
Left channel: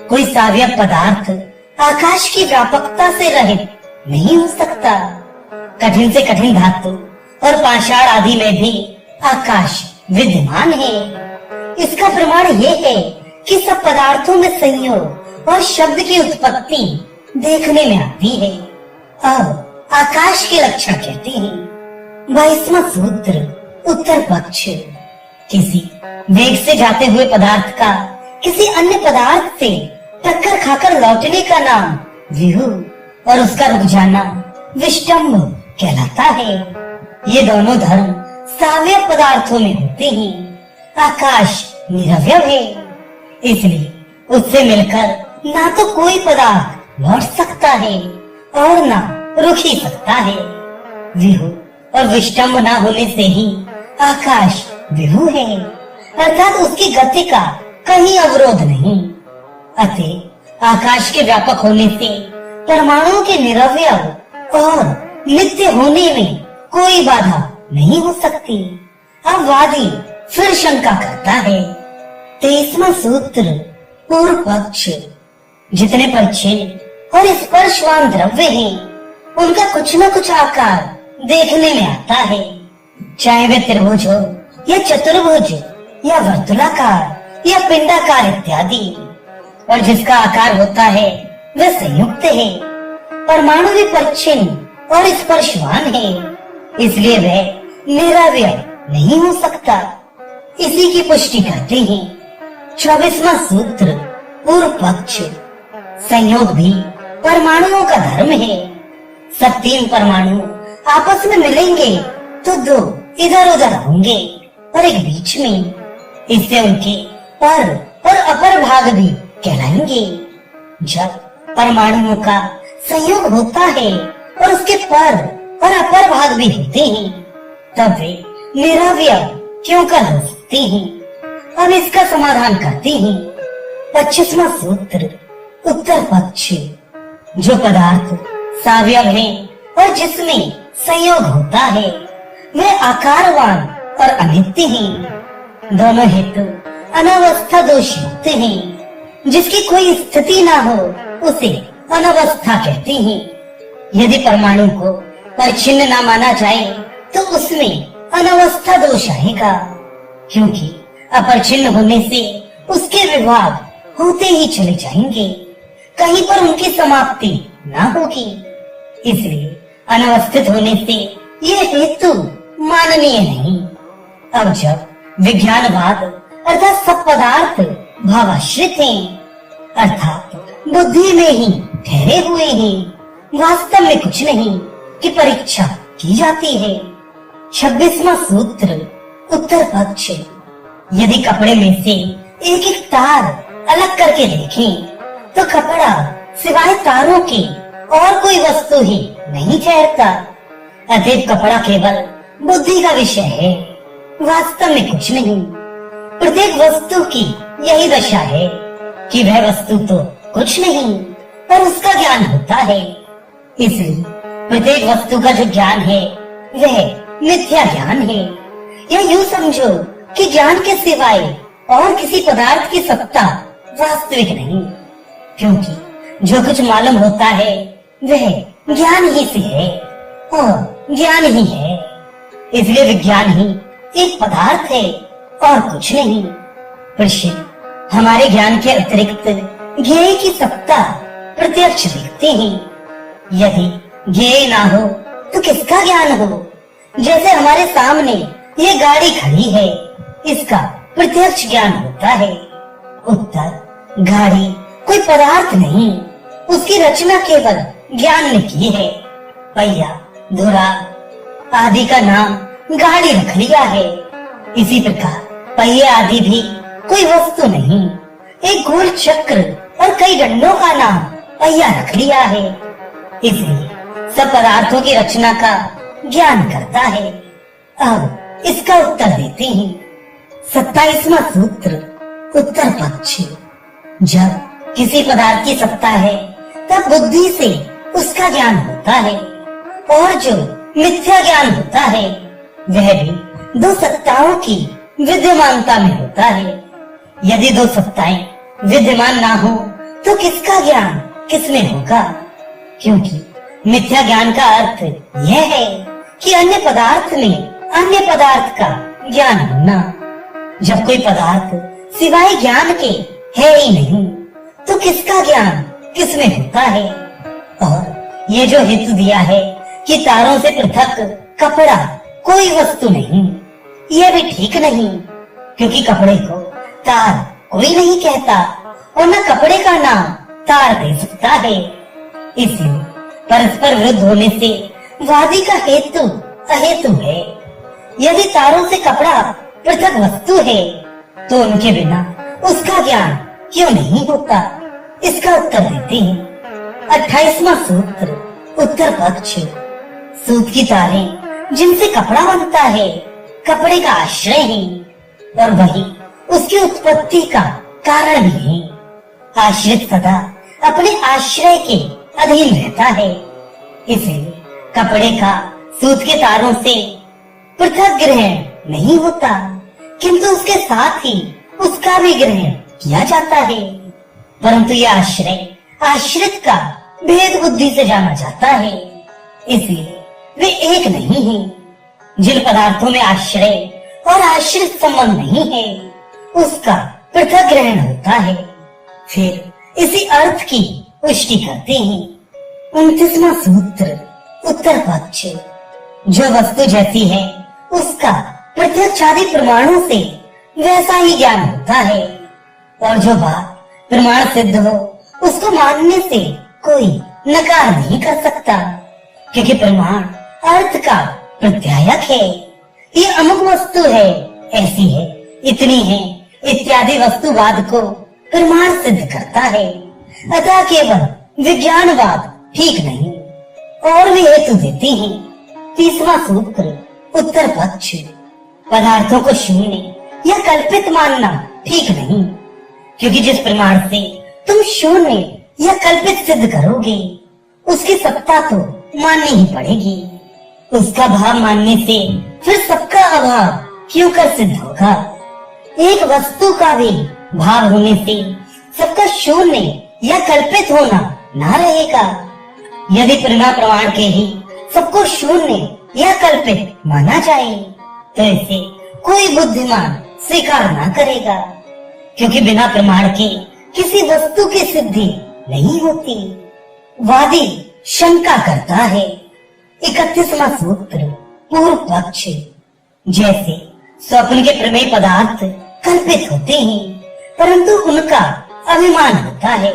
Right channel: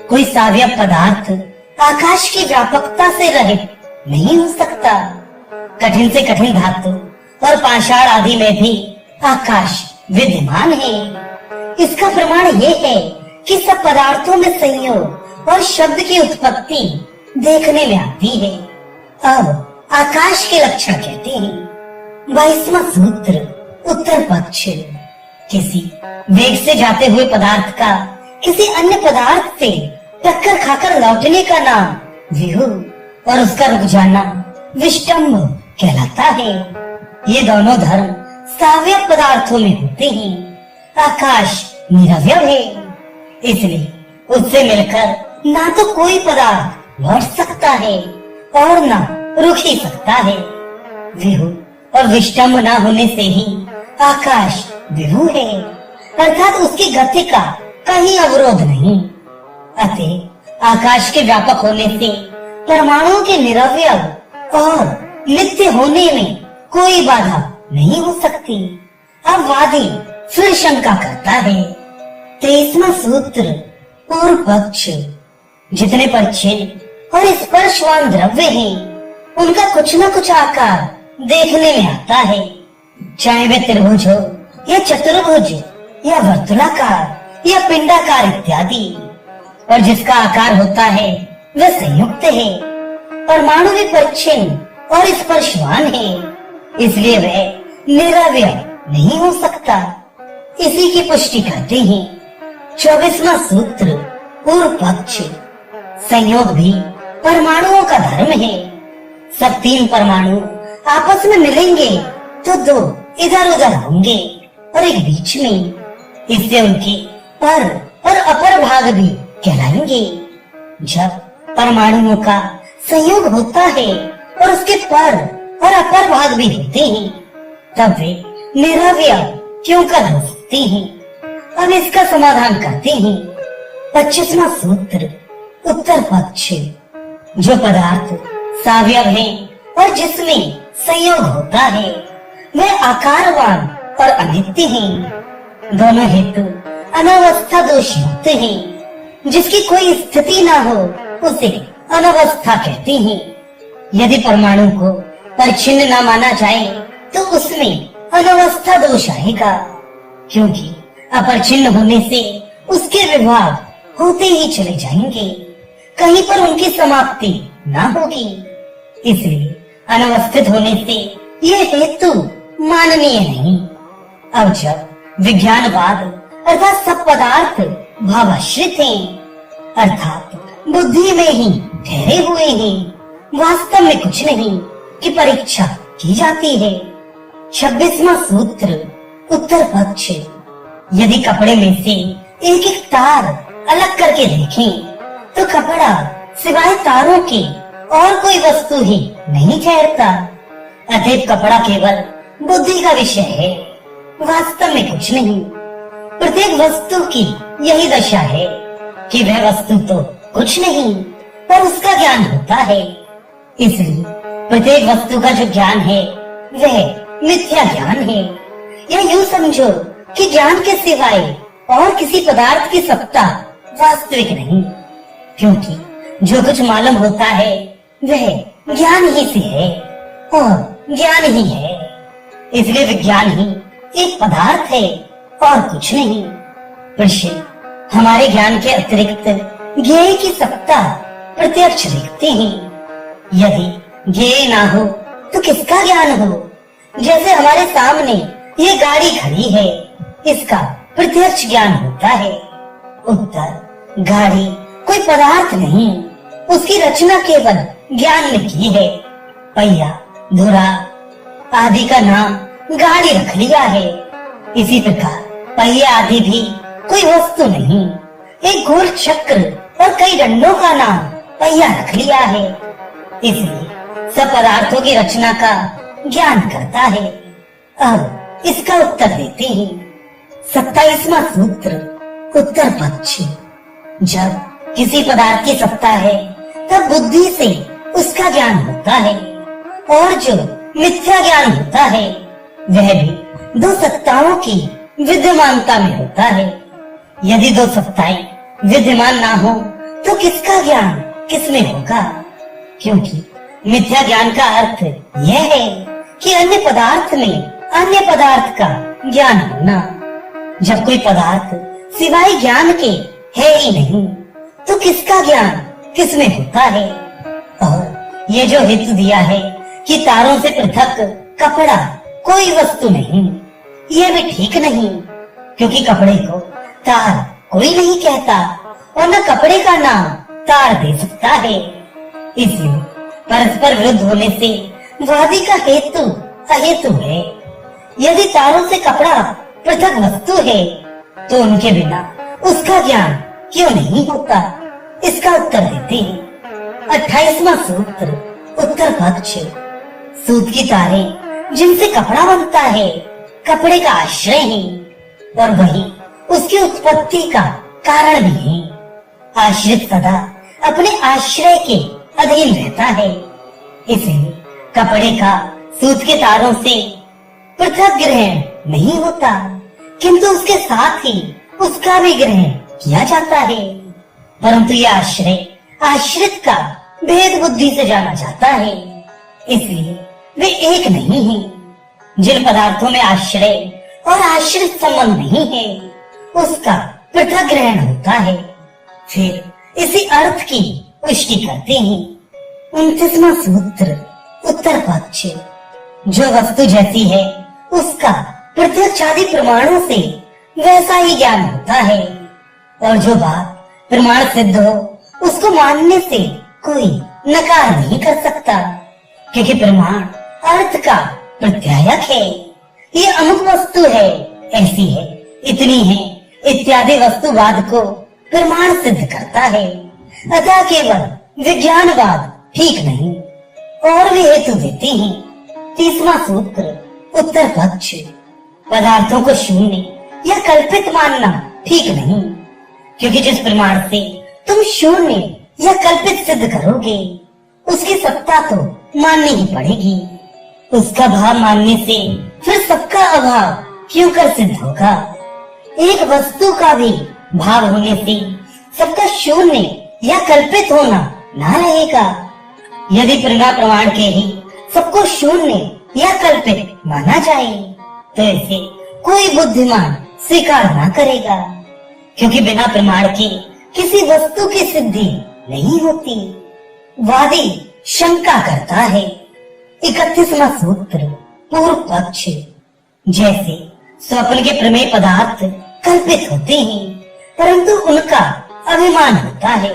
कोई साव्य पदार्थ आकाश की व्यापकता से रहित नहीं हो सकता। कठिन से कठिन धातु और पाषाण आदि में भी आकाश विद्यमान है। इसका प्रमाण ये है कि सब पदार्थों में संयोग और शब्द की उत्पत्ति देखने में आती है। अब आकाश के लक्षण कहते हैं। 22वां सूत्र, उत्तर पक्ष, किसी वेग से जाते हुए पदार्थ का किसी अन्य पदार्थ से टक्कर खाकर लौटने का नाम व्यूह और उसका रुक जाना विष्टम्भ कहलाता है। ये दोनों धर्म साव्य पदार्थों में होते हैं। आकाश निरवय है, इसलिए उससे मिलकर ना तो कोई पदार्थ लौट सकता है और ना रुक ही सकता है। व्यूह और विष्टम्भ ना होने से ही आकाश व्यूह है, अर्थात उसकी गति का कहीं अवरोध नहीं। अतः आकाश के व्यापक होने से परमाणुओं के निरवय और नित्य होने में कोई बाधा नहीं हो सकती। अब वादी फिर शंका करता है। 23वां सूत्र, पूर्व पक्ष, जितने परिच्छिन्न और स्पर्शवान द्रव्य हैं, उनका कुछ न कुछ आकार देखने में आता है, चाहे वे त्रिभुज हो या चतुर्भुज या वर्तुलाकार या पिंडाकार इत्यादि। और जिसका आकार होता है वह संयुक्त है। परमाणु भी परिच्छिन्न और स्पर्शवान है, इसलिए वह निरवय नहीं हो सकता। इसी की पुष्टि करते हैं 24वां सूत्र, पूर्व पक्ष, संयोग भी परमाणुओं का धर्म है। सब तीन परमाणु आपस में मिलेंगे तो दो इधर उधर होंगे और एक बीच में। इससे उनके पर और अपर भाग भी कहलाएंगे। जब परमाणुओं का संयोग होता है और उसके पर और अपर भाग भी होते हैं, तब वे निरवय क्यों कर हो सकते हैं। अब इसका समाधान करते हैं। 25वां सूत्र, उत्तर पक्ष, जो पदार्थ सावयव है और जिसमें संयोग होता है वह आकारवान और अनित्य हैं। दोनों हेतु अनावस्था दोष युक्त हैं। जिसकी कोई स्थिति ना हो उसे अनावस्था कहते हैं। यदि परमाणु को परिच्छिन्न न माना जाए तो उसमें अनावस्था दोष आएगा, क्योंकि अपरिच्छिन्न होने से उसके विभाग होते ही चले जाएंगे, कहीं पर उनकी समाप्ति ना होगी। इसलिए अनवस्थित होने से यह हेतु माननीय नहीं। अब जब विज्ञानवाद अर्थात सब पदार्थ भावाश्रित हैं, अर्थात बुद्धि में ही ठहरे हुए हैं, वास्तव में कुछ नहीं की परीक्षा की जाती है। 26वां सूत्र, उत्तर पक्ष, यदि कपड़े में से एक एक तार अलग करके देखें तो कपड़ा सिवाय तारों के और कोई वस्तु ही नहीं ठहरता। अतः कपड़ा केवल बुद्धि का विषय है, वास्तव में कुछ नहीं। प्रत्येक वस्तु की यही दशा है कि वह वस्तु तो कुछ नहीं पर उसका ज्ञान होता है। इसलिए प्रत्येक वस्तु का जो ज्ञान है वह मिथ्या ज्ञान है। या यूँ समझो कि ज्ञान के सिवाय और किसी पदार्थ की सत्ता वास्तविक नहीं, क्योंकि जो कुछ मालूम होता है वह ज्ञान ही से है और ज्ञान ही है। इसलिए विज्ञान ही एक पदार्थ है और कुछ नहीं। प्रश्न, हमारे ज्ञान के अतिरिक्त ज्ञेय की सत्ता प्रत्यक्ष देखते हैं। यदि ज्ञेय ना हो तो किसका ज्ञान हो। जैसे हमारे सामने ये गाड़ी खड़ी है, इसका प्रत्यक्ष ज्ञान होता है। उत्तर, गाड़ी कोई पदार्थ नहीं, उसकी रचना केवल ज्ञान ने की है। पहिया, धुरा आदि का नाम गाड़ी रख लिया है। इसी प्रकार पहिए आदि भी कोई वस्तु नहीं, एक गोल चक्र और कई डंडों का नाम पहिया रख लिया है। इसलिए सब पदार्थों की रचना का ज्ञान करता है। अब इसका उत्तर देते हैं। 27वां सूत्र, उत्तर पक्ष, जब किसी पदार्थ की सत्ता है तब बुद्धि से उसका ज्ञान होता है, और जो मिथ्या ज्ञान होता है वह भी दो सत्ताओं की विद्यमानता में होता है। यदि दो सत्ताएं विद्यमान ना हो तो किसका ज्ञान किसमें होगा? क्योंकि मिथ्या ज्ञान का अर्थ यह है कि अन्य पदार्थ में अन्य पदार्थ का ज्ञान होना। जब कोई पदार्थ सिवाय ज्ञान के है ही नहीं तो किसका ज्ञान किसमें होता है? और ये जो हेतु दिया है कि तारों से पृथक कपड़ा कोई वस्तु नहीं, यह भी ठीक नहीं, क्योंकि कपड़े को तार कोई नहीं कहता और न कपड़े का नाम तार दे सकता है। इसलिए परस्पर विरुद्ध होने से वादी का हेतु अहेतु है। यदि तारों से कपड़ा पृथक वस्तु है तो उनके बिना उसका ज्ञान क्यों नहीं होता? इसका उत्तर देते हैं 28वां सूत्र, उत्तर पक्ष। सूत की तारें जिनसे कपड़ा बनता है कपड़े का आश्रय है और वही उसकी उत्पत्ति का कारण भी है। आश्रित सदा अपने आश्रय के अधीन रहता है, इसलिए कपड़े का सूत के तारों से पृथक ग्रहण नहीं होता, किंतु उसके साथ ही उसका भी ग्रहण किया जाता है। परंतु यह आश्रय आश्रित का भेद बुद्धि से जाना जाता है, इसलिए वे एक नहीं है। जिन पदार्थों में आश्रय और आश्रित संबंध नहीं है उसका पृथक ग्रहण होता है। फिर इसी अर्थ की पुष्टि करते हैं 29वां सूत्र, उत्तर पक्ष। जो वस्तु जैसी है उसका प्रत्यक्षादि प्रमाणों से वैसा ही ज्ञान होता है, और जो बात प्रमाण सिद्ध हो उसको मानने से कोई नकार नहीं कर सकता, क्योंकि प्रमाण अर्थ का प्रत्यायक है। ये अमुक वस्तु है, ऐसी है, इतनी है इत्यादि वस्तुवाद को प्रमाण सिद्ध करता है। अतः केवल विज्ञानवाद ठीक नहीं। और वे हेतु देते हैं 30वां सूत्र, उत्तर पक्ष। पदार्थों को शून्य या कल्पित मानना ठीक नहीं, क्योंकि जिस प्रमाण से तुम शून्य या कल्पित सिद्ध करोगे उसकी सत्ता तो माननी ही पड़ेगी। उसका भाव मानने से फिर सबका अभाव क्यों कर सिद्ध होगा? एक वस्तु का भी भाव होने से सबका शून्य या कल्पित होना ना रहेगा। यदि प्रमाण के ही सबको शून्य या कल्पित माना जाए तो ऐसे कोई बुद्धिमान स्वीकार ना करेगा, क्योंकि बिना प्रमाण के किसी वस्तु की सिद्धि नहीं होती। वादी शंका करता है 31वां सूत्र, पूर्व पक्ष। जैसे स्वप्न के प्रमेय पदार्थ कल्पित होते हैं परंतु उनका अभिमान होता है,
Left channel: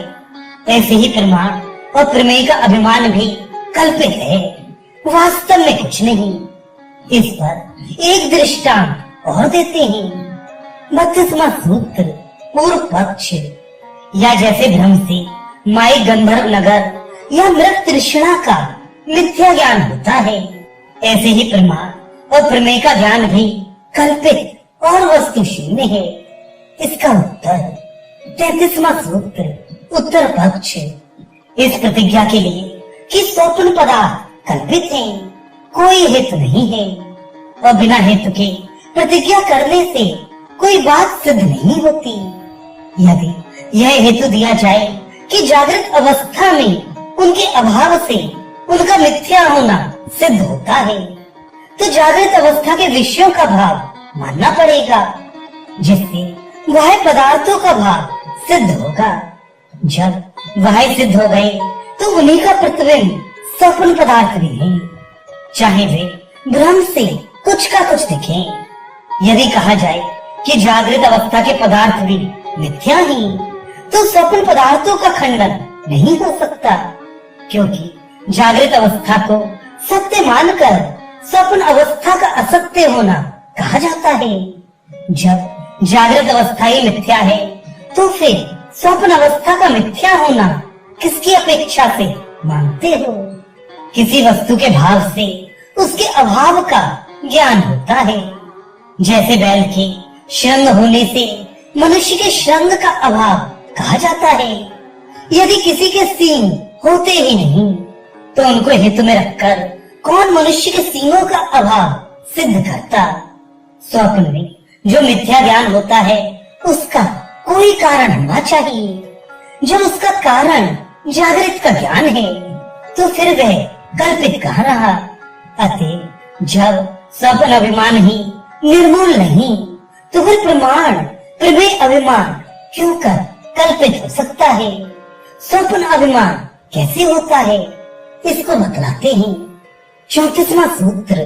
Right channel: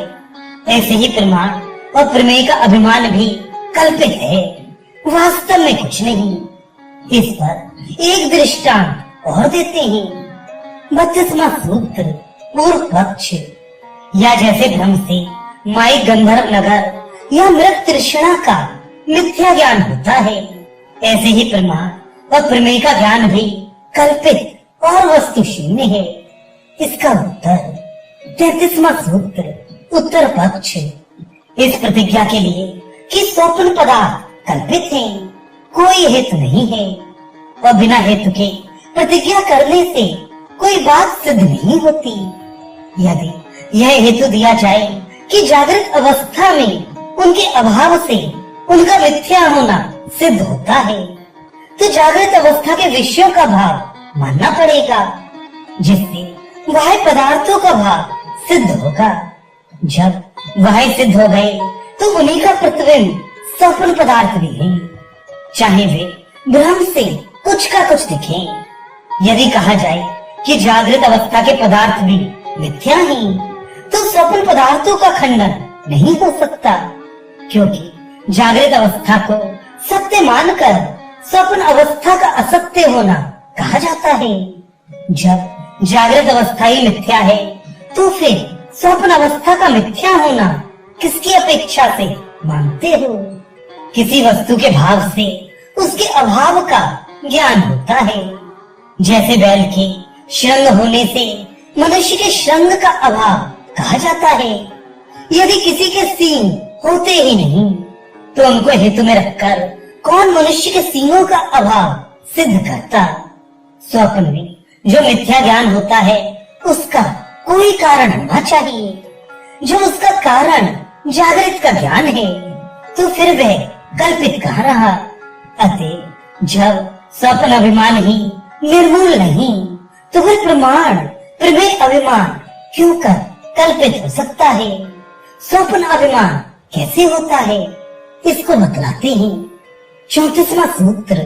ऐसे ही प्रमाण और प्रमेय का अभिमान भी कल्पित है, वास्तव में कुछ नहीं। इस पर एक दृष्टांत और देते हैं 32वां सूत्र, पूर्व पक्ष। या जैसे भ्रम से माई गंधर्व नगर या मृत तृष्णा का मिथ्या ज्ञान होता है, ऐसे ही प्रमाण और प्रमेय का ज्ञान भी कल्पित और वस्तु शून्य है। इसका उत्तर 33वां सूत्र, उत्तर पक्ष। इस प्रतिज्ञा के लिए कि स्वप्न पदार्थ कल्पित है कोई हेतु नहीं है, और बिना हेतु के प्रतिज्ञा करने से कोई बात सिद्ध नहीं होती। यदि यह हेतु दिया जाए कि जागृत अवस्था में उनके अभाव से उनका मिथ्या होना सिद्ध होता है, तो जागृत अवस्था के विषयों का भाव मानना पड़ेगा, जिससे वह पदार्थों का भाव सिद्ध होगा। जब वह सिद्ध हो गए तो उन्हीं का प्रतिबिंब स्वप्न पदार्थ भी है, चाहे वे भ्रम से कुछ का कुछ दिखें। यदि कहा जाए कि जागृत अवस्था के पदार्थ भी मिथ्या हैं, तो स्वप्न पदार्थों का खंडन नहीं हो सकता, क्योंकि जागृत अवस्था को सत्य मानकर स्वप्न अवस्था का असत्य होना कहा जाता है। जब जागृत अवस्था ही मिथ्या है तो फिर स्वप्न अवस्था का मिथ्या होना किसकी अपेक्षा से मानते हो? किसी वस्तु के भाव से उसके अभाव का ज्ञान होता है। जैसे बैल के श्रृंग होने से मनुष्य के श्रृंग का अभाव कहा जाता है। यदि किसी के सींग होते ही नहीं तो उनको हेतु में रखकर कौन मनुष्य के सींगों का अभाव सिद्ध करता? स्वप्न में जो मिथ्या ज्ञान होता है उसका कोई कारण होना चाहिए। जब उसका कारण जागृत का ज्ञान है तो फिर वह कल्पित कहाँ रहा। अतः जब स्वप्न अभिमान ही निर्मूल नहीं तो वह प्रमाण प्रमेय अभिमान क्यों कर कल्पित हो सकता है। स्वप्न अभिमान कैसे होता है इसको बतलाते हैं। 34वां सूत्र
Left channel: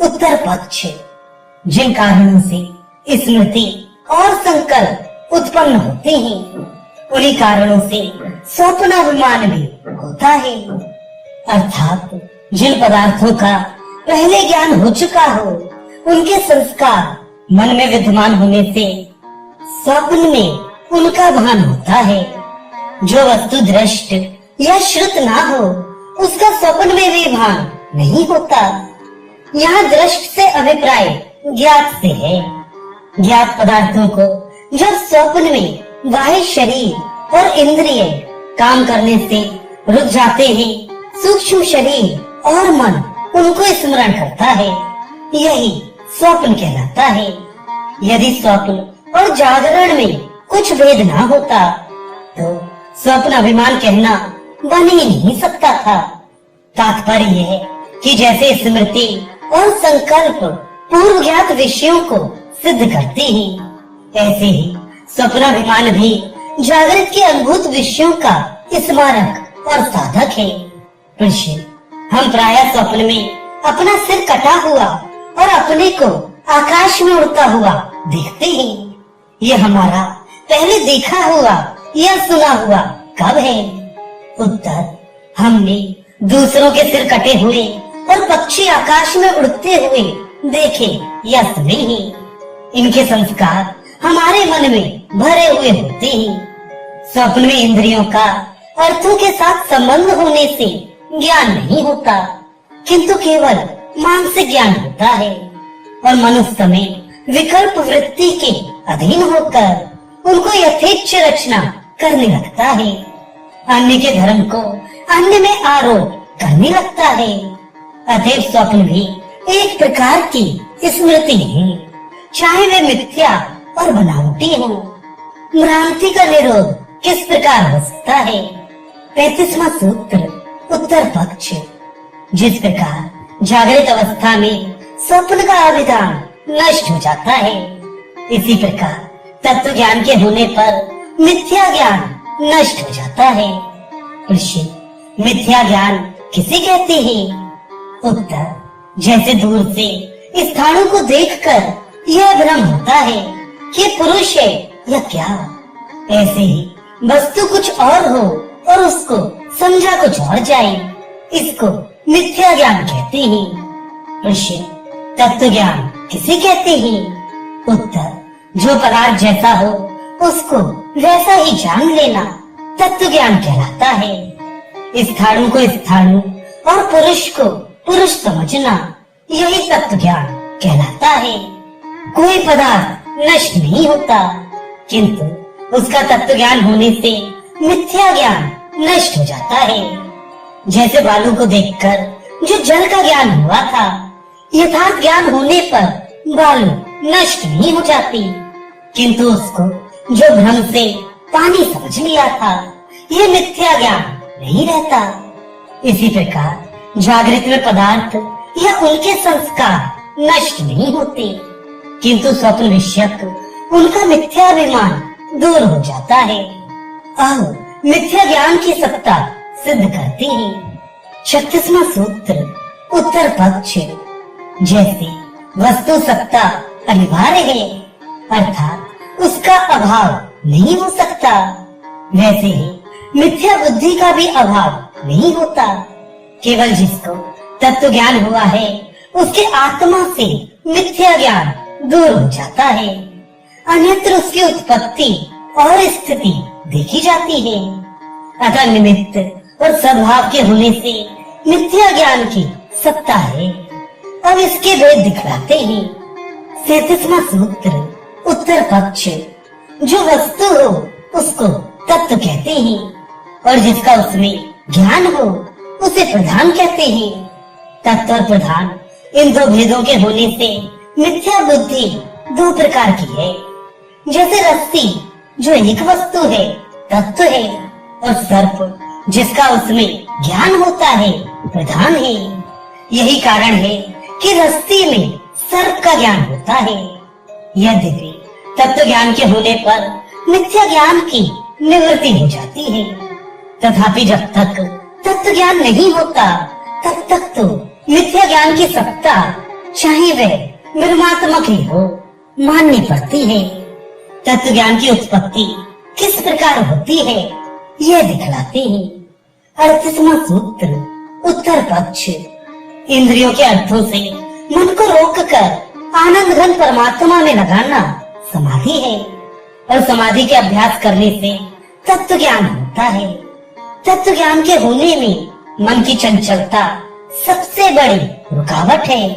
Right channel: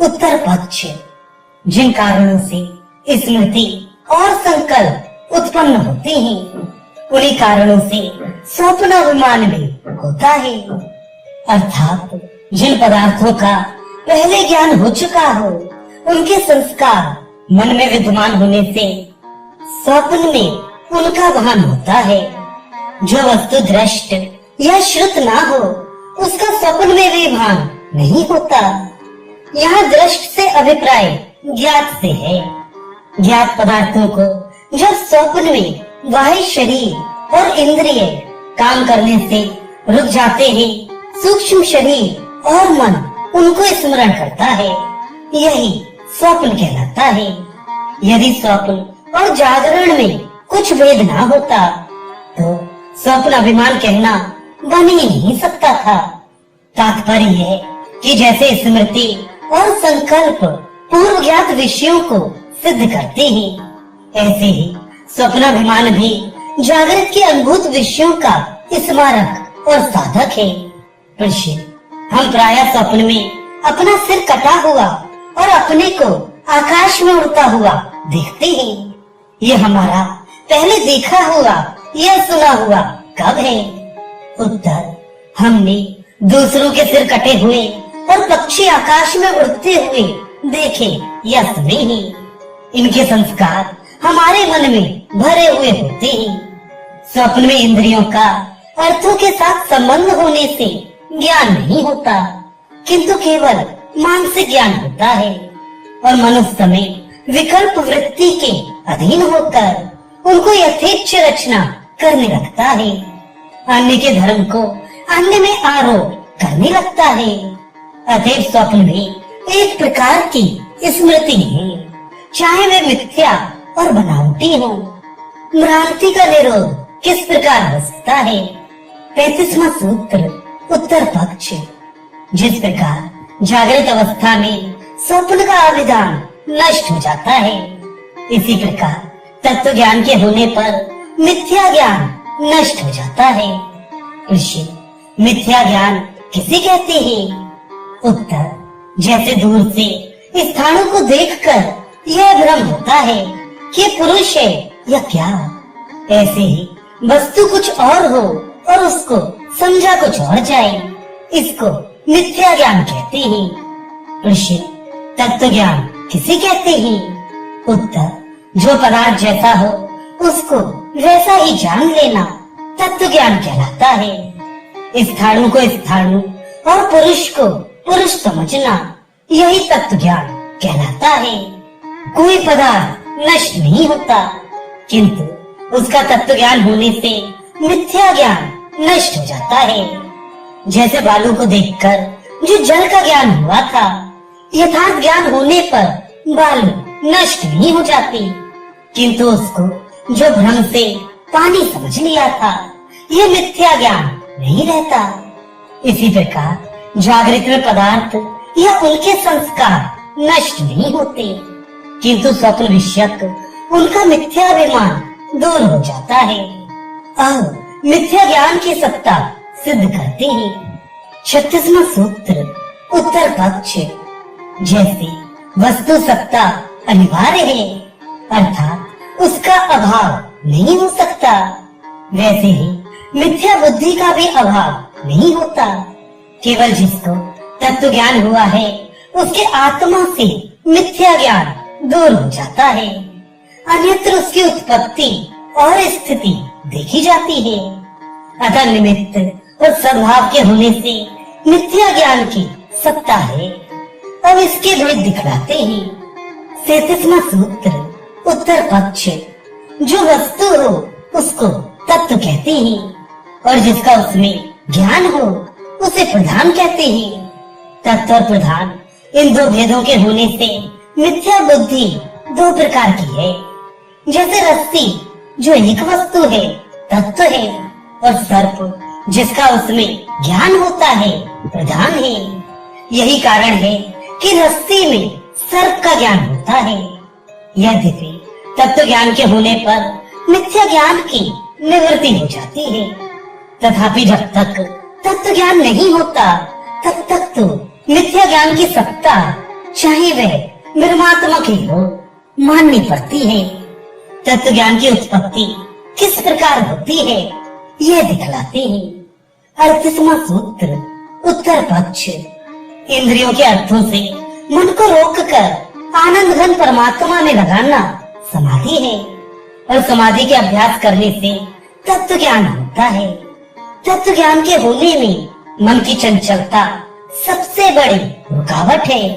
उत्तर पक्ष। जिन कारणों से स्मृति और संकल्प उत्पन्न होते हैं उन्हीं कारणों से स्वप्न अभिमान भी होता है। अर्थात जिन पदार्थों का पहले ज्ञान हो चुका हो उनके संस्कार मन में विद्यमान होने से स्वप्न में उनका भान होता है। जो वस्तु दृष्ट या श्रुत ना हो उसका स्वप्न में भी भान नहीं होता। यहाँ दृष्ट से अभिप्राय ज्ञात से है। ज्ञात पदार्थों को जब स्वप्न में बाह्य शरीर और इंद्रिय काम करने से रुक जाते हैं, सूक्ष्म शरीर और मन उनको स्मरण करता है, यही स्वप्न कहलाता है। यदि स्वप्न और जागरण में कुछ भेद ना होता तो स्वप्न अभिमान कहना बन ही नहीं सकता था। तात्पर्य है कि जैसे स्मृति और संकल्प पूर्व ज्ञात विषयों को सिद्ध करते हैं, ऐसे ही स्वप्नाभिमान भी जागृत के अनुभूत विषयों का स्मारक और साधक है। हम प्रायः स्वप्न में अपना सिर कटा हुआ और अपने को आकाश में उड़ता हुआ देखते हैं। ये हमारा पहले देखा हुआ या सुना हुआ कब है? उत्तर, हमने दूसरों के सिर कटे हुए और पक्षी आकाश में उड़ते हुए देखे या सुने हैं। इनके संस्कार हमारे मन में भरे हुए होते हैं। स्वप्न में इंद्रियों का अर्थों के साथ संबंध होने से ज्ञान नहीं होता, किंतु केवल मानसिक ज्ञान होता है और मनुष्य में विकल्प वृत्ति के अधीन होकर उनको यथेच्छ रचना करने लगता है। अन्य के धर्म को अन्य में आरोप करने लगता है। अतएव स्वप्न भी एक प्रकार की स्मृति है, चाहे वे मिथ्या और बनावटी हो। भ्रांति का निरोध किस प्रकार हो सकता है? 35वां सूत्र उत्तर पक्ष। जिस प्रकार जागृत अवस्था में स्वप्न का अभिधान नष्ट हो जाता है, इसी प्रकार तत्व ज्ञान के होने पर मिथ्या ज्ञान नष्ट हो जाता है। मिथ्या ज्ञान किसे कहते हैं? उत्तर, जैसे दूर से स्थानों को देखकर यह भ्रम होता है कि पुरुष है या क्या, ऐसे ही वस्तु कुछ और हो और उसको समझा कुछ और जाए, इसको मिथ्या ज्ञान कहते हैं। तत्व ज्ञान किसे कहते हैं? उत्तर, जो पदार्थ जैसा हो उसको वैसा ही जान लेना तत्व ज्ञान कहलाता है। स्थाणु को स्थाणु और पुरुष को पुरुष समझना, यही तत्व ज्ञान कहलाता है। कोई पदार्थ नष्ट नहीं होता, किंतु उसका तत्व ज्ञान होने से मिथ्या ज्ञान नष्ट हो जाता है। जैसे बालू को देखकर जो जल का ज्ञान हुआ था, यथार्थ ज्ञान होने पर बालू नष्ट नहीं हो जाती, किंतु उसको जो भ्रम से पानी समझ लिया था, ये मिथ्या ज्ञान नहीं रहता। इसी प्रकार जागृत में पदार्थ या उनके संस्कार नष्ट नहीं होते, किंतु स्वप्न विषयक उनका मिथ्याभिमान दूर हो जाता है। अब मिथ्या ज्ञान की सत्ता सिद्ध करते हैं। 36वां सूत्र उत्तर पक्ष। जैसे वस्तु सत्ता अनिवार्य है, अर्थात उसका अभाव नहीं हो सकता, वैसे ही मिथ्या बुद्धि का भी अभाव नहीं होता। केवल जिसको तत्व ज्ञान हुआ है उसके आत्मा से मिथ्या ज्ञान दूर हो जाता है, अन्यत्र उसकी उत्पत्ति और स्थिति देखी जाती है। अतः निमित्त और सद्भाव के होने से मिथ्या ज्ञान की सत्ता है। अब इसके भेद दिखलाते हैं। 37वां सूत्र उत्तर पक्ष। जो वस्तु हो उसको तत्व कहते हैं और जिसका उसमें ज्ञान हो उसे प्रधान कहते हैं। तत्व और प्रधान इन दो भेदों के होने से मिथ्या बुद्धि दो प्रकार की है। जैसे रस्सी जो एक वस्तु है, तत्व है, और सर्प जिसका उसमें ज्ञान होता है, प्रधान है। यही कारण है कि रस्सी में सर्प का ज्ञान होता है। यद्यपि तत्व ज्ञान के होने पर मिथ्या ज्ञान की निवृत्ति हो जाती है, तथापि जब तक तत्व ज्ञान नहीं होता तब तक तो मिथ्या ज्ञान की सत्ता, चाहे वह ब्रह्मात्मक ही हो, माननी पड़ती है। तत्व ज्ञान की उत्पत्ति किस प्रकार होती है, यह दिखलाते हैं 38वां सूत्र, उत्तर पक्ष। इंद्रियों के अर्थों से मन को रोककर आनंद घन परमात्मा में लगाना समाधि है, और समाधि के अभ्यास करने से तत्व ज्ञान होता है। तत्व ज्ञान के होने में मन की चंचलता सबसे बड़ी रुकावट है,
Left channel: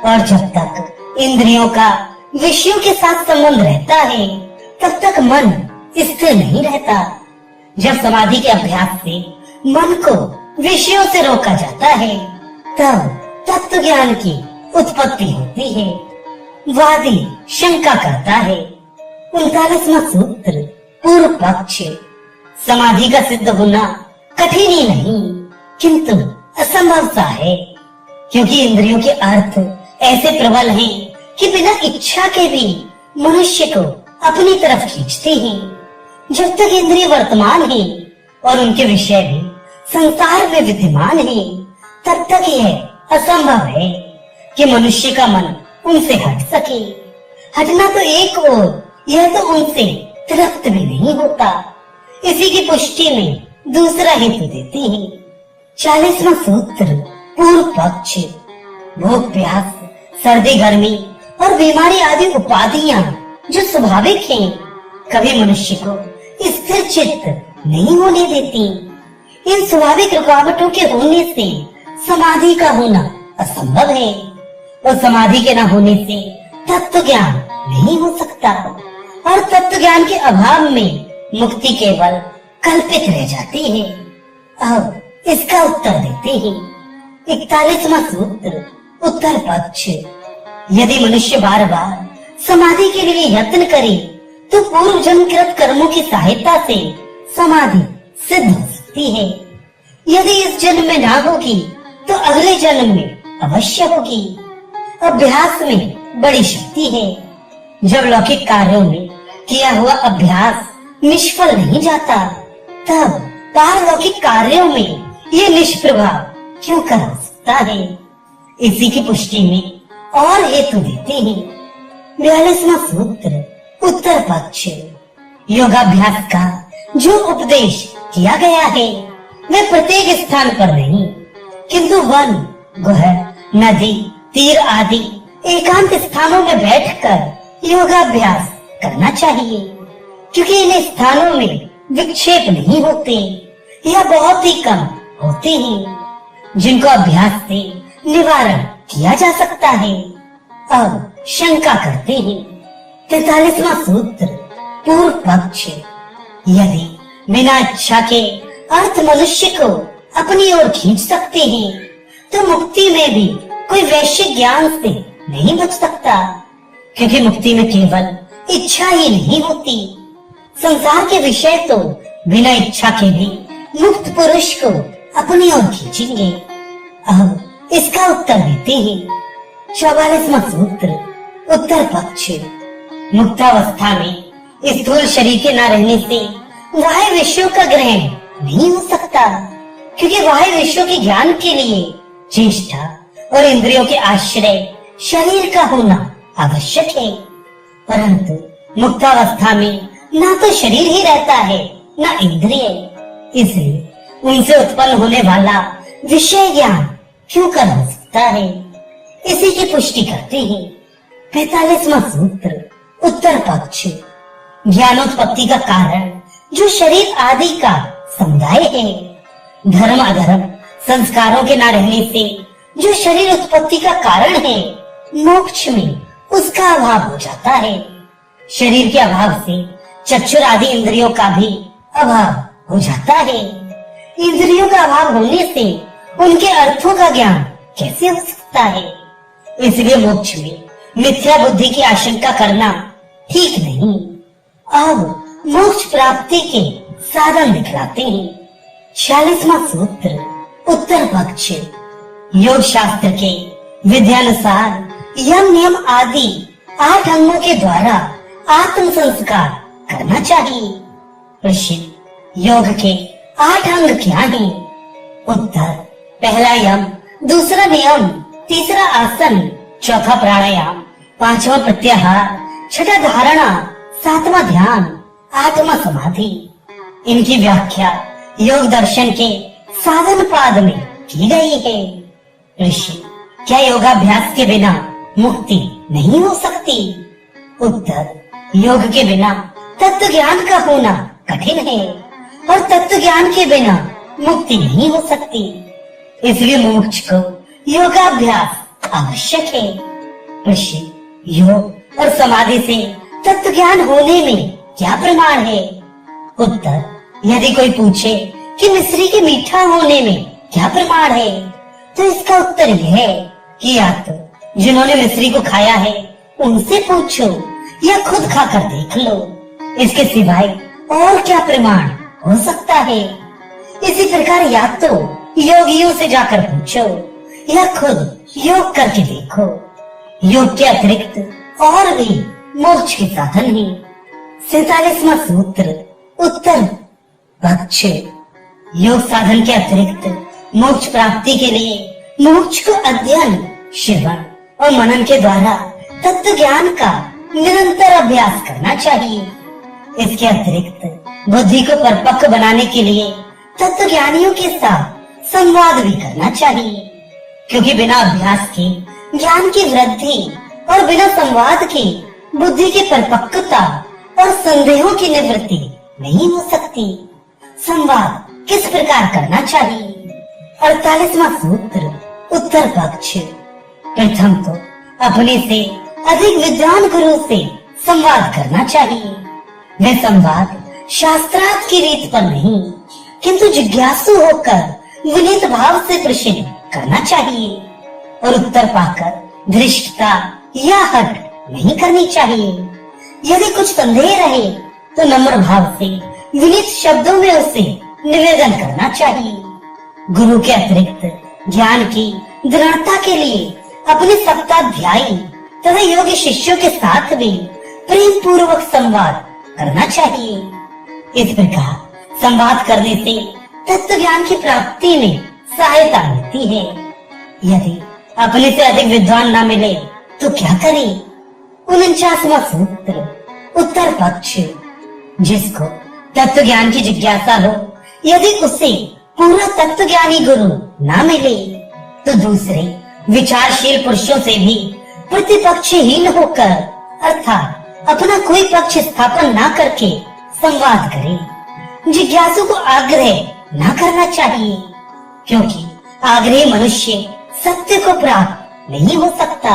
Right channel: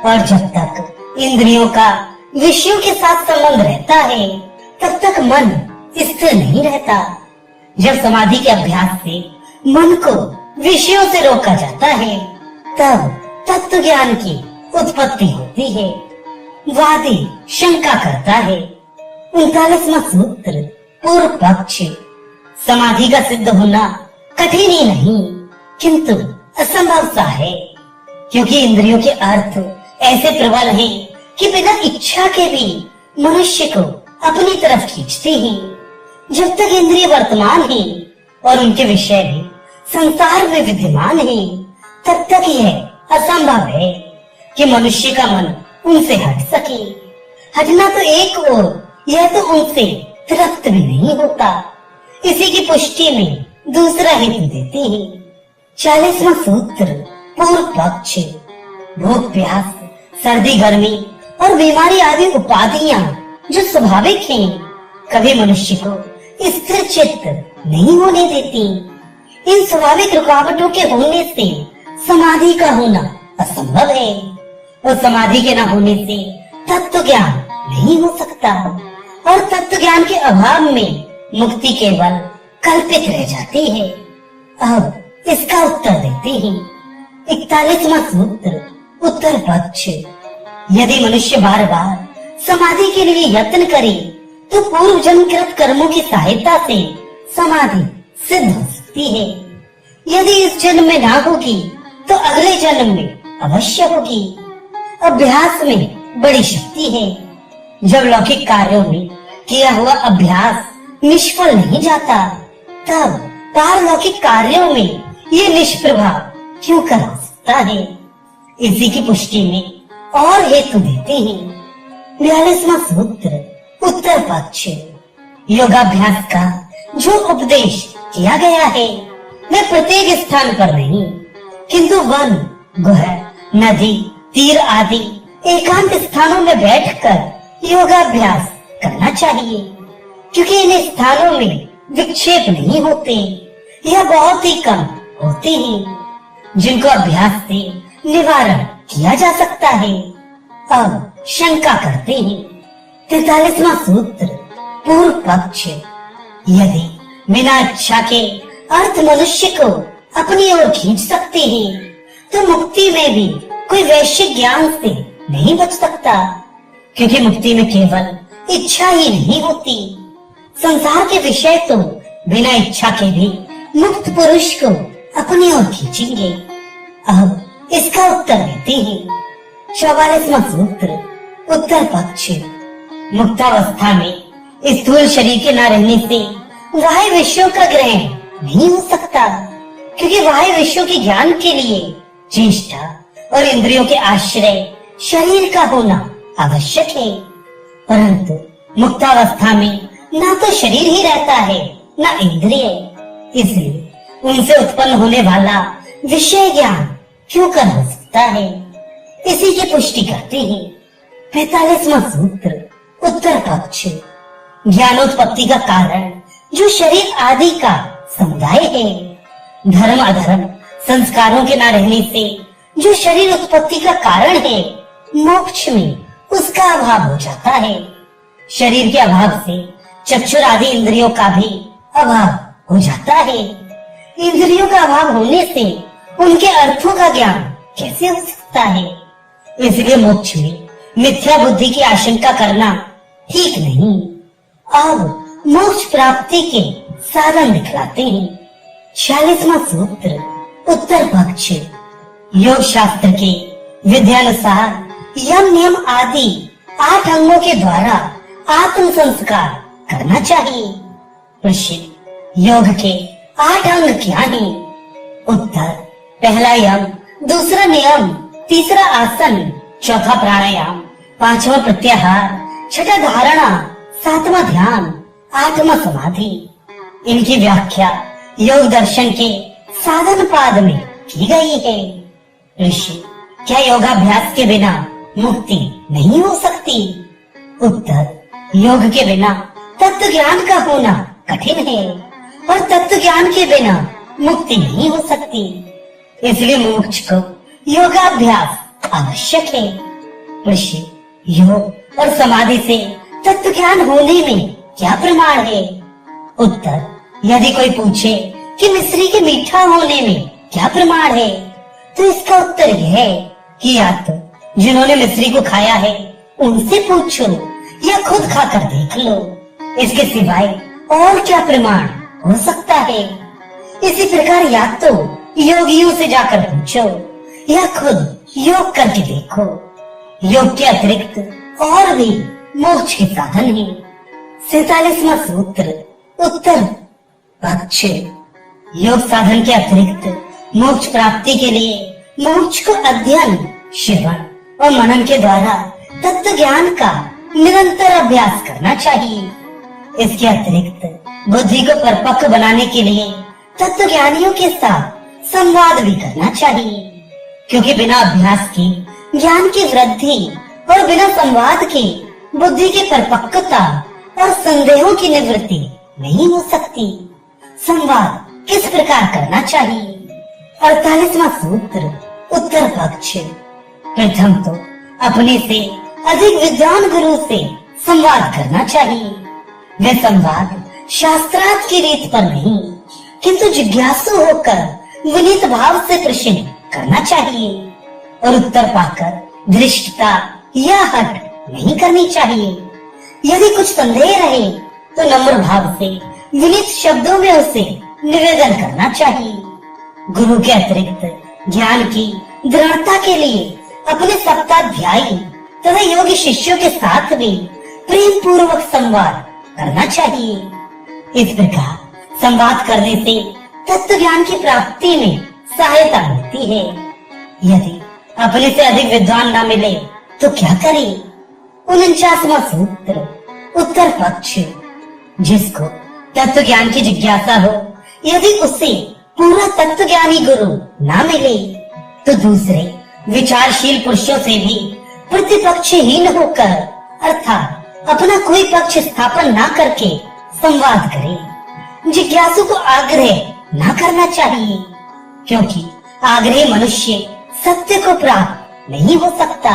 और जब तक इंद्रियों का विषयों के साथ संबंध रहता है तब तक मन स्थिर नहीं रहता। जब समाधि के अभ्यास से मन को विषयों से रोका जाता है तब तत्व ज्ञान की उत्पत्ति होती है। वादी शंका करता है 39वां सूत्र, पूर्व पक्ष। समाधि का सिद्ध होना कठिन ही नहीं किंतु असंभव सा है, क्योंकि इंद्रियों के अर्थ ऐसे प्रबल हैं कि बिना इच्छा के भी मनुष्य को अपनी तरफ खींचते हैं। जब तक इंद्रिय वर्तमान है और उनके विषय भी संसार में विद्यमान है, तब तक यह असंभव है कि मनुष्य का मन उनसे हट सके। हटना तो एक ओर, यह तो उनसे तृप्त भी नहीं होता। इसी की पुष्टि में दूसरा हेतु देते हैं 40वां सूत्र, पूर्व पक्ष। भूख प्यास, सर्दी गर्मी और बीमारी आदि उपाधियां जो स्वाभाविक हैं, कभी मनुष्य को स्थिर चित्त नहीं होने देती। इन स्वाभाविक रुकावटों के होने से समाधि का होना असंभव है, और समाधि के न होने से तत्व ज्ञान नहीं हो सकता, और तत्व ज्ञान के अभाव में मुक्ति केवल कल्पित रह जाती है। अब इसका उत्तर देते हैं 41वां सूत्र, उत्तर पक्ष। यदि मनुष्य बार बार समाधि के लिए यत्न करे तो पूर्व जन्मकृत कर्मों की सहायता से समाधि सिद्ध हो सकती है। यदि इस जन्म में ना होगी तो अगले जन्म में अवश्य होगी। अभ्यास में बड़ी शक्ति है। जब लौकिक कार्यों में किया हुआ अभ्यास निष्फल नहीं जाता, तब पारलौकिक कार्यों में ये निष्प्रभाव क्यों कर सकता है। इसी की पुष्टि में और हेतु देते हैं 42वां सूत्र, उत्तर पक्ष। योगाभ्यास का जो उपदेश किया गया है वे प्रत्येक स्थान पर नहीं, किंतु वन, गुह, नदी, तीर आदि एकांत स्थानों में बैठकर योगाभ्यास करना चाहिए, क्योंकि इन स्थानों में विक्षेप नहीं होते या बहुत ही कम होते हैं, जिनको अभ्यास से निवारण किया जा सकता है। अब शंका करते हैं 43वां सूत्र, पूर्व पक्ष। यदि बिना इच्छा के अर्थ मनुष्य को अपनी ओर खींच सकते हैं, तो मुक्ति में भी कोई वैश्विक ज्ञान से नहीं बच सकता, क्योंकि मुक्ति में केवल इच्छा ही नहीं होती। संसार के विषय तो बिना इच्छा के भी मुक्त पुरुष को अपनी ओर खींचेंगे। अब इसका उत्तर देते हैं 44वां सूत्र, उत्तर पक्ष। मुक्तावस्था में स्थूल शरीर के न रहने से बाह्य विषयों का ग्रहण नहीं हो सकता, क्योंकि बाह्य विषयों के ज्ञान के लिए चेष्टा और इंद्रियों के आश्रय शरीर का होना आवश्यक है। परंतु मुक्तावस्था में न तो शरीर ही रहता है न इंद्रिय, इसलिए उनसे उत्पन्न होने वाला विषय ज्ञान क्यों कर सकता है। इसी की पुष्टि करते हैं 45वां सूत्र, उत्तर पक्ष। ज्ञानोत्पत्ति का कारण जो शरीर आदि का समुदाय है, धर्म अधर्म संस्कारों के न रहने से जो शरीर उत्पत्ति का कारण है, मोक्ष में उसका अभाव हो जाता है। शरीर के अभाव से चक्षुर आदि इंद्रियों का भी अभाव हो जाता है। इंद्रियों का अभाव होने से उनके अर्थों का ज्ञान कैसे हो सकता है। इसलिए मोक्ष में मिथ्या बुद्धि की आशंका करना ठीक नहीं। अब मोक्ष प्राप्ति के साधन दिखलाते हैं। 46वां सूत्र उत्तर पक्ष। योग शास्त्र के विधानुसार यम नियम आदि 8 अंगों के द्वारा आत्म संस्कार करना चाहिए। प्रश्न, योग के 8 अंग क्या हैं? उत्तर, पहला यम, दूसरा नियम, तीसरा आसन, चौथा प्राणायाम, 5वां प्रत्याहार, छठा धारणा, 7वां ध्यान, 8वां समाधि। इनकी व्याख्या योग दर्शन के साधन पाद में की गई है। प्रश्न, क्या योगाभ्यास के बिना मुक्ति नहीं हो सकती? उत्तर, योग के बिना तत्व ज्ञान का होना कठिन है और तत्व ज्ञान के बिना मुक्ति नहीं हो सकती। इसलिए मोक्ष को योगाभ्यास आवश्यक है। प्रश्न, योग और समाधि से तत्व ज्ञान होने में क्या प्रमाण है? उत्तर, यदि कोई पूछे कि मिश्री के मीठा होने में क्या प्रमाण है, तो इसका उत्तर यह है कि या तो जिन्होंने मिश्री को खाया है उनसे पूछो या खुद खाकर देख लो। इसके सिवाय और क्या प्रमाण हो सकता है? इसी प्रकार या तो योगियों से जाकर पूछो या खुद योग करके देखो। योग के अतिरिक्त और भी मोक्ष के साधन है। 47वां सूत्र उत्तर पक्ष। योग साधन के अतिरिक्त मोक्ष प्राप्ति के लिए मोक्ष को अध्ययन, श्रवण और मनन के द्वारा तत्व ज्ञान का निरंतर अभ्यास करना चाहिए। इसके अतिरिक्त बुद्धि को परिपक्व बनाने के लिए तत्व ज्ञानियों के साथ संवाद भी करना चाहिए, क्योंकि बिना अभ्यास के ज्ञान की वृद्धि और बिना संवाद के बुद्धि की परिपक्वता और संदेहों की निवृत्ति नहीं हो सकती। संवाद किस प्रकार करना चाहिए? 48वां सूत्र उत्तर पक्ष। प्रथम तो अपने से अधिक विद्वान गुरु से संवाद करना चाहिए। वह संवाद शास्त्रार्थ की रीत पर नहीं, किंतु जिज्ञासु होकर विनीत भाव से प्रश्न करना चाहिए और उत्तर पाकर धृष्टता या हट नहीं करनी चाहिए। यदि कुछ संदेह रहे तो नम्र भाव से विनीत शब्दों में उसे निवेदन करना चाहिए। गुरु के अतिरिक्त ज्ञान की दृढ़ता के लिए अपने सप्ताध्यायी तथा योगी शिष्यों के साथ भी प्रेम पूर्वक संवाद करना चाहिए। इस प्रकार संवाद करने से तत्व ज्ञान की प्राप्ति में सहायता मिलती है। यदि अपने से अधिक विद्वान न मिले तो क्या करें? 49वां सूत्र उत्तर पक्ष। जिसको तत्व ज्ञान की जिज्ञासा हो, यदि उसे पूरा तत्व ज्ञानी गुरु न मिले तो दूसरे विचारशील पुरुषों से भी प्रतिपक्षहीन होकर अर्थात अपना कोई पक्ष स्थापन न करके संवाद करे। जिज्ञासु को आग्रह न करना चाहिए, क्योंकि आग्रह मनुष्य सत्य को प्राप्त नहीं हो सकता।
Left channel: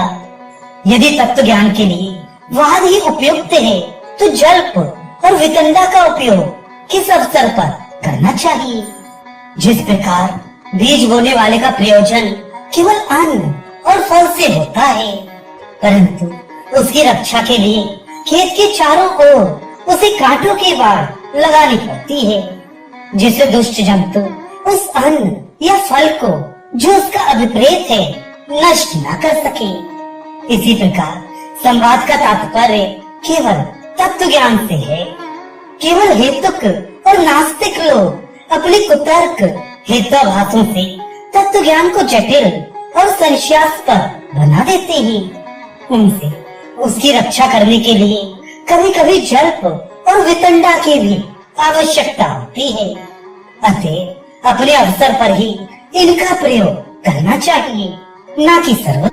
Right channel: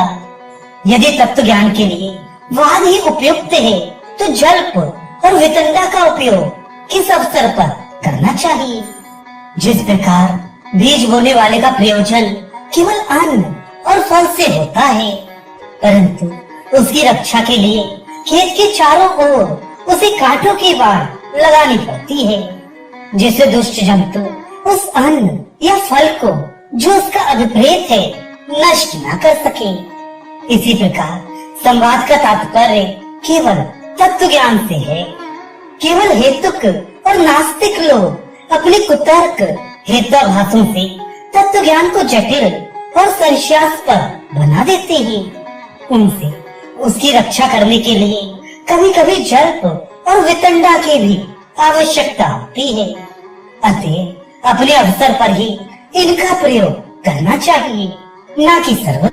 यदि तत्व ज्ञान के लिए वाद ही उपयुक्त है तो जल्प और वितंडा का उपयोग किस अवसर पर करना चाहिए? जिस प्रकार बीज बोने वाले का प्रयोजन केवल अन्न और फल से होता है, परंतु उसकी रक्षा के लिए खेत के चारों ओर उसे कांटों की बाढ़ लगानी पड़ती है, जिससे दुष्ट जंतु उस अन्न या फल को जो उसका अभिप्रेत है नष्ट न कर सके। इसी प्रकार संवाद का तात्पर्य केवल तत्व ज्ञान से है। केवल हेतुक और नास्तिक लोग अपने कुतर्क हेताभासों से तत्व ज्ञान को जटिल और संशयास्पद बना देते हैं। उनसे उसकी रक्षा करने के लिए कभी कभी जल्प और वितंडा की भी आवश्यकता होती है। अतः अपने अवसर पर ही इनका प्रयोग करना चाहिए, न कि सर्व